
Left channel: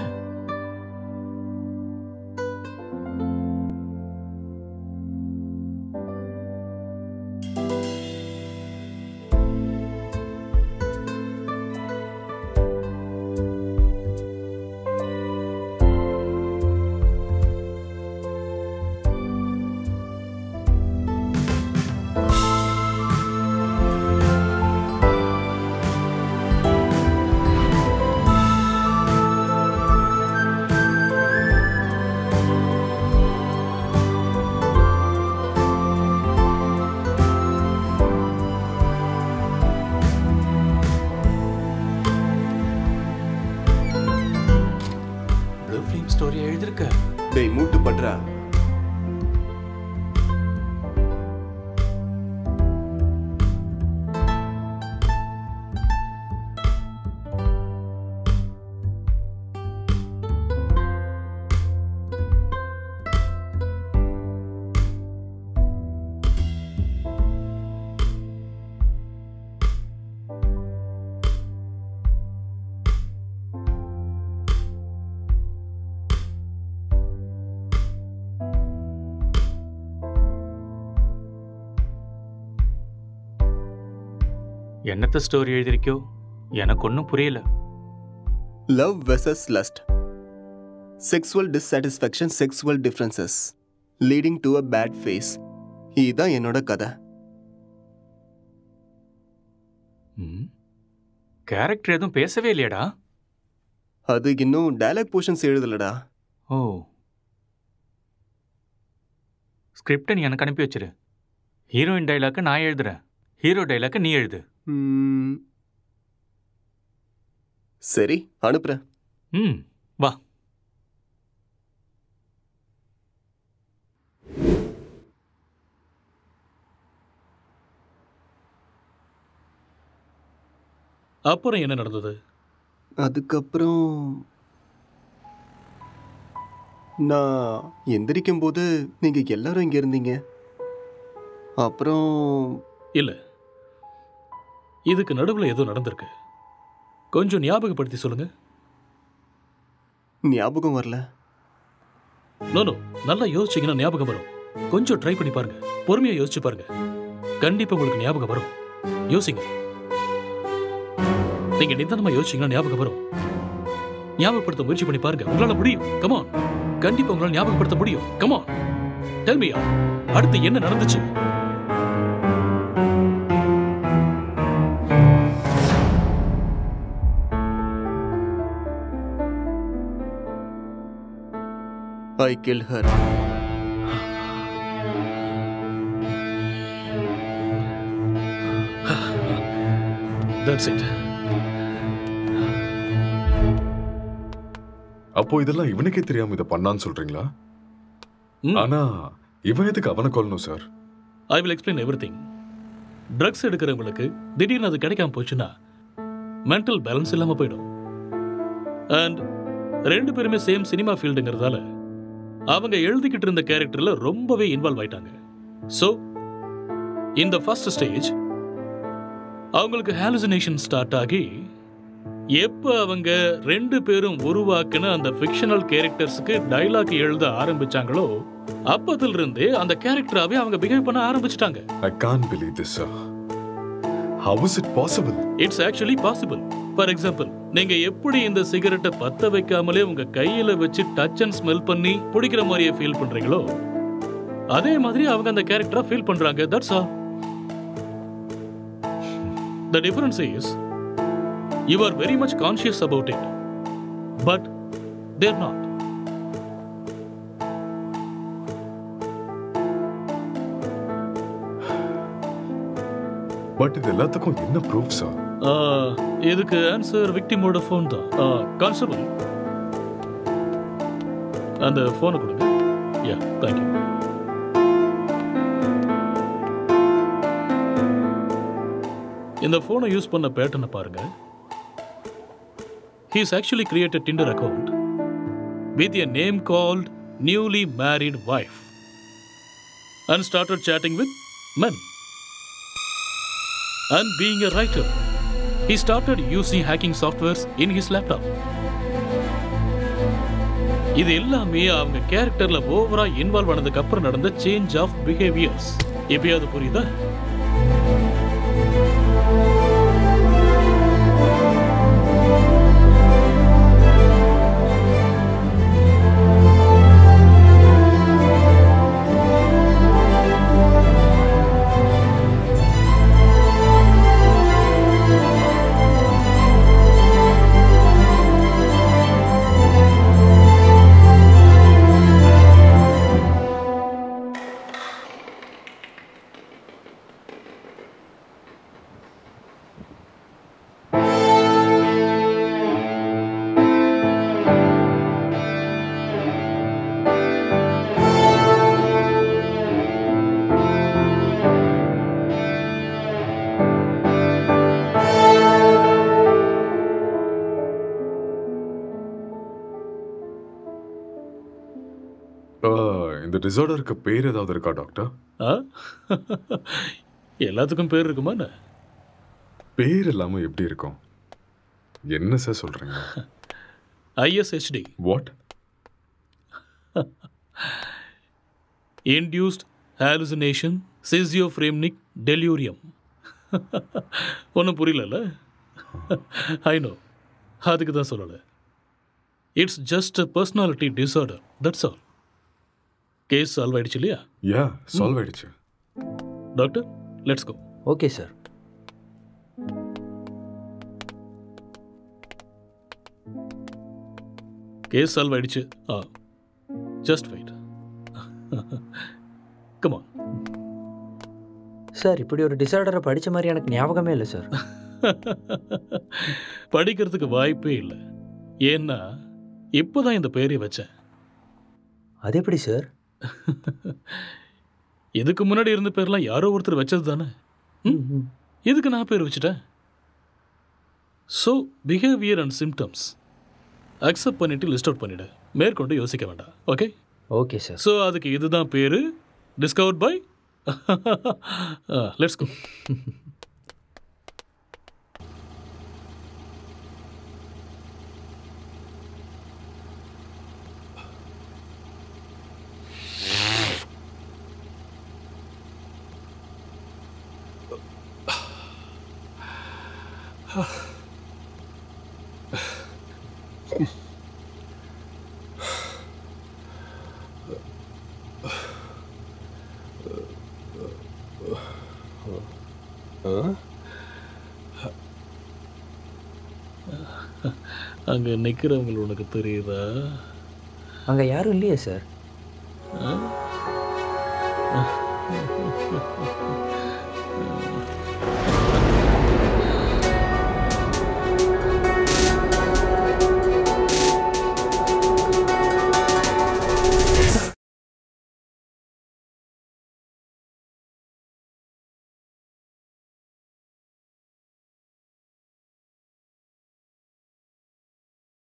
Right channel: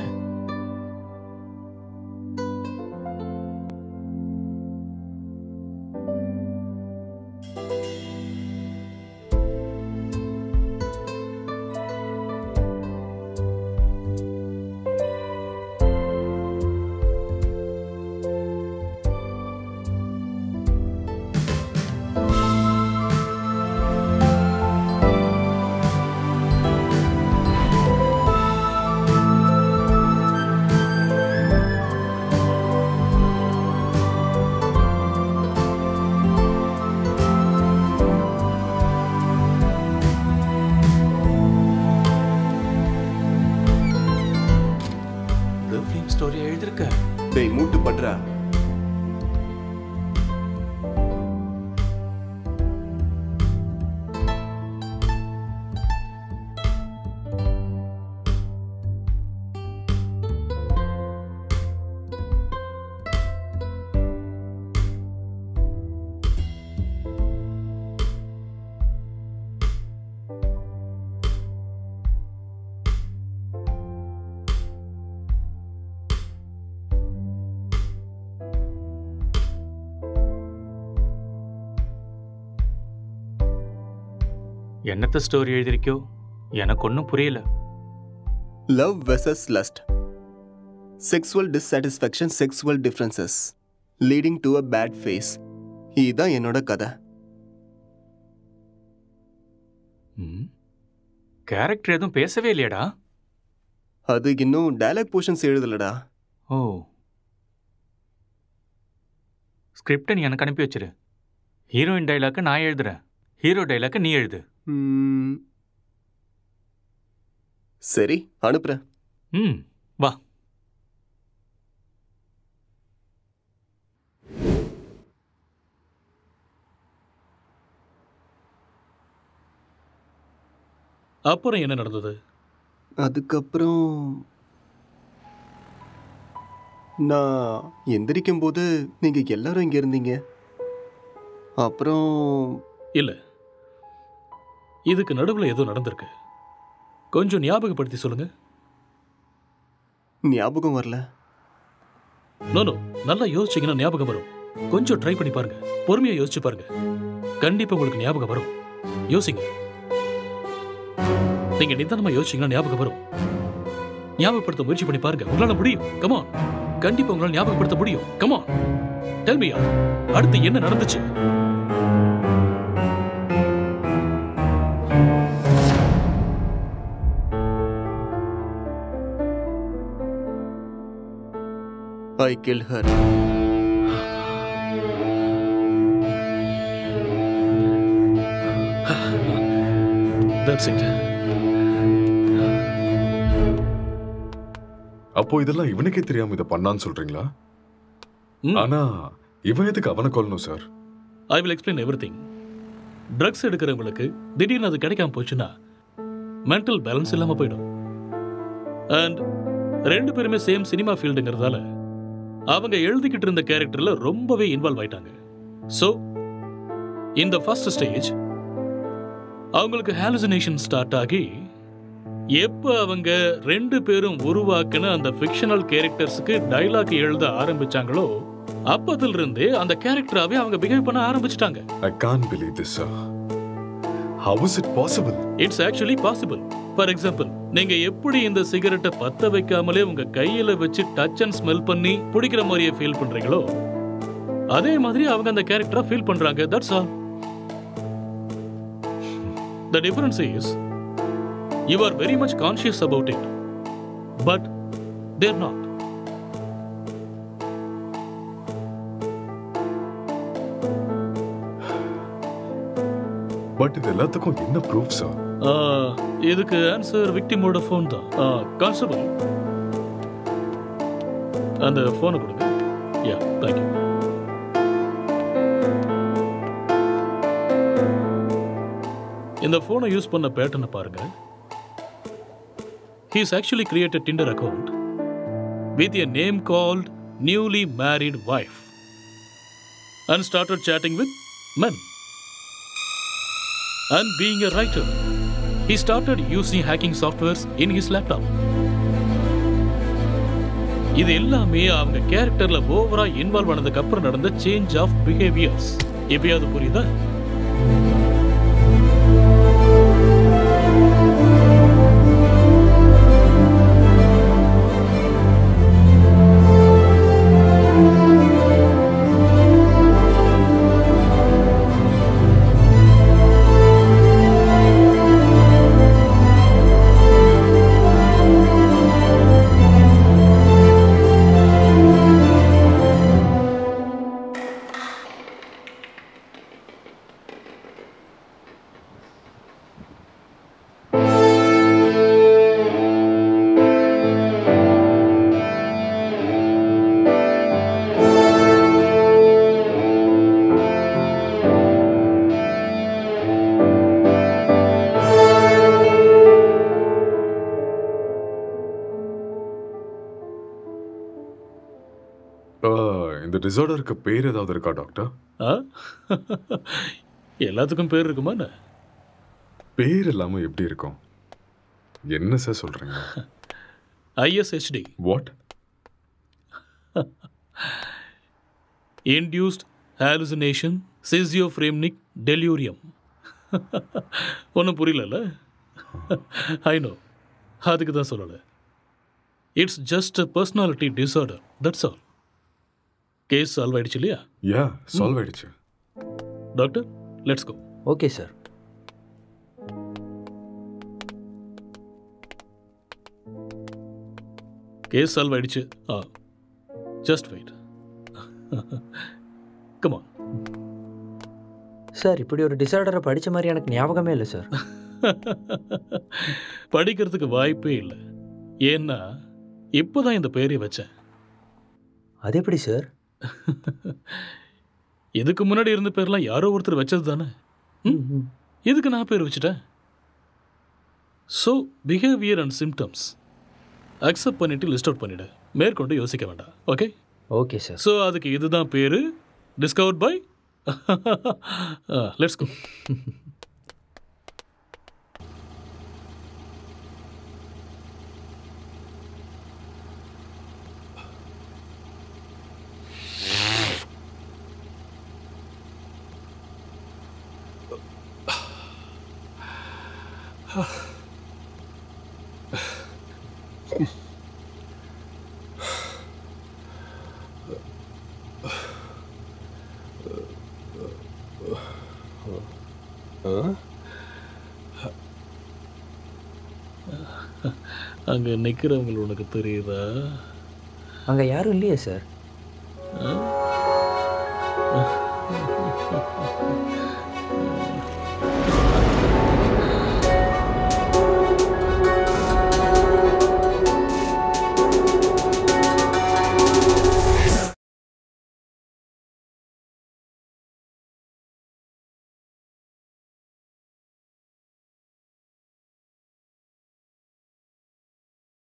ஸ்டோரி எழுதிருக்க. டேய் மூட்டு பண்றா. என்னத்த ஸ்டோரி எழுதிருக்கோ எனக்கு ஒன்றும் புரியல. Love versus lust, sexual dissatisfaction, sexual differences leading to a bad phase. இதுதான் என்னோட கதை. கேரக்டர் எதுவும் பேசவே இல்லையடா. அது இன்னும் டயலாக் போர்ஷன்ஸ் எழுதலடா. ஓ, ஸ்கிரிப்டை நீ எனக்கு அனுப்பி வச்சிரு. ஹீரோயின் டைலாக்கை நான் எழுதுறேன், ஹீரோ டைலாக்கை நீ எழுது. சரி, அனுப்புறேன். வா. அப்புறம் என்ன நடந்தது? அதுக்கப்புறம் நான் எந்திரிக்கும் போது நீங்க எல்லாரும் இங்க இருந்தீங்க. அப்புறம் இல்ல, இதுக்கு நடுவில் ஏதோ நடந்திருக்கு. கொஞ்சம் ஞாபகப்படுத்தி சொல்லுங்க. ஞாபகம் வரல. நோ, நல்லா யோசிச்சீங்கன்னா ஞாபகம் வரும். கொஞ்சம் ட்ரை பண்ணி பாருங்க, பொறுமையா யோசிச்சு பாருங்க, கண்டிப்பா உங்களுக்கு ஞாபகம் வரும். யோசிங்க, நீங்க நிதானமா யோசிச்சீங்கன்னா ஞாபகம் வரும். ஞாபகப்படுத்த முயற்சி பண்ணி பாருங்க, உங்களால முடியும். கமான், கண்டிப்பா உங்களால ஞாபகப்படுத்த முடியும். கமான், டெல் மீ, அடுத்து என்ன நடந்துச்சு? I killed her. That's it. அப்போ இதெல்லாம் இவனுக்கே தெரியாம இதை பண்ணான்னு சொல்றீங்களா? ஆனா இவன் எதுக்கு அவனை கொல்லணும் sir? I will explain everything. Drugs எடுக்கிறவங்களுக்கு திடீர்னு அது கிடைக்காம போச்சுன்னா மென்டல் பேலன்ஸ் இல்லாம போயிடும். அண்ட் ரெண்டு பேருமே சேம் சினிமா ஃபீல்டுங்கிறதால அவங்க எழுதிக்கிட்டு இருந்த கேரக்டர்ல ரொம்பவே இன்வால்வ் ஆயிட்டாங்க. ஸோ இந்த ஃபர்ஸ்ட் ஸ்டேஜ் அவங்களுக்கு ஹாலுசினேஷன் ஸ்டார்ட் ஆகி எப்போ அவங்க ரெண்டு பேரும் உருவாக்குன அந்த ஃபிக்ஷனல் கேரக்டர்ஸுக்கு டைலாக் எழுத ஆரம்பிச்சாங்களோ அப்பத்துல இருந்தே அந்த கேரக்டராவே அவங்க பிஹேவ் பண்ண ஆரம்பிச்சிட்டாங்க. I can't believe this, sir. How is it possible? It's actually possible. For example, நீங்க எப்படி இந்த சிகரெட்டை பத்த வைக்காமலே உங்க கையில வச்சு டச் அண்ட் ஸ்மெல் பண்ணி பிடிக்கிற மாதிரியே ஃபீல் பண்றீங்களோ அதே மாதிரி அவங்க அந்த கேரக்டரா ஃபீல் பண்றாங்க. That's all. The difference is you are very much conscious about it, but they're not. But இது எல்லாத்துக்கும் என்ன ப்ரூஃப் சார்? இதுக்கு ஆன்சர் விக்டிமோட ஃபோன் தான். கான்ஸ்டபிள், அந்த ஃபோனை கொடுங்க. யா, தேங்க்யூ. இந்த ஃபோனை யூஸ் பண்ண பேட்டர்னை பாருங்க. He's actually created a Tinder account with a name called newly married wife and started chatting with men. And being a writer, he started using hacking softwares in his laptop. இது எல்லாமே அவங்க கேரக்டர்ல ஓவரா involve ஆனதுக்கு அப்புறம் நடந்த change of behaviours. எப்பயாவது புரியுதா? இந்த டிசார்டருக்கு பேர் ஏதாவது இருக்கா டாக்டர்? எல்லாத்துக்கும் பேர் இருக்குமா? பேர் இல்லாம எப்படி இருக்கும்? என்ன சார் சொல்றீங்க? ISHD. What? Induced hallucination schizophrenic delirium. ஒன்றும் புரியல. ஐ நோ, அதுக்கு தான் சொல்லலை. It's just a personality disorder, that's all. Case solve ஆயிடுச்சு இல்லையா? யா, சால்வ் ஆயிடுச்சு. Doctor, let's go. Okay sir. Case solve ஆயிடுச்சு. Just wait. Come on. Sir, இப்படி ஒரு டிசார்டரை படித்த மாதிரி எனக்கு ஞாபகமே இல்லை சார். படிக்கிறதுக்கு வாய்ப்பே இல்லை. ஏன்னா இப்போதான் இந்த பேரை வச்சேன். அது எப்படி சார்? இதுக்கு முன்னாடி இருந்த பேர்லாம் யாரோ ஒருத்தர் வச்சது தானே. இதுக்கு நான் பேர் வச்சுட்டேன். So behaviour and symptoms accept பண்ணிட்டு லிஸ்ட் அவுட் பண்ணிவிடு. மேற்கொண்டு யோசிக்க வேண்டாம். ஓகே? Okay sir. ஸோ அதுக்கு இதுதான் பேர். Discovered by. Let's go. அங்க நிக்கிறவங்க உனக்கு தெரியுதா? அங்க யாரும் இல்லையே சார்.